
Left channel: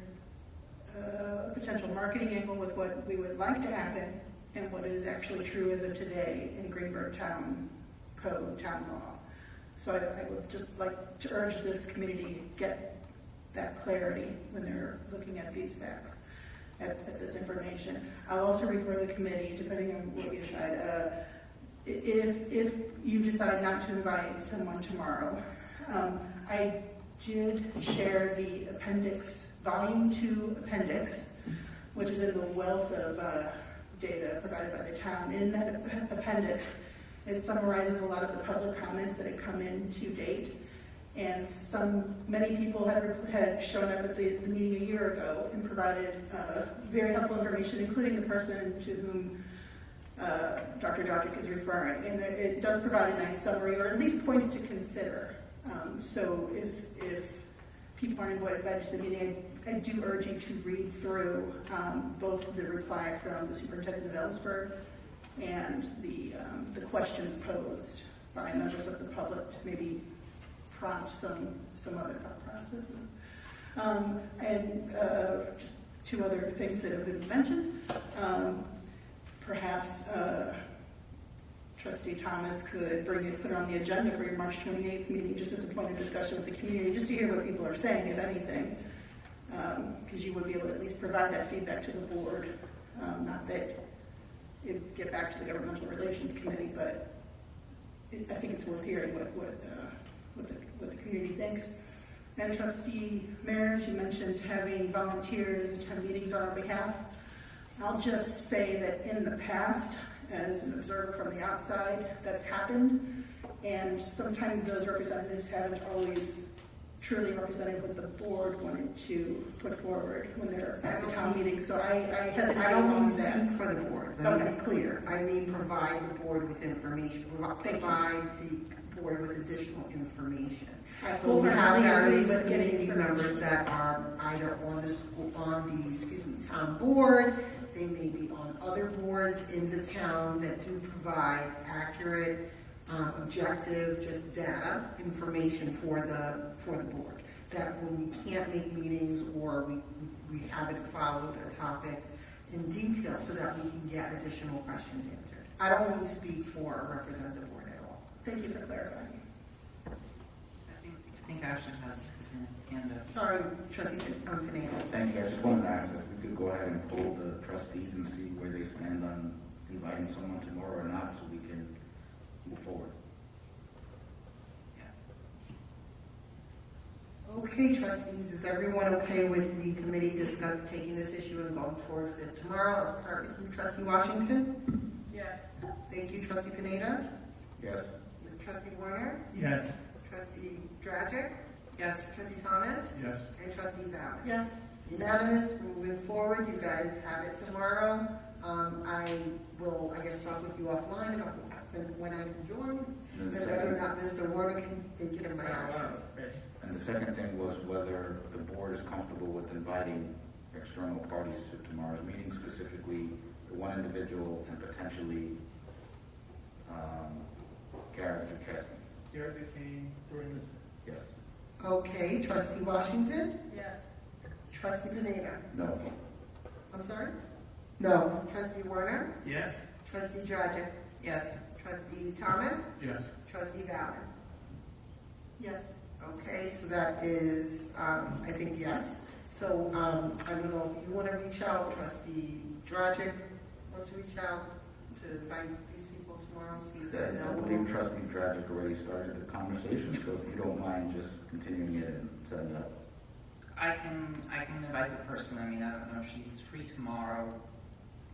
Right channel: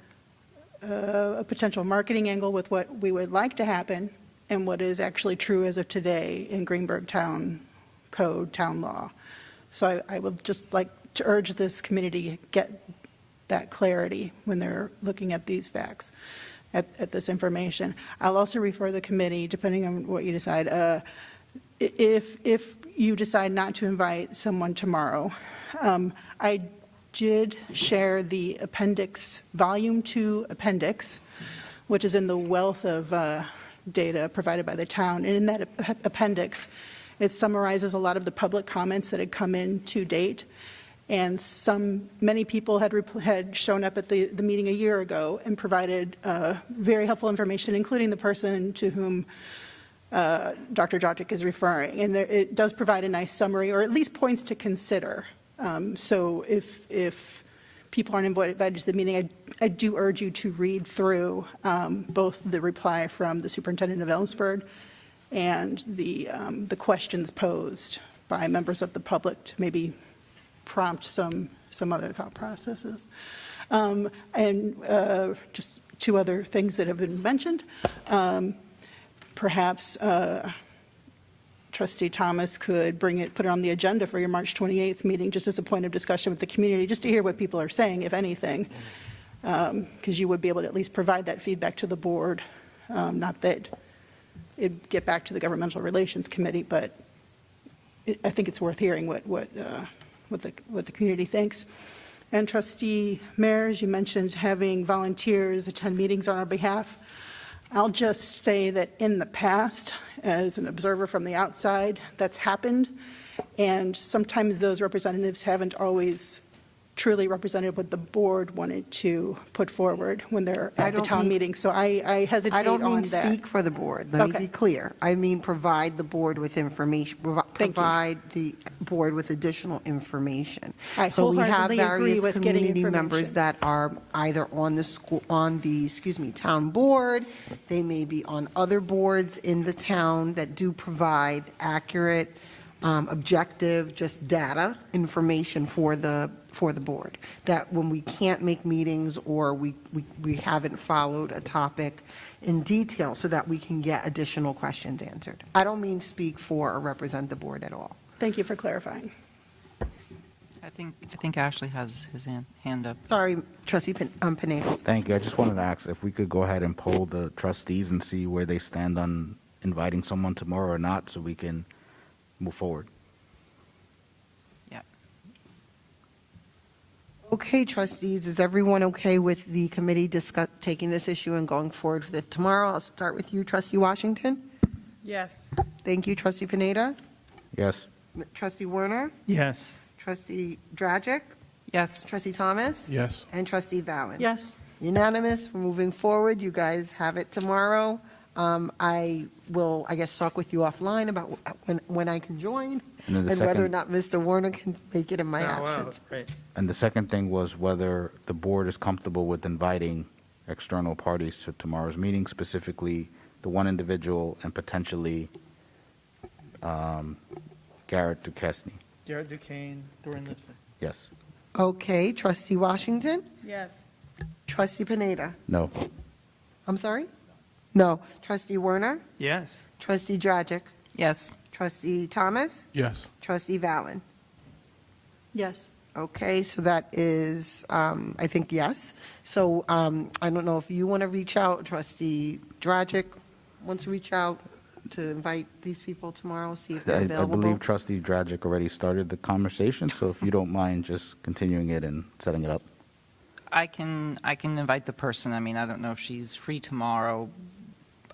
a potential marketing angle with what we would like to happen and what is actually true as of today in Greenberg Town Code, town law. So I would just like to urge this committee to get that clarity when they're looking at these facts, at this information. I'll also refer the committee, depending on what you decide, if you decide not to invite someone tomorrow. I did share the appendix, volume 2 appendix, which is in the wealth of data provided by the town. And in that appendix, it summarizes a lot of the public comments that had come in to date. And many people had shown up at the meeting a year ago and provided very helpful information, including the person to whom Dr. Dragic is referring. And it does provide a nice summary, or at least points to consider. So if people aren't invited to the meeting, I do urge you to read through both the reply from the superintendent of Ellensburg and the questions posed by members of the public to maybe prompt some other thought processes. And just 2 other things that have been mentioned. Perhaps Trustee Thomas could put it on the agenda for your March 28th meeting just as a point of discussion with the community, just to hear what people are saying, if anything, because you would be able to at least provide that feedback to the board. Not that it'd get back to the Governmental Relations Committee, but I think it's worth hearing what the community thinks. And Trustee Mears, you mentioned having volunteers attend meetings on our behalf. I'll just say that in the past, as an observer from the outside, that's happened. And sometimes those representatives haven't always truly represented what the board wanted to put forward when they're at the town meeting. So I hesitate on that. I don't mean speak for the board. Let me be clear. I mean provide the board with information, provide the board with additional information. So we have various community members that are either on the town board. They may be on other boards in the town that do provide accurate, objective, just data information for the board, that when we can't make meetings or we haven't followed a topic in detail, so that we can get additional questions answered. I don't mean speak for or represent the board at all. Thank you for clarifying. I think Ashley has his hand up. Sorry, Trustee Pineda. Thank you. I just wanted to ask if we could go ahead and poll the trustees and see where they stand on inviting someone tomorrow or not, so we can move forward. Yeah. Okay, trustees, is everyone okay with the committee taking this issue and going forward with it tomorrow? I'll start with you, Trustee Washington. Yes. Thank you, Trustee Pineda. Yes. Trustee Werner. Yes. Trustee Dragic. Yes. Trustee Thomas. Yes. And Trustee Valen. Yes. Unanimous. We're moving forward. You guys have it tomorrow. I will, I guess, talk with you offline about when I can join and whether or not Mr. Werner can make it in my absence. And the second thing was whether the board is comfortable with inviting external parties to tomorrow's meeting, specifically the one individual and potentially Garrett Duquesne. Garrett Duquesne, Dorian Lipson. Yes. Okay, Trustee Washington. Yes. Trustee Pineda. No. I'm sorry? No. Trustee Werner? Yes. Trustee Dragic? Yes. Trustee Thomas? Yes. Trustee Vallon? Yes. Okay, so that is, I think, yes. So I don't know if you want to reach out, Trustee Dragic wants to reach out to invite these people tomorrow, see if they're I available. believe Trustee Dragic already started the conversation, so if you don't mind just continuing it and setting it up. I can invite the person. I mean, I don't know if she's free tomorrow.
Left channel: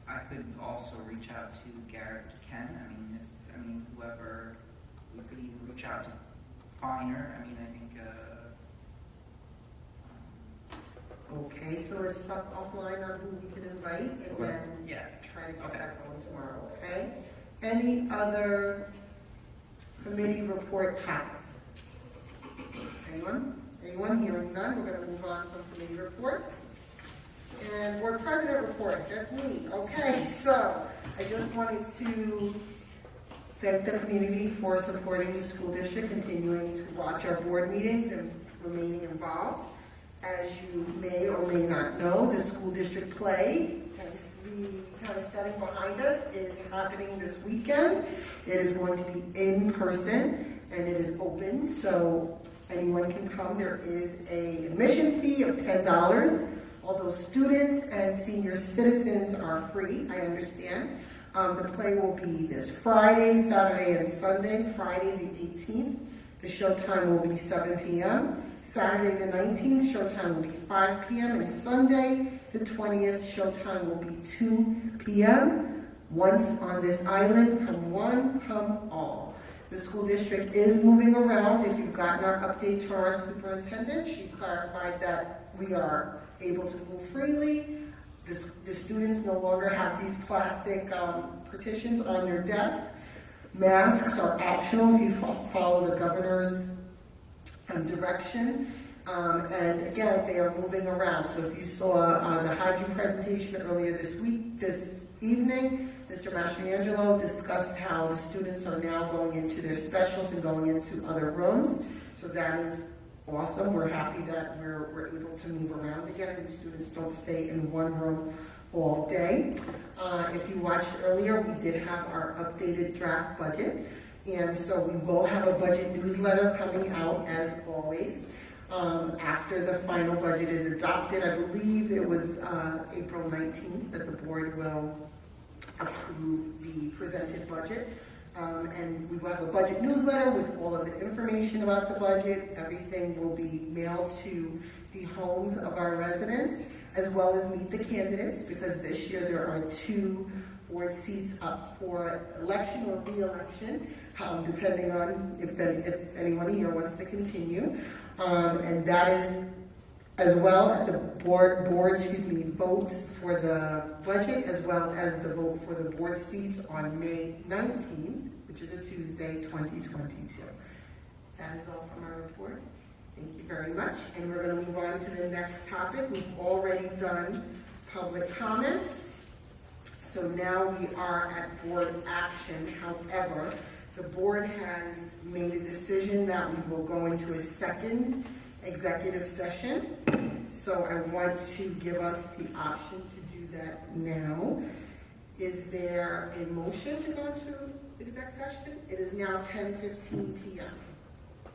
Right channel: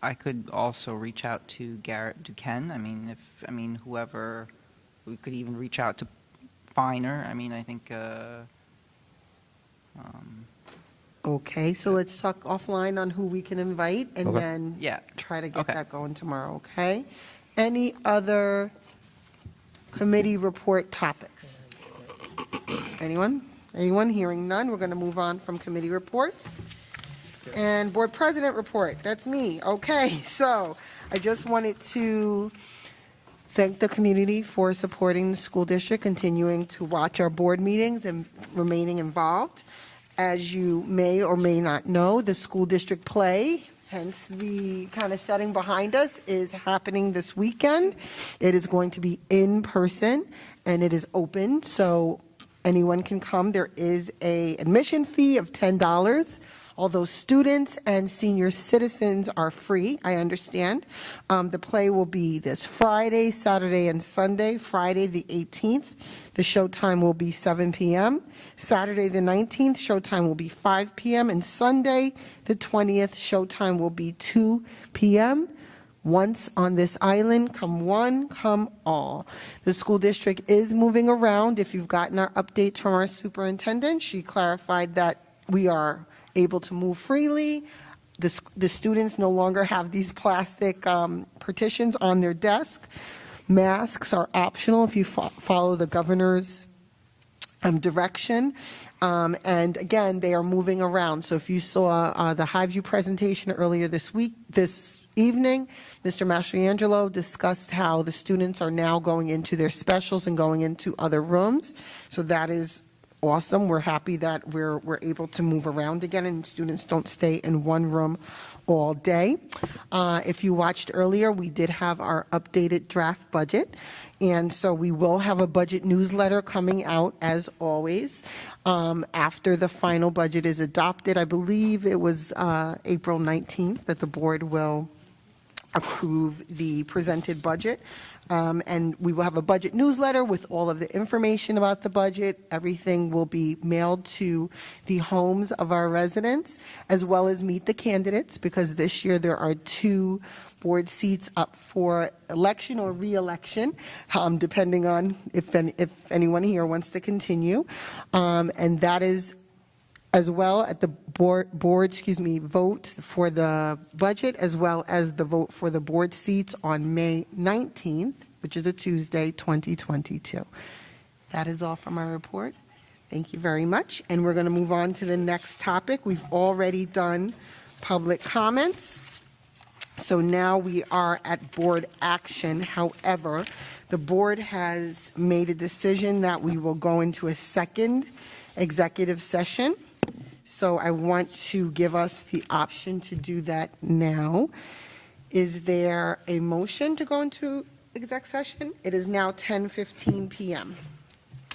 I could also reach out to Garrett Duquesne. I mean, whoever, we could even reach out to Finer. I mean, I think, Okay, so let's talk offline on who we can invite and Okay. then yeah. try to get Okay. that going tomorrow, okay? Any other committee report topics? Anyone? Anyone? Hearing none, we're going to move on from committee reports. And board president report, that's me. Okay, so I just wanted to thank the community for supporting the school district, continuing to watch our board meetings and remaining involved. As you may or may not know, the school district play, hence the kind of setting behind us, is happening this weekend. It is going to be in person and it is open, so anyone can come. There is an admission fee of $10. Although students and senior citizens are free, I understand. The play will be this Friday, Saturday, and Sunday. Friday the 18th, the showtime will be 7 p.m. Saturday the 19th, showtime will be 5 p.m. And Sunday the 20th, showtime will be 2 p.m. Once on this island, come one, come all. The school district is moving around. If you've gotten our updates from our superintendent, she clarified that we are able to move freely. The students no longer have these plastic partitions on their desk. Masks are optional if you follow the governor's direction. And again, they are moving around. So if you saw the Highview presentation earlier this evening, Mr. Mastriangelo discussed how the students are now going into their specials and going into other rooms. So that is awesome. We're happy that we're able to move around again and students don't stay in one room all day. If you watched earlier, we did have our updated draft budget. And so we will have a budget newsletter coming out as always. After the final budget is adopted, I believe it was April 19th that the board will approve the presented budget. And we will have a budget newsletter with all of the information about the budget. Everything will be mailed to the homes of our residents, as well as meet the candidates, because this year there are 2 board seats up for election or re-election, depending on if anyone here wants to continue. And that is as well at the board vote for the budget, as well as the vote for the board seats on May 19th, which is a Tuesday, 2022. That is all from my report. Thank you very much. And we're going to move on to the next topic. We've already done public comments. So now we are at board action. However, the board has made a decision that we will go into a second executive session. So I want to give us the option to do that now. Is there a motion to go into exec session? It is now 10:15 p.m.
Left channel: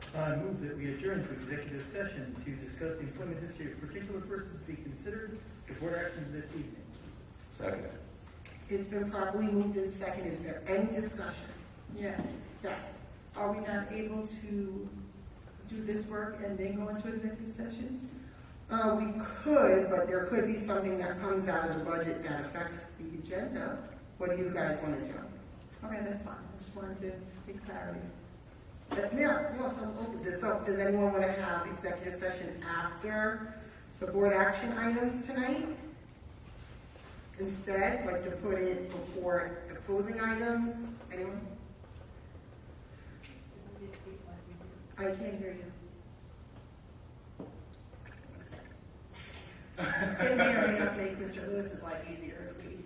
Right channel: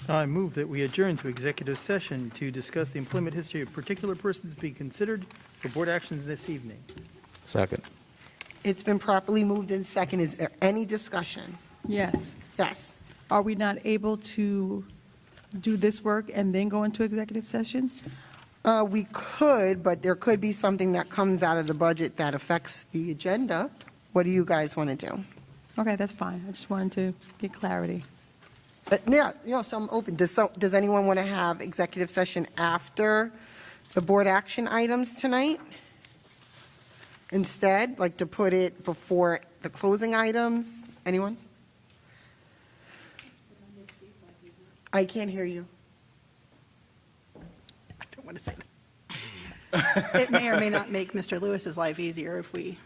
I move that we adjourn to executive session to discuss the employment history of particular persons being considered for board action this evening. Second. It's been properly moved in second. Is there any discussion? Yes. Yes. Are we not able to do this work and then go into executive session? We could, but there could be something that comes out of the budget that affects the agenda. What do you guys want to do? Okay, that's fine. I just wanted to get clarity. Yeah, so I'm open. Does anyone want to have executive session after the board action items tonight? Instead, like to put it before the closing items? Anyone? I can't hear you. I don't want to say that. It may or may not make Mr. Lewis's life easier if we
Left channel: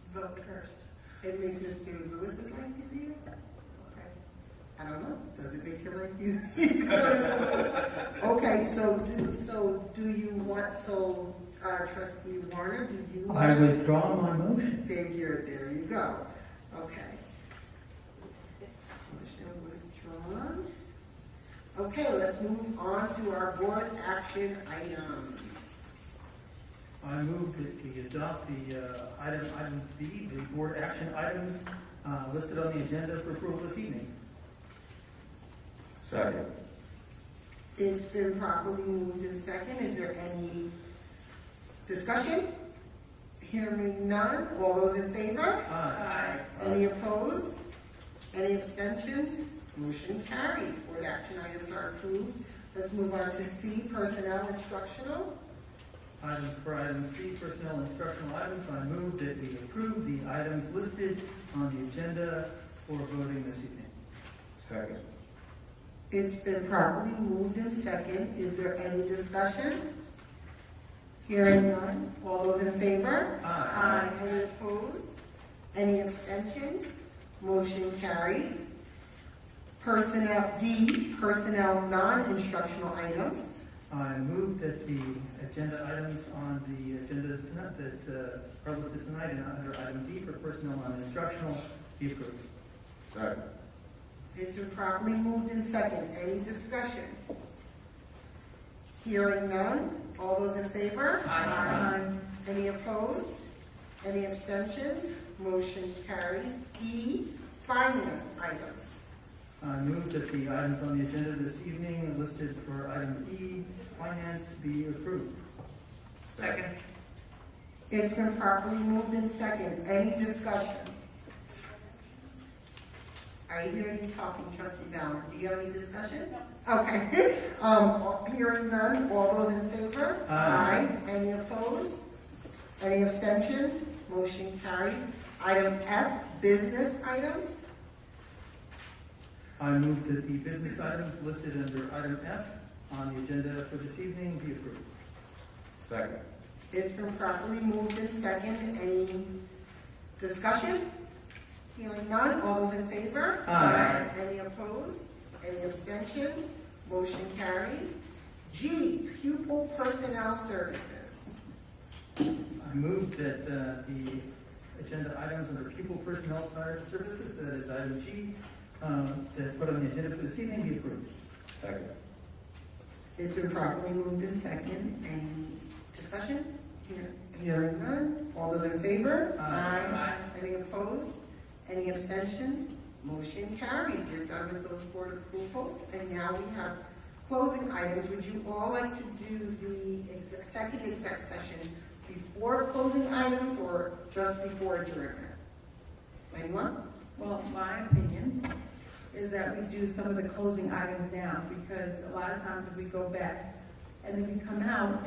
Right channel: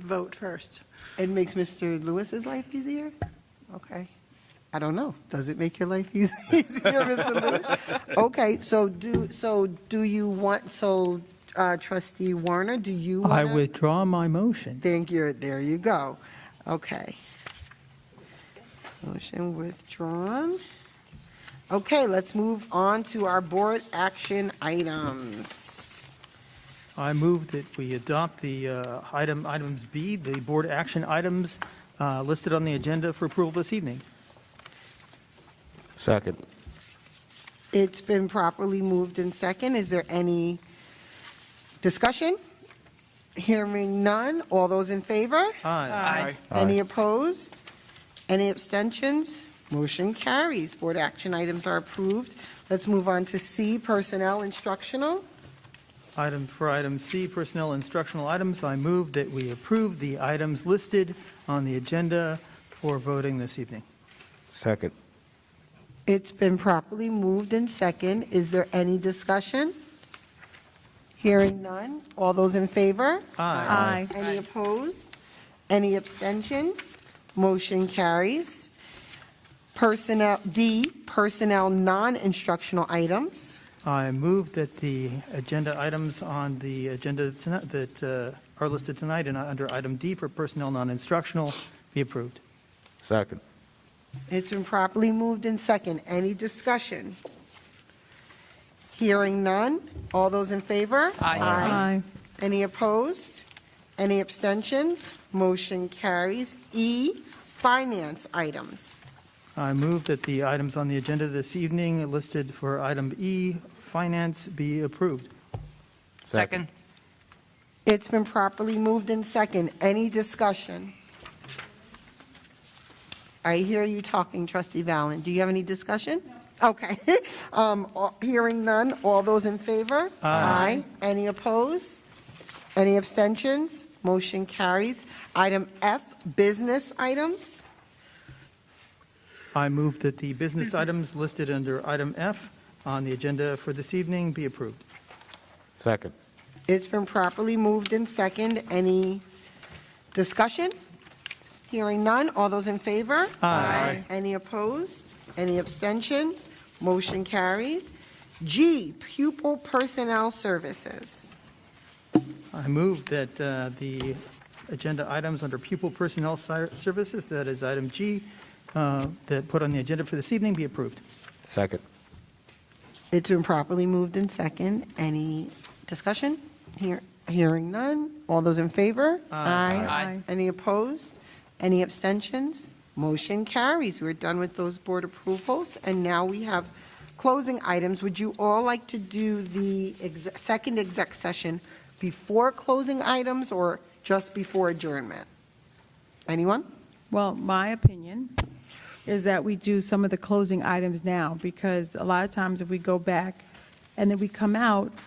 vote first. It makes Mr. Lewis's life easier? Okay. I don't know. Does it make your life easier, Mr. Lewis? Okay, so do you want, Trustee Warner, do you? I withdraw my motion. Thank you. There you go. Okay. Motion withdrawn. Okay, let's move on to our board action items. I move that we adopt the items B, the board action items listed on the agenda for approval this evening. Second. It's been properly moved in second. Is there any discussion? Hearing none. All those in favor? Aye. Any opposed? Any abstentions? Motion carries. Board action items are approved. Let's move on to C, personnel instructional. For item C, personnel instructional items, I move that we approve the items listed on the agenda for voting this evening. Second. It's been properly moved in second. Is there any discussion? Hearing none. All those in favor? Aye. Any opposed? Any abstentions? Motion carries. Personnel D, personnel non-instructional items. I move that the agenda items on the agenda tonight that are listed tonight and under item D for personnel non-instructional be approved. Second. It's been properly moved in second. Any discussion? Hearing none. All those in favor? Aye. Any opposed? Any abstentions? Motion carries. E, finance items. I move that the items on the agenda this evening listed for item E, finance, be approved. Second. It's been properly moved in second. Any discussion? I hear you talking, Trustee Valen. Do you have any discussion? Okay. Hearing none. All those in favor? Aye. Any opposed? Any abstentions? Motion carries. Item F, business items. I move that the business items listed under item F on the agenda for this evening be approved. Second. It's been properly moved in second. Any discussion? Hearing none. All those in favor? Aye. Any opposed? Any abstentions? Motion carried. G, pupil personnel services. I move that the agenda items under pupil personnel services, that is item G, that put on the agenda for this evening be approved. Second. It's been properly moved in second. Any discussion? Hearing none. All those in favor? Aye. Any opposed? Any abstentions? Motion carries. We're done with those board approvals, and now we have closing items. Would you all like to do the second exec session before closing items or just before adjournment? Anyone? Well, my opinion is that we do some of the closing items now, because a lot of times if we go back and then we come out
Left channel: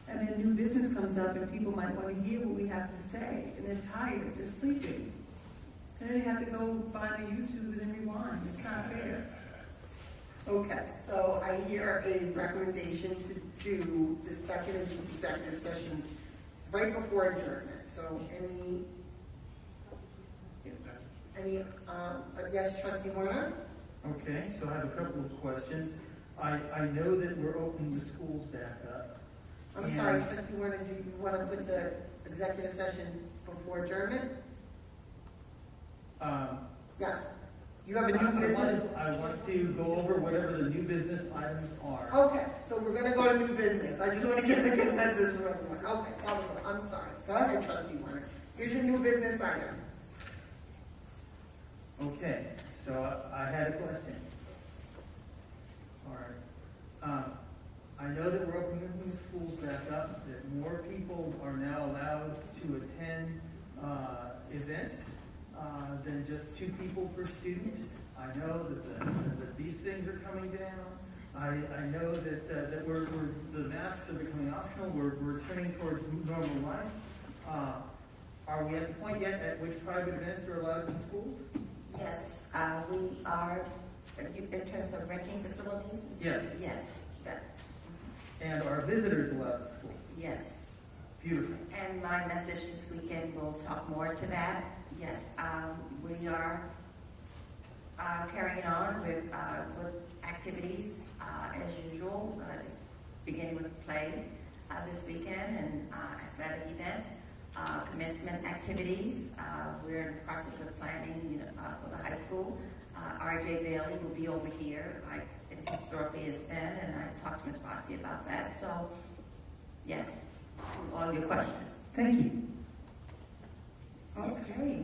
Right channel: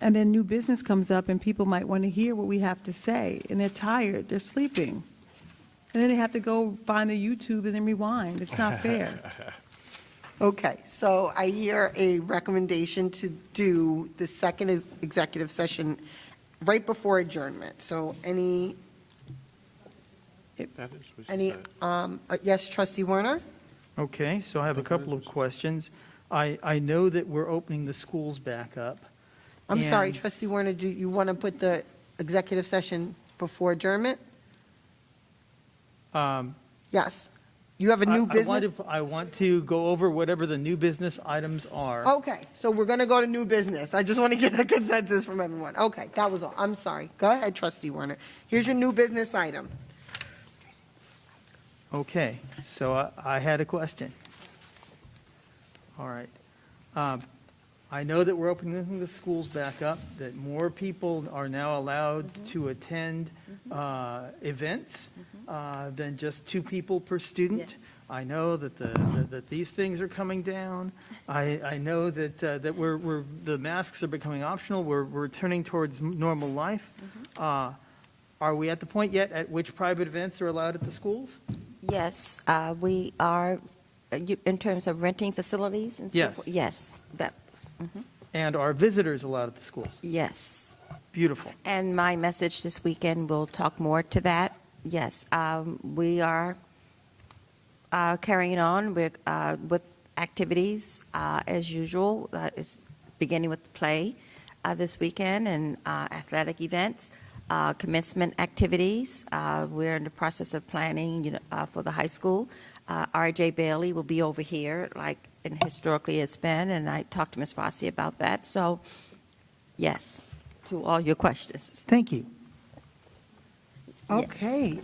and then new business comes up and people might want to hear what we have to say and they're tired, they're sleeping. And then they have to go find the YouTube and then rewind. It's not fair. Okay, so I hear a recommendation to do the second executive session right before adjournment. So yes, Trustee Warner? Okay, so I have a couple of questions. I know that we're opening the schools back up. I'm sorry, Trustee Warner, do you want to put the executive session before adjournment? Yes. You have a new business? I want to go over whatever the new business items are. Okay, so we're going to go to new business. I just want to get a consensus from everyone. Okay, that was all. I'm sorry. Go ahead, Trustee Warner. Here's your new business item. Okay, so I had a question. All right. I know that we're opening the schools back up, that more people are now allowed to attend events than just 2 people per student. Yes. I know that these things are coming down. I know that the masks are becoming optional. We're turning towards normal life. Are we at the point yet at which private events are allowed at the schools? Yes, we are, in terms of renting facilities and so yes. forth. Yes. And are visitors allowed at the schools? Yes. Beautiful. And my message this weekend will talk more to that. Yes, we are carrying on with activities as usual. Is beginning with the play. this weekend and athletic events, commencement activities. We're in the process of planning for the high school. R.J. Bailey will be over here, like and historically it's been, and I talked to Ms. Rossi about that. So, yes, to all your questions. Thank you. Okay.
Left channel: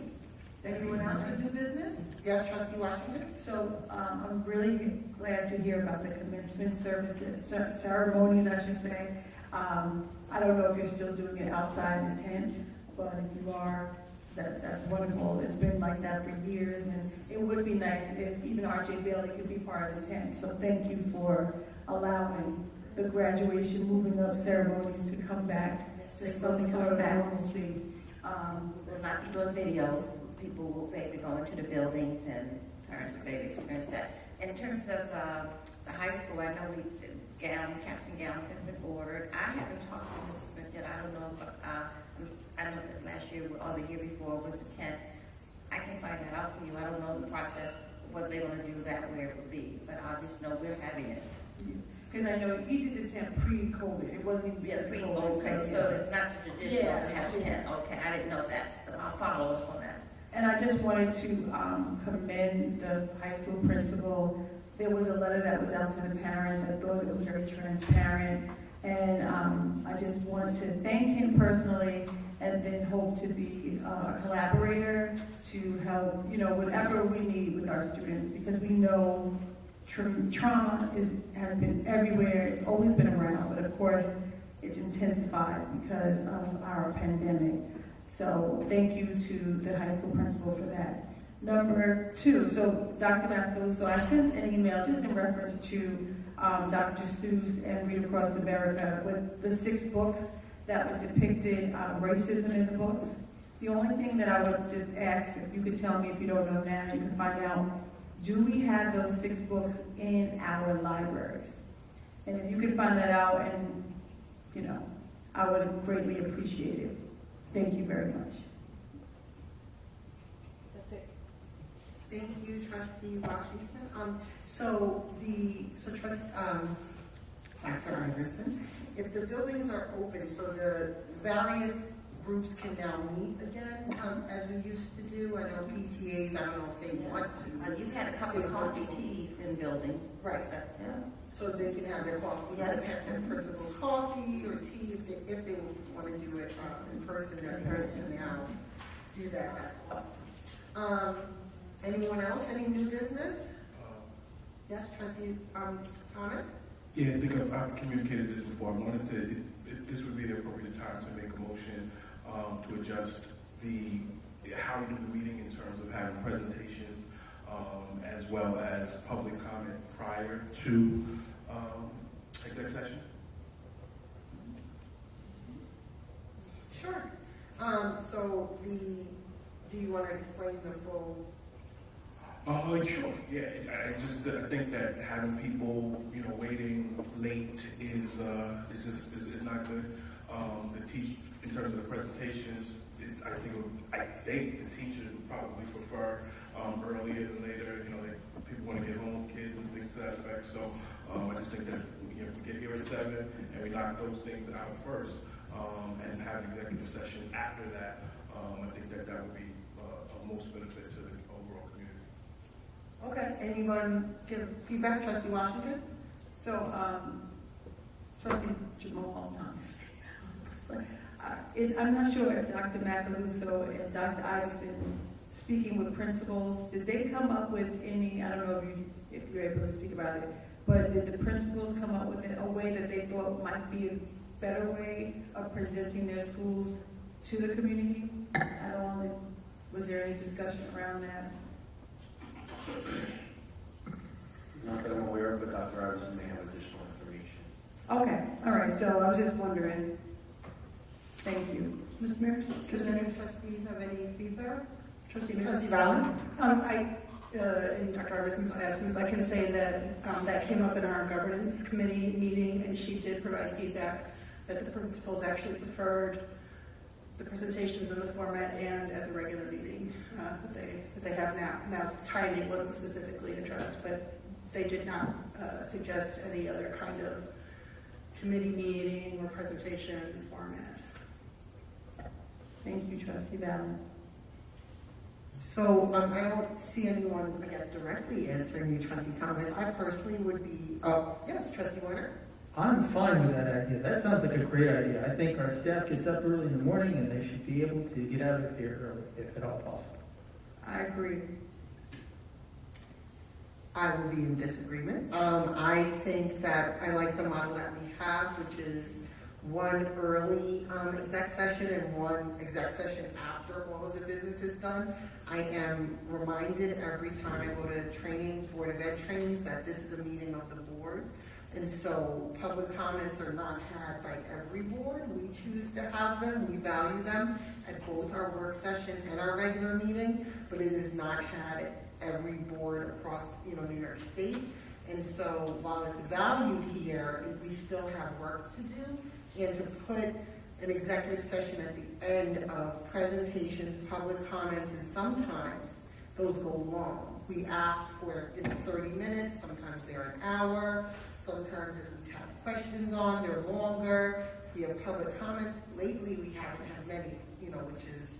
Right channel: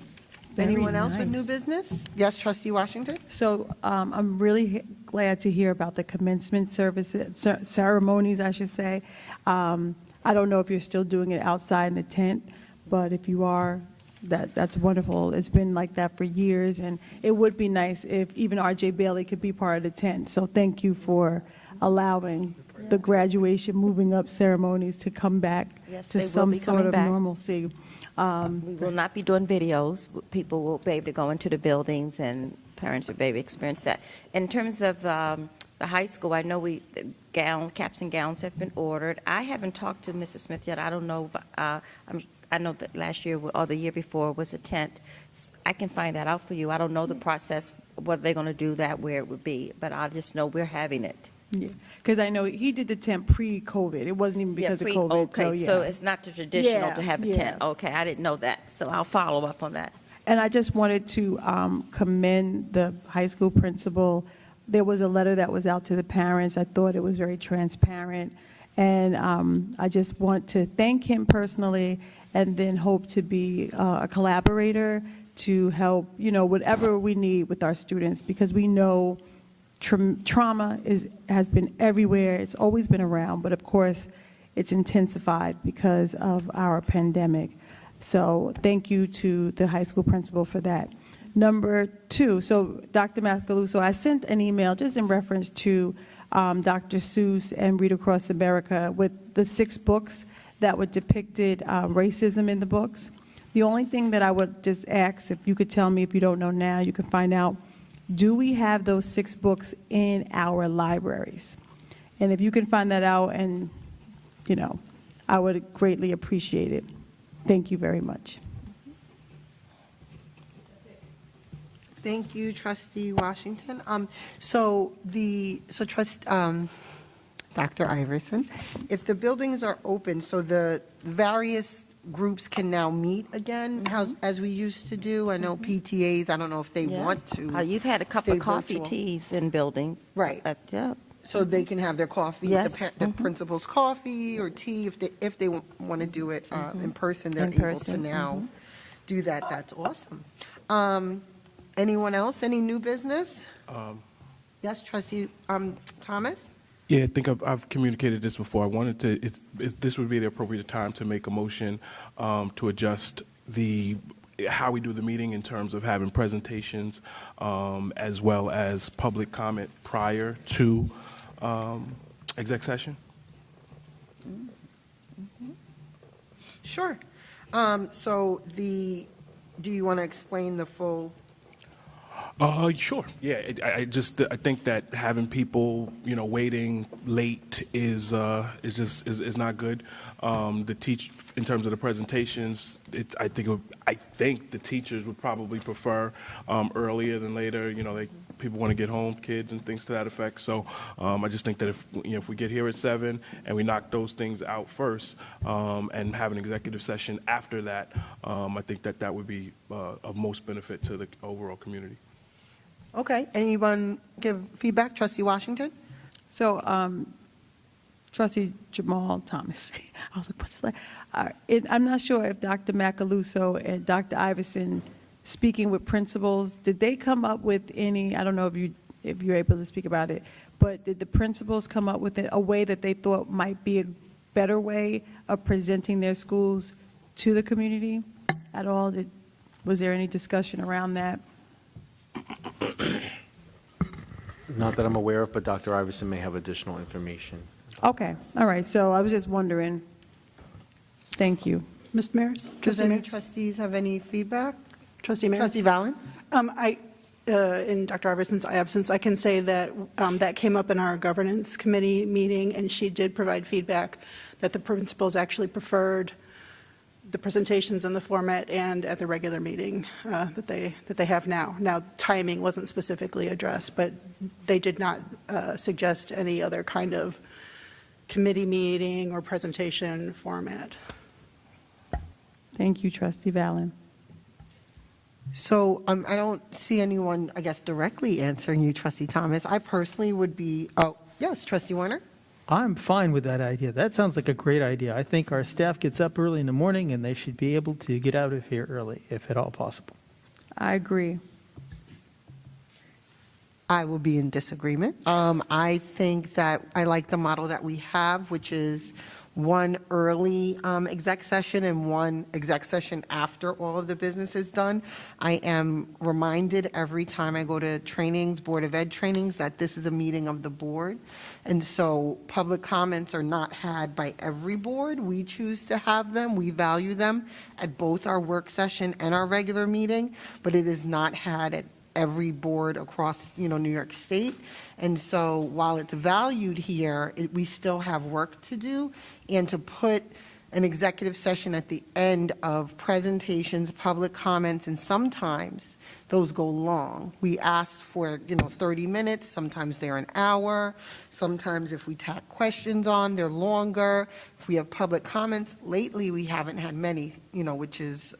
Very Anyone else with nice. new business? Yes, Trustee Washington? So I'm really glad to hear about the commencement services, ceremonies, I should say. I don't know if you're still doing it outside in the tent, but if you are, that's wonderful. It's been like that for years, and it would be nice if even R.J. Bailey could be part of the tent. So thank you for allowing the graduation, moving up ceremonies to come back to some sort of normalcy. We will not be doing videos. People will be able to go into the buildings, and parents will be able to experience that. In terms of the high school, I know the caps and gowns have been ordered. I haven't talked to Mrs. Smith yet. I don't know. I know that last year or the year before was a tent. I can find that out for you. I don't know the process, what they're going to do that, where it would be, but I just know we're having it. Yeah, because I know he did the tent pre-COVID. It wasn't even because of COVID. Okay, so yeah. it's not the traditional to have a tent. Okay, I didn't know that, so I'll follow up on that. And I just wanted to commend the high school principal. There was a letter that was out to the parents. I thought it was very transparent. And I just want to thank him personally, and then hope to be a collaborator to help, whatever we need with our students, because we know trauma has been everywhere. It's always been around, but of course, it's intensified because of our pandemic. So thank you to the high school principal for that. Number 2, so Dr. Macaluso, I sent an email just in reference to Dr. Seuss and Read Across America with the 6 books that were depicted racism in the books. The only thing that I would just ask, if you could tell me, if you don't know now, you can find out, do we have those 6 books in our libraries? And if you can find that out, and I would greatly appreciate it. Thank you very much. Thank you, Trustee Washington. Dr. Iverson, if the buildings are open, so the various groups can now meet again, as we used to do. I know PTAs, I don't know if they want to. You've had a couple of coffee teas in buildings. Right. Yeah. So they can have their coffee, the principal's coffee or tea, if they want to do it in person, they're able to now do that. That's awesome. Anyone else? Any new business? Yes, Trustee Thomas? Yeah, I think I've communicated this before. I wanted to, this would be the appropriate time to make a motion to adjust how we do the meeting in terms of having presentations as well as public comment prior to exec session. Sure. Do you want to explain the full? Sure. Yeah, I think that having people, waiting late is not good. In terms of the presentations, I think the teachers would probably prefer earlier than later. People want to get home, kids and things to that effect. So I just think that if we get here at 7 and we knock those things out first and have an executive session after that, I think that would be of most benefit to the overall community. Okay. Anyone give feedback? Trustee Washington? So, Trustee Jamal Thomas. I was like, what's that? I'm not sure if Dr. Macaluso and Dr. Iverson, speaking with principals, did they come up with any, I don't know if you're able to speak about it, but did the principals come up with a way that they thought might be a better way of presenting their schools to the community at all? Was there any discussion around that? Not that I'm aware of, but Dr. Iverson may have additional information. Okay, all right, so I was just wondering. Thank you. Mr. Maris? Does any trustees have any feedback? Trustee Maris? Trustee Valley? In Dr. Iverson's absence, I can say that that came up in our governance committee meeting, and she did provide feedback that the principals actually preferred the presentations in the format and at the regular meeting that they have now. Now, timing wasn't specifically addressed, but they did not suggest any other kind of committee meeting or presentation format. Thank you, Trustee Valen. So I don't see anyone, I guess, directly answering you, Trustee Thomas. I personally would be, oh, yes, Trustee Warner? I'm fine with that idea. That sounds like a great idea. I think our staff gets up early in the morning and they should be able to get out of here early, if at all possible. I agree. I will be in disagreement. I think that I like the model that we have, which is one early exec session and one exec session after all of the business is done. I am reminded every time I go to trainings, Board of Ed trainings, that this is a meeting of the board. And so public comments are not had by every board. We choose to have them. We value them at both our work session and our regular meeting, but it is not had at every board across, New York State. And so while it's valued here, we still have work to do. And to put an executive session at the end of presentations, public comments, and sometimes those go long. We asked for 30 minutes, sometimes they're an hour, sometimes if we tack questions on, they're longer. If we have public comments, lately we haven't had many, which is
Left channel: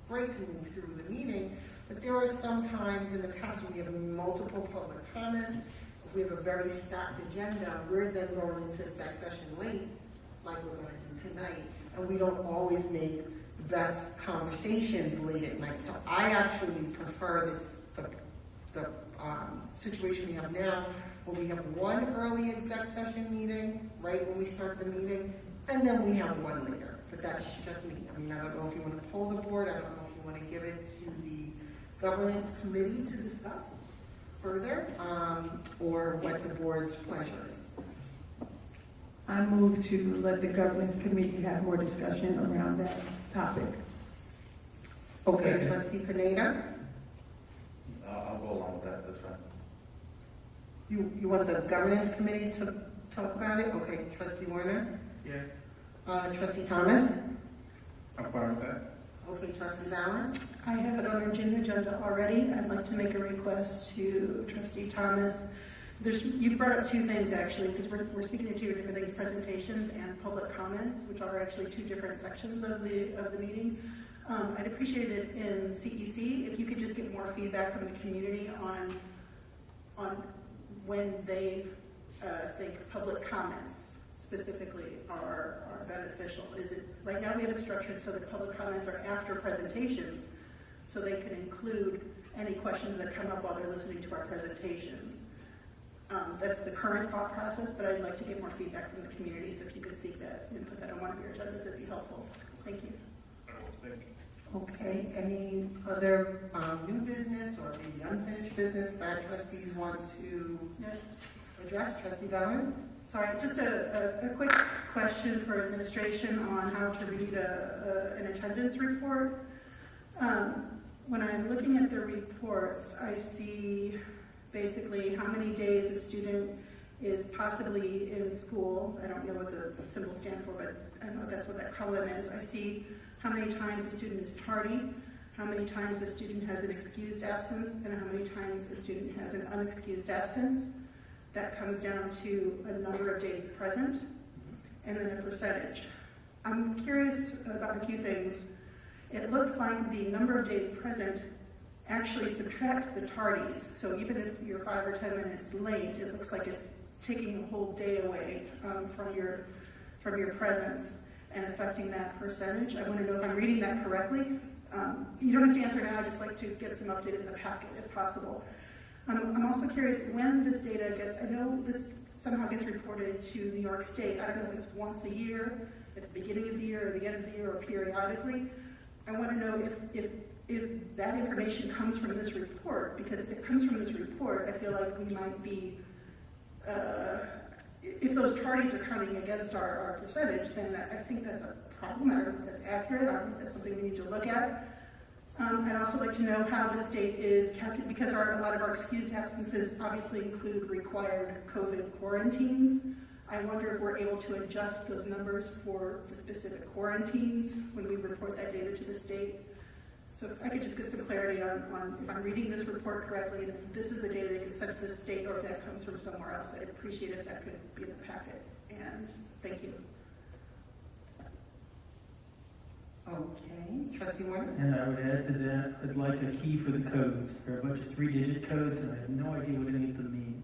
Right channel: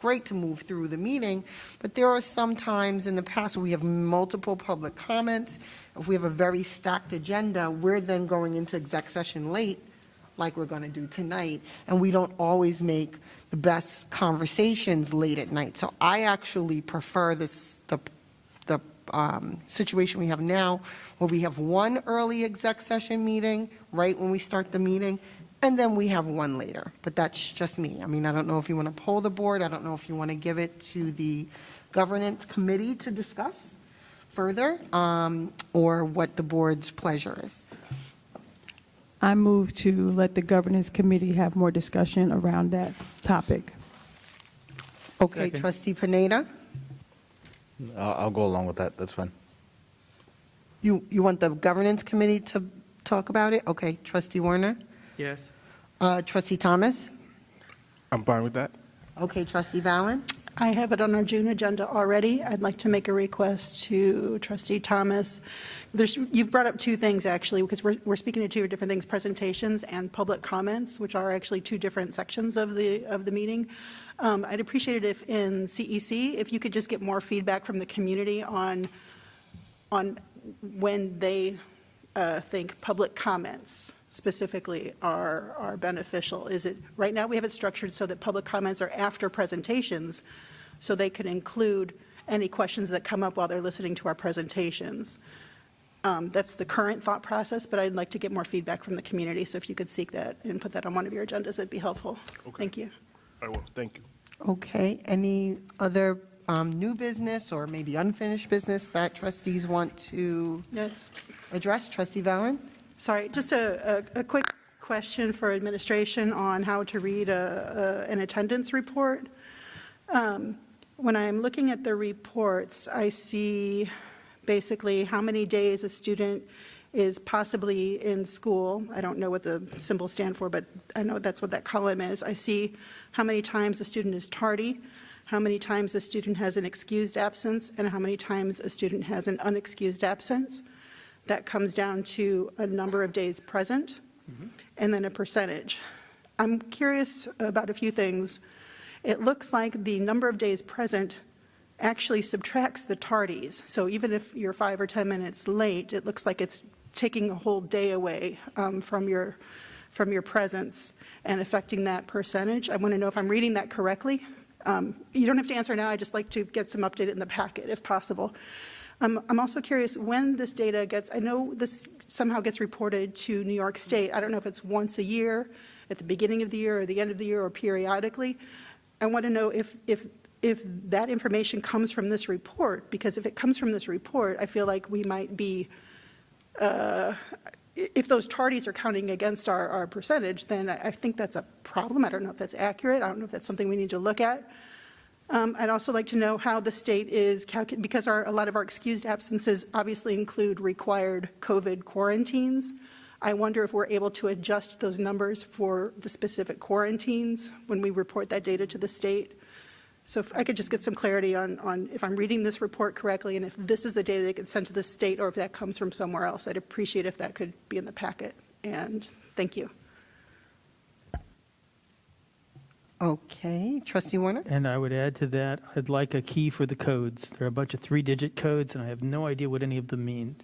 great to move through the meeting, but there are some times in the past where we have multiple public comments. If we have a very stacked agenda, we're then going into exec session late, like we're going to do tonight, and we don't always make the best conversations late at night. So I actually prefer the situation we have now, where we have one early exec session meeting right when we start the meeting, and then we have one later. But that's just me. I mean, I don't know if you want to poll the board. I don't know if you want to give it to the governance committee to discuss further, or what the board's pleasure is. I move to let the governance committee have more discussion around that topic. Okay, Trustee Pineda? I'll go along with that. That's fine. You want the governance committee to talk about it? Okay, Trustee Warner? Yes. Trustee Thomas? I'm fine with that. Okay, Trustee Valen? I have it on our June agenda already. I'd like to make a request to Trustee Thomas. You've brought up two things, actually, because we're speaking to two different things: presentations and public comments, which are actually two different sections of the meeting. I'd appreciate it if in CEC, if you could just get more feedback from the community on when they think public comments specifically are beneficial. Is it right now we have it structured so that public comments are after presentations, so they can include any questions that come up while they're listening to our presentations. That's the current thought process, but I'd like to get more feedback from the community. So if you could seek that and put that on one of your agendas, that'd be helpful. Okay. Thank you. I will. Thank you. Okay. Any other new business or maybe unfinished business that trustees want to address? Trustee Valen? Sorry, just a quick question for administration on how to read an attendance report. When I'm looking at the reports, I see basically how many days a student is possibly in school. I don't know what the symbols stand for, but I know that's what that column is. I see how many times a student is tardy, how many times a student has an excused absence, and how many times a student has an unexcused absence. That comes down to a number of days present, and then a percentage. I'm curious about a few things. It looks like the number of days present actually subtracts the tardies. So even if you're 5 or 10 minutes late, it looks like it's taking a whole day away from your presence and affecting that percentage. I want to know if I'm reading that correctly. You don't have to answer now. I'd just like to get some update in the packet if possible. I'm also curious when this data gets, I know this somehow gets reported to New York State. I don't know if it's once a year, at the beginning of the year or the end of the year, or periodically. I want to know if that information comes from this report, because if it comes from this report, I feel like we might be, if those tardies are counting against our percentage, then I think that's a problem. I don't know if that's accurate. I don't know if that's something we need to look at. I'd also like to know how the state is calculating, because a lot of our excused absences obviously include required COVID quarantines. I wonder if we're able to adjust those numbers for the specific quarantines when we report that data to the state. So if I could just get some clarity on if I'm reading this report correctly, and if this is the data that gets sent to the state, or if that comes from somewhere else. I'd appreciate if that could be in the packet. And Thank you. Okay, Trustee Warner? And I would add to that, I'd like a key for the codes. There are a bunch of 3-digit codes, and I have no idea what any of them mean.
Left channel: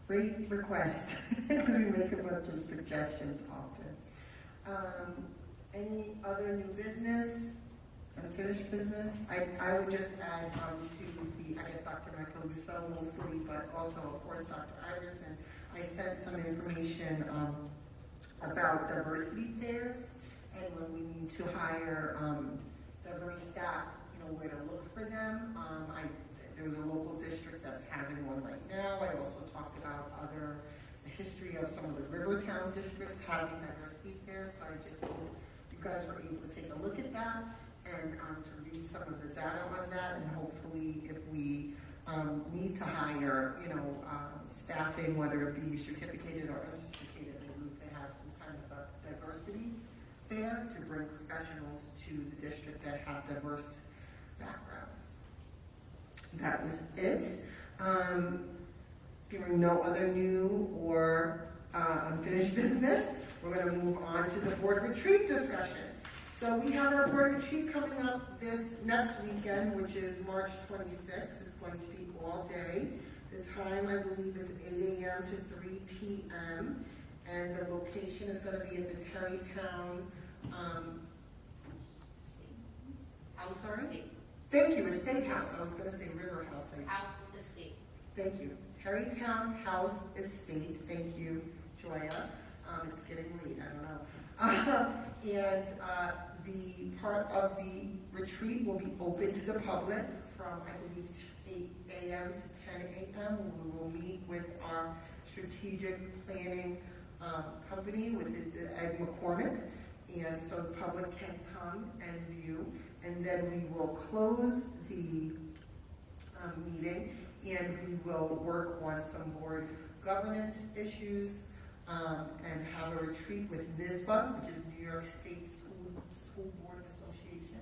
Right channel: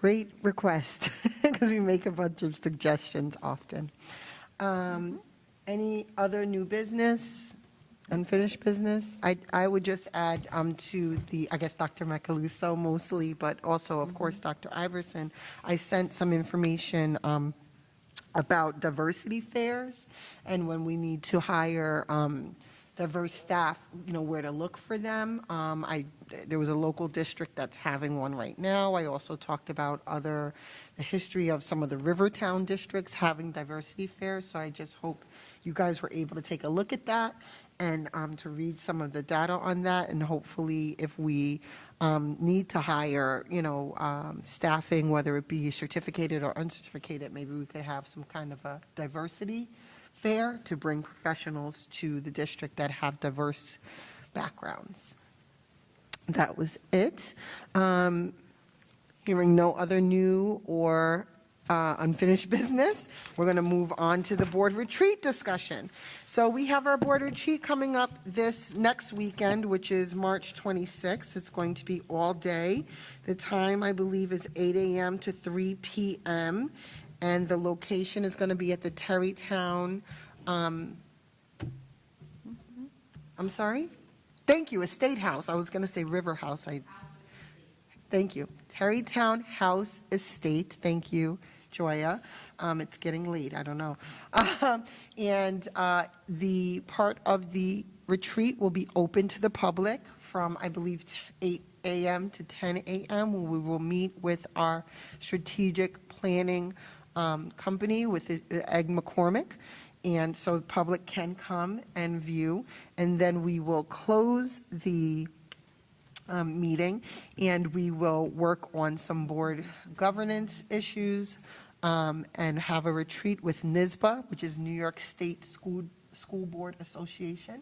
Great request, because we make a bunch of suggestions often. Any other new business, unfinished business? I would just add to the, I guess, Dr. Macaluso mostly, but also, of course, Dr. Iverson. I sent some information about diversity fairs and when we need to hire diverse staff, where to look for them. There was a local district that's having one right now. I also talked about the history of some of the Rivertown districts having diversity fairs, so I just hope you guys were able to take a look at that and to read some of the data on that, and hopefully if we need to hire, staffing, whether it be certificated or uncertificated, maybe we could have some kind of a diversity fair to bring professionals to the district that have diverse backgrounds. That was it. Hearing no other new or unfinished business, we're going to move on to the board retreat discussion. So we have our board retreat coming up this next weekend, which is March 26th. It's going to be all day. The time, I believe, is 8 a.m. to 3 p.m. And the location is going to be at the Terrytown, I'm sorry? Thank you, Estate House. I was going to say River House. Thank you. Terrytown House Estate. Thank you, Joya. It's getting late. I don't know. And the part of the retreat will be open to the public from, I believe, 8 a.m. to 10 a.m. We will meet with our strategic planning company with Egg McCormick. And so the public can come and view. And then we will close the meeting and we will work on some board governance issues and have a retreat with NYSBA, which is New York State School Board Association.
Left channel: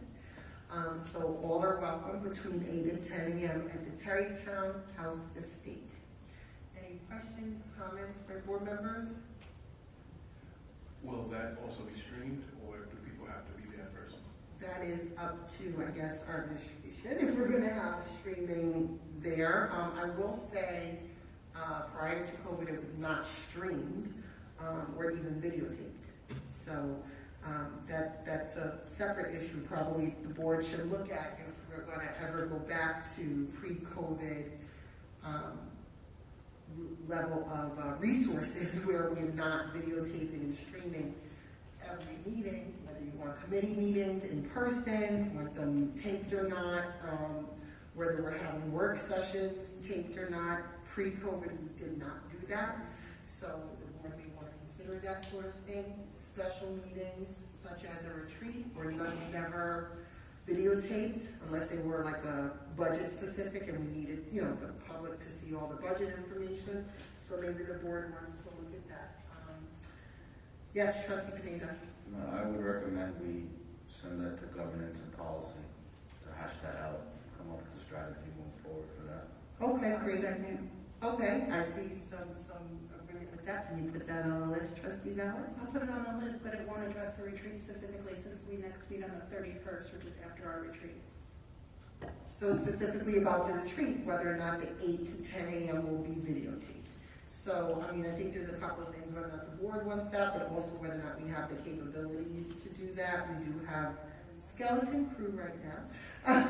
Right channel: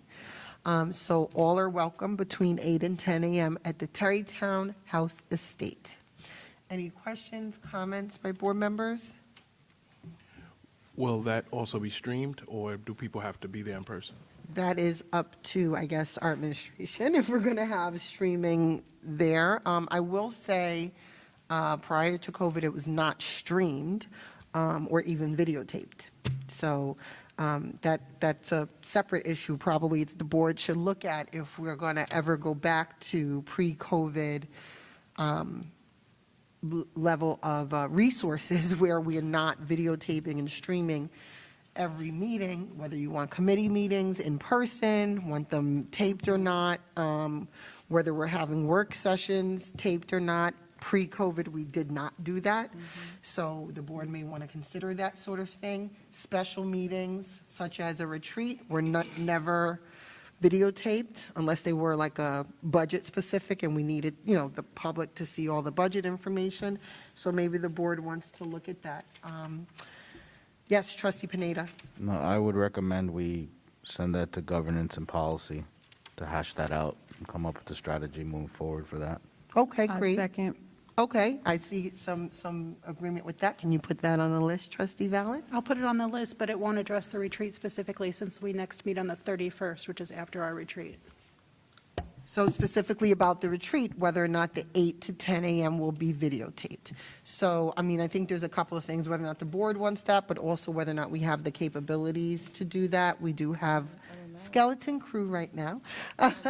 So all are welcome between 8 and 10 a.m. at the Terrytown House Estate. Any questions, comments by board members? Will that also be streamed, or do people have to be there in person? That is up to, I guess, our administration, if we're going to have streaming there. I will say, prior to COVID, it was not streamed or even videotaped. So that's a separate issue probably the board should look at if we're going to ever go back to pre-COVID level of resources where we're not videotaping and streaming every meeting, whether you want committee meetings in person, want them taped or not, whether we're having work sessions taped or not. Pre-COVID, we did not do that. So the board may want to consider that sort of thing. Special meetings, such as a retreat, were never videotaped unless they were like a budget specific and we needed, the public to see all the budget information. So maybe the board wants to look at that. Yes, Trustee Pineda. No, I would recommend we send that to governance and policy to hash that out and come up with a strategy moving forward for that. Okay, great. Second. Okay, I see some agreement with that. Can you put that on the list, Trustee Valen? I'll put it on the list, but it won't address the retreat specifically since we next meet on the 31st, which is after our retreat. So specifically about the retreat, whether or not the 8 to 10 a.m. will be videotaped. So, I think there's a couple of things, whether or not the board wants that, but also whether or not we have the capabilities to do that. We do have skeleton crew right now. We're not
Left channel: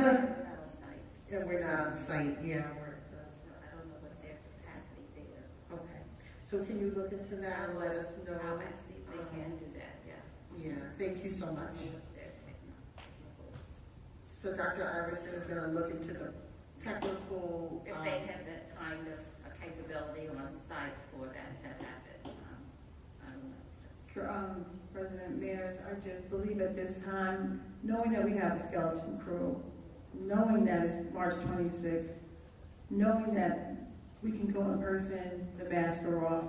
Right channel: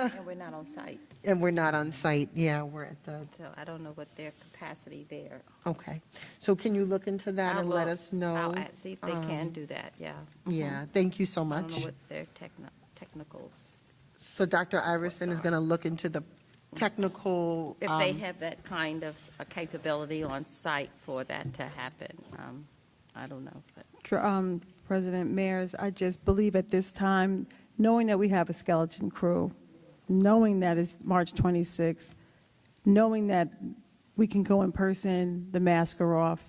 on site. And we're not on site, yeah, we're at the... So I don't know what their capacity there. Okay, so can you look into that and let us know? I'll see if they can do that, yeah. Yeah, thank you so much. I don't know what their technicals. So Dr. Iverson is gonna look into the technical... If they have that kind of a capability on site for that to happen, I don't know. President Mayers, I just believe at this time, knowing that we have a skeleton crew, knowing that it's March 26th, knowing that we can go in person, the masks are off,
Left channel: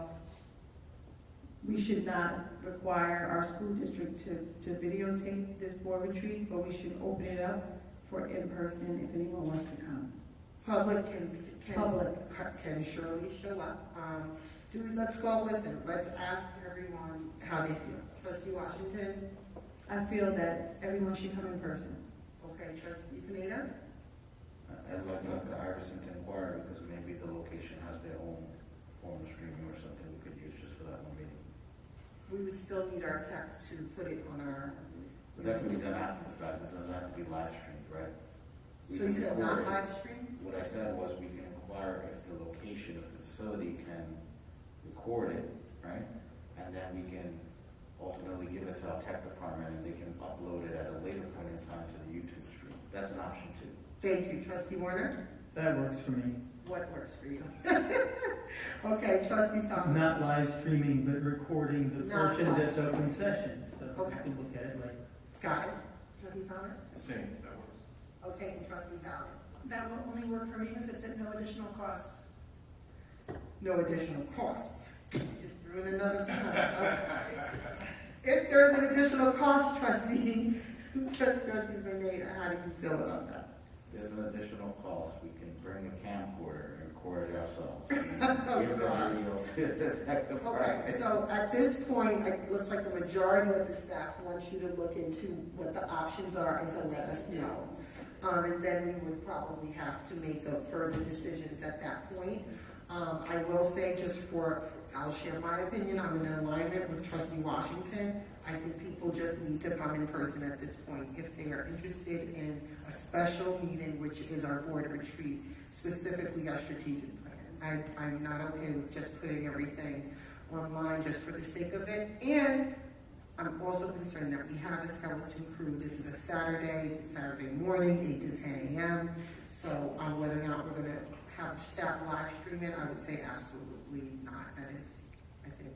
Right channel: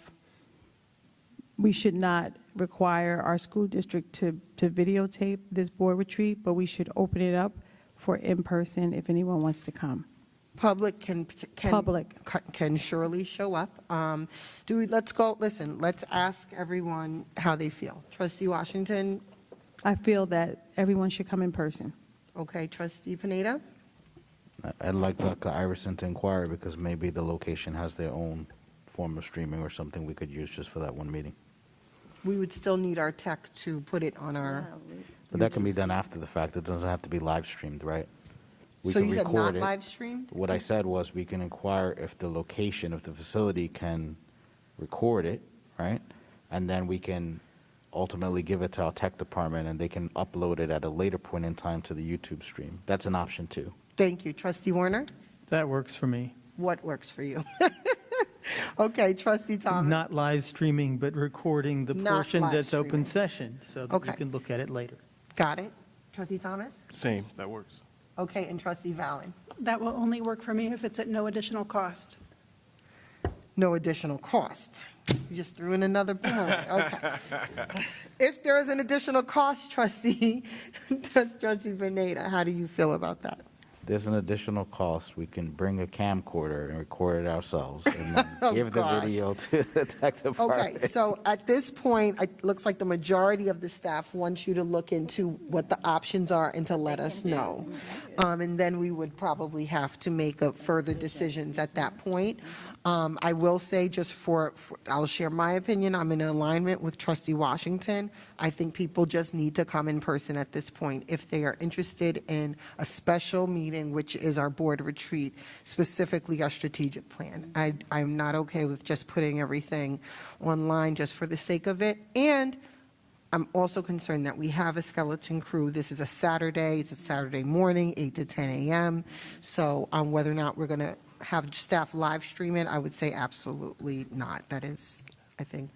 we should not require our school district to videotape this board retreat, but we should open it up for in person if anyone wants to come. Public can surely show up. Let's ask everyone how they feel. Trustee Washington? I feel that everyone should come in person. Okay, Trustee Pineda? I'd like Dr. Iverson to inquire because maybe the location has their own form of streaming or something we could use just for that one meeting. We would still need our tech to put it on our... But that can be done after the fact. It doesn't have to be live streamed, right? We So can you said record not it. live streamed? What I said was we can inquire if the location of the facility can record it, right? And then we can ultimately give it to our tech department and they can upload it at a later point in time to the YouTube stream. That's an option too. Thank you. Trustee Warner? That works for me. What works for you? Okay, Trustee Thomas? Not live streaming, but recording the Not portion live that's streaming. open session, so that Okay. you can look at it later. Got it. Trustee Thomas? Same, that works. Okay, and Trustee Valley? That will only work for me if it's at no additional cost. No additional cost. You just threw in another pound. Okay. If there's an additional cost, Trustee Pineda, how do you feel about that? There's an additional cost. We can bring a camcorder and record it ourselves and then give the gosh. video to the tech department. Okay, so at this point, it looks like the majority of the staff wants you to look into what the options are and to let us know. And then we would probably have to make further decisions at that point. I will say I'll share my opinion. I'm in alignment with Trustee Washington. I think people just need to come in person at this point if they are interested in a special meeting, which is our board retreat, specifically our strategic plan. I'm not okay with just putting everything online just for the sake of it. And I'm also concerned that we have a skeleton crew. This is a Saturday. It's a Saturday morning, 8 to 10 a.m. So whether or not we're going to have staff live stream it, I would say absolutely not. That is, I think.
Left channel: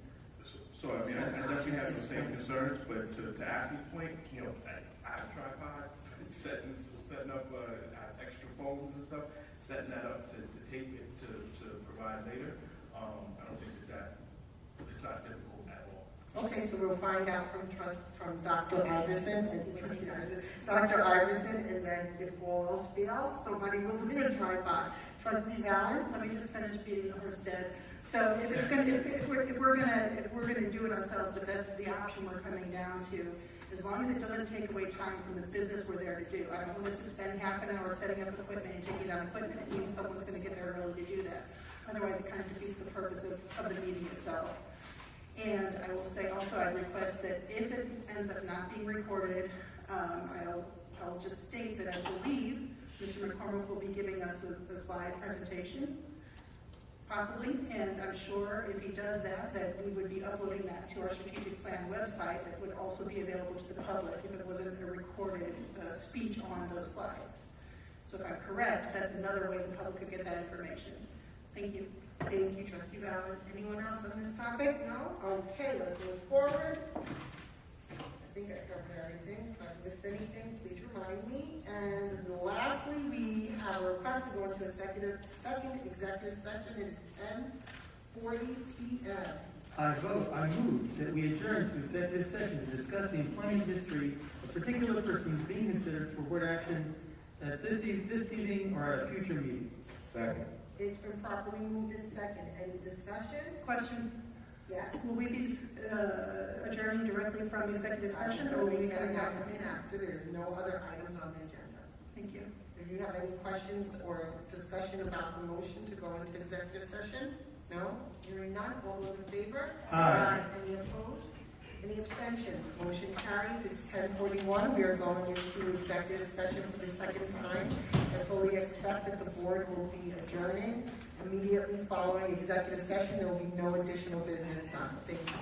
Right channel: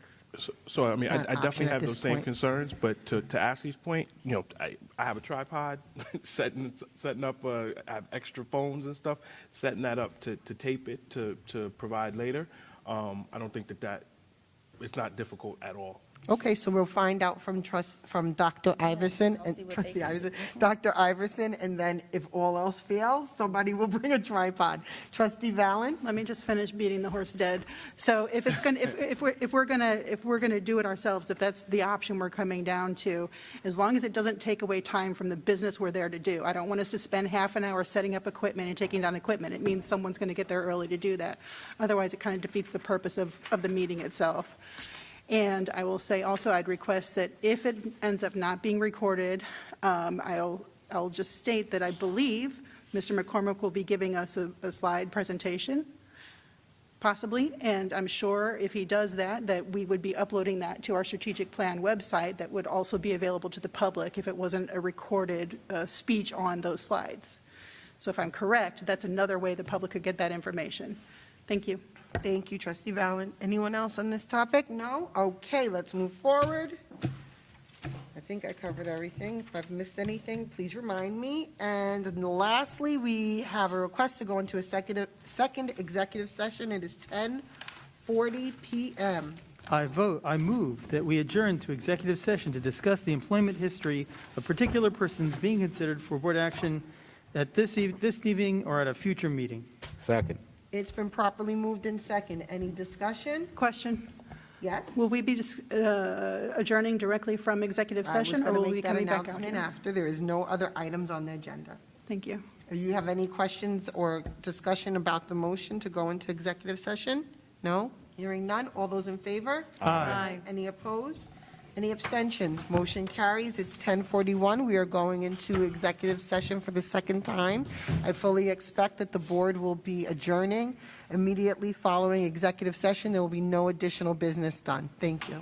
So I mean, I Not an definitely option at have those this same point. concerns, but to Ashley's point, you know, I have a tripod, setting up, I have extra foams and stuff, setting that up to tape it to provide later. I don't think that it's not difficult at all. Okay, so we'll find out from Dr. Iverson and Trustee Iverson, Dr. Iverson, and then if all else fails, somebody will bring a tripod. Trustee Valley? Let me just finish beating the horse dead. So if it's gonna, if we're gonna do it ourselves, if that's the option we're coming down to, as long as it doesn't take away time from the business we're there to do. I don't want us to spend half an hour setting up equipment and taking down equipment. It means someone's gonna get there early to do that. Otherwise, it kind of defeats the purpose of the meeting itself. And I will say also, I'd request that if it ends up not being recorded, I'll just state that I believe Mr. McCormick will be giving us a slide presentation, possibly, and I'm sure if he does that we would be uploading that to our strategic plan website that would also be available to the public if it wasn't a recorded speech on those slides. So if I'm correct, that's another way the public could get that information. Thank you. Thank you, Trustee Valley. Anyone else on this topic? No? Okay, let's move forward. I think I covered everything. If I've missed anything, please remind me. And lastly, we have a request to go into a second executive session. It is 10:40 p.m. I move that we adjourn to executive session to discuss the employment history of particular persons being considered for board action at this evening or at a future meeting. Second. It's been properly moved in second. Any discussion? Question? Yes? Will we be adjourning directly from executive session, or will we be coming back? Announcement after. There is no other items on the agenda. Thank you. Do you have any questions or discussion about the motion to go into executive session? No? Hearing none. All those in favor? Aye. Any opposed? Any abstentions? Motion carries. It's 10:41. We are going into executive session for the second time. I fully expect that the board will be adjourning. Immediately following executive session, there will be no additional business done. Thank you.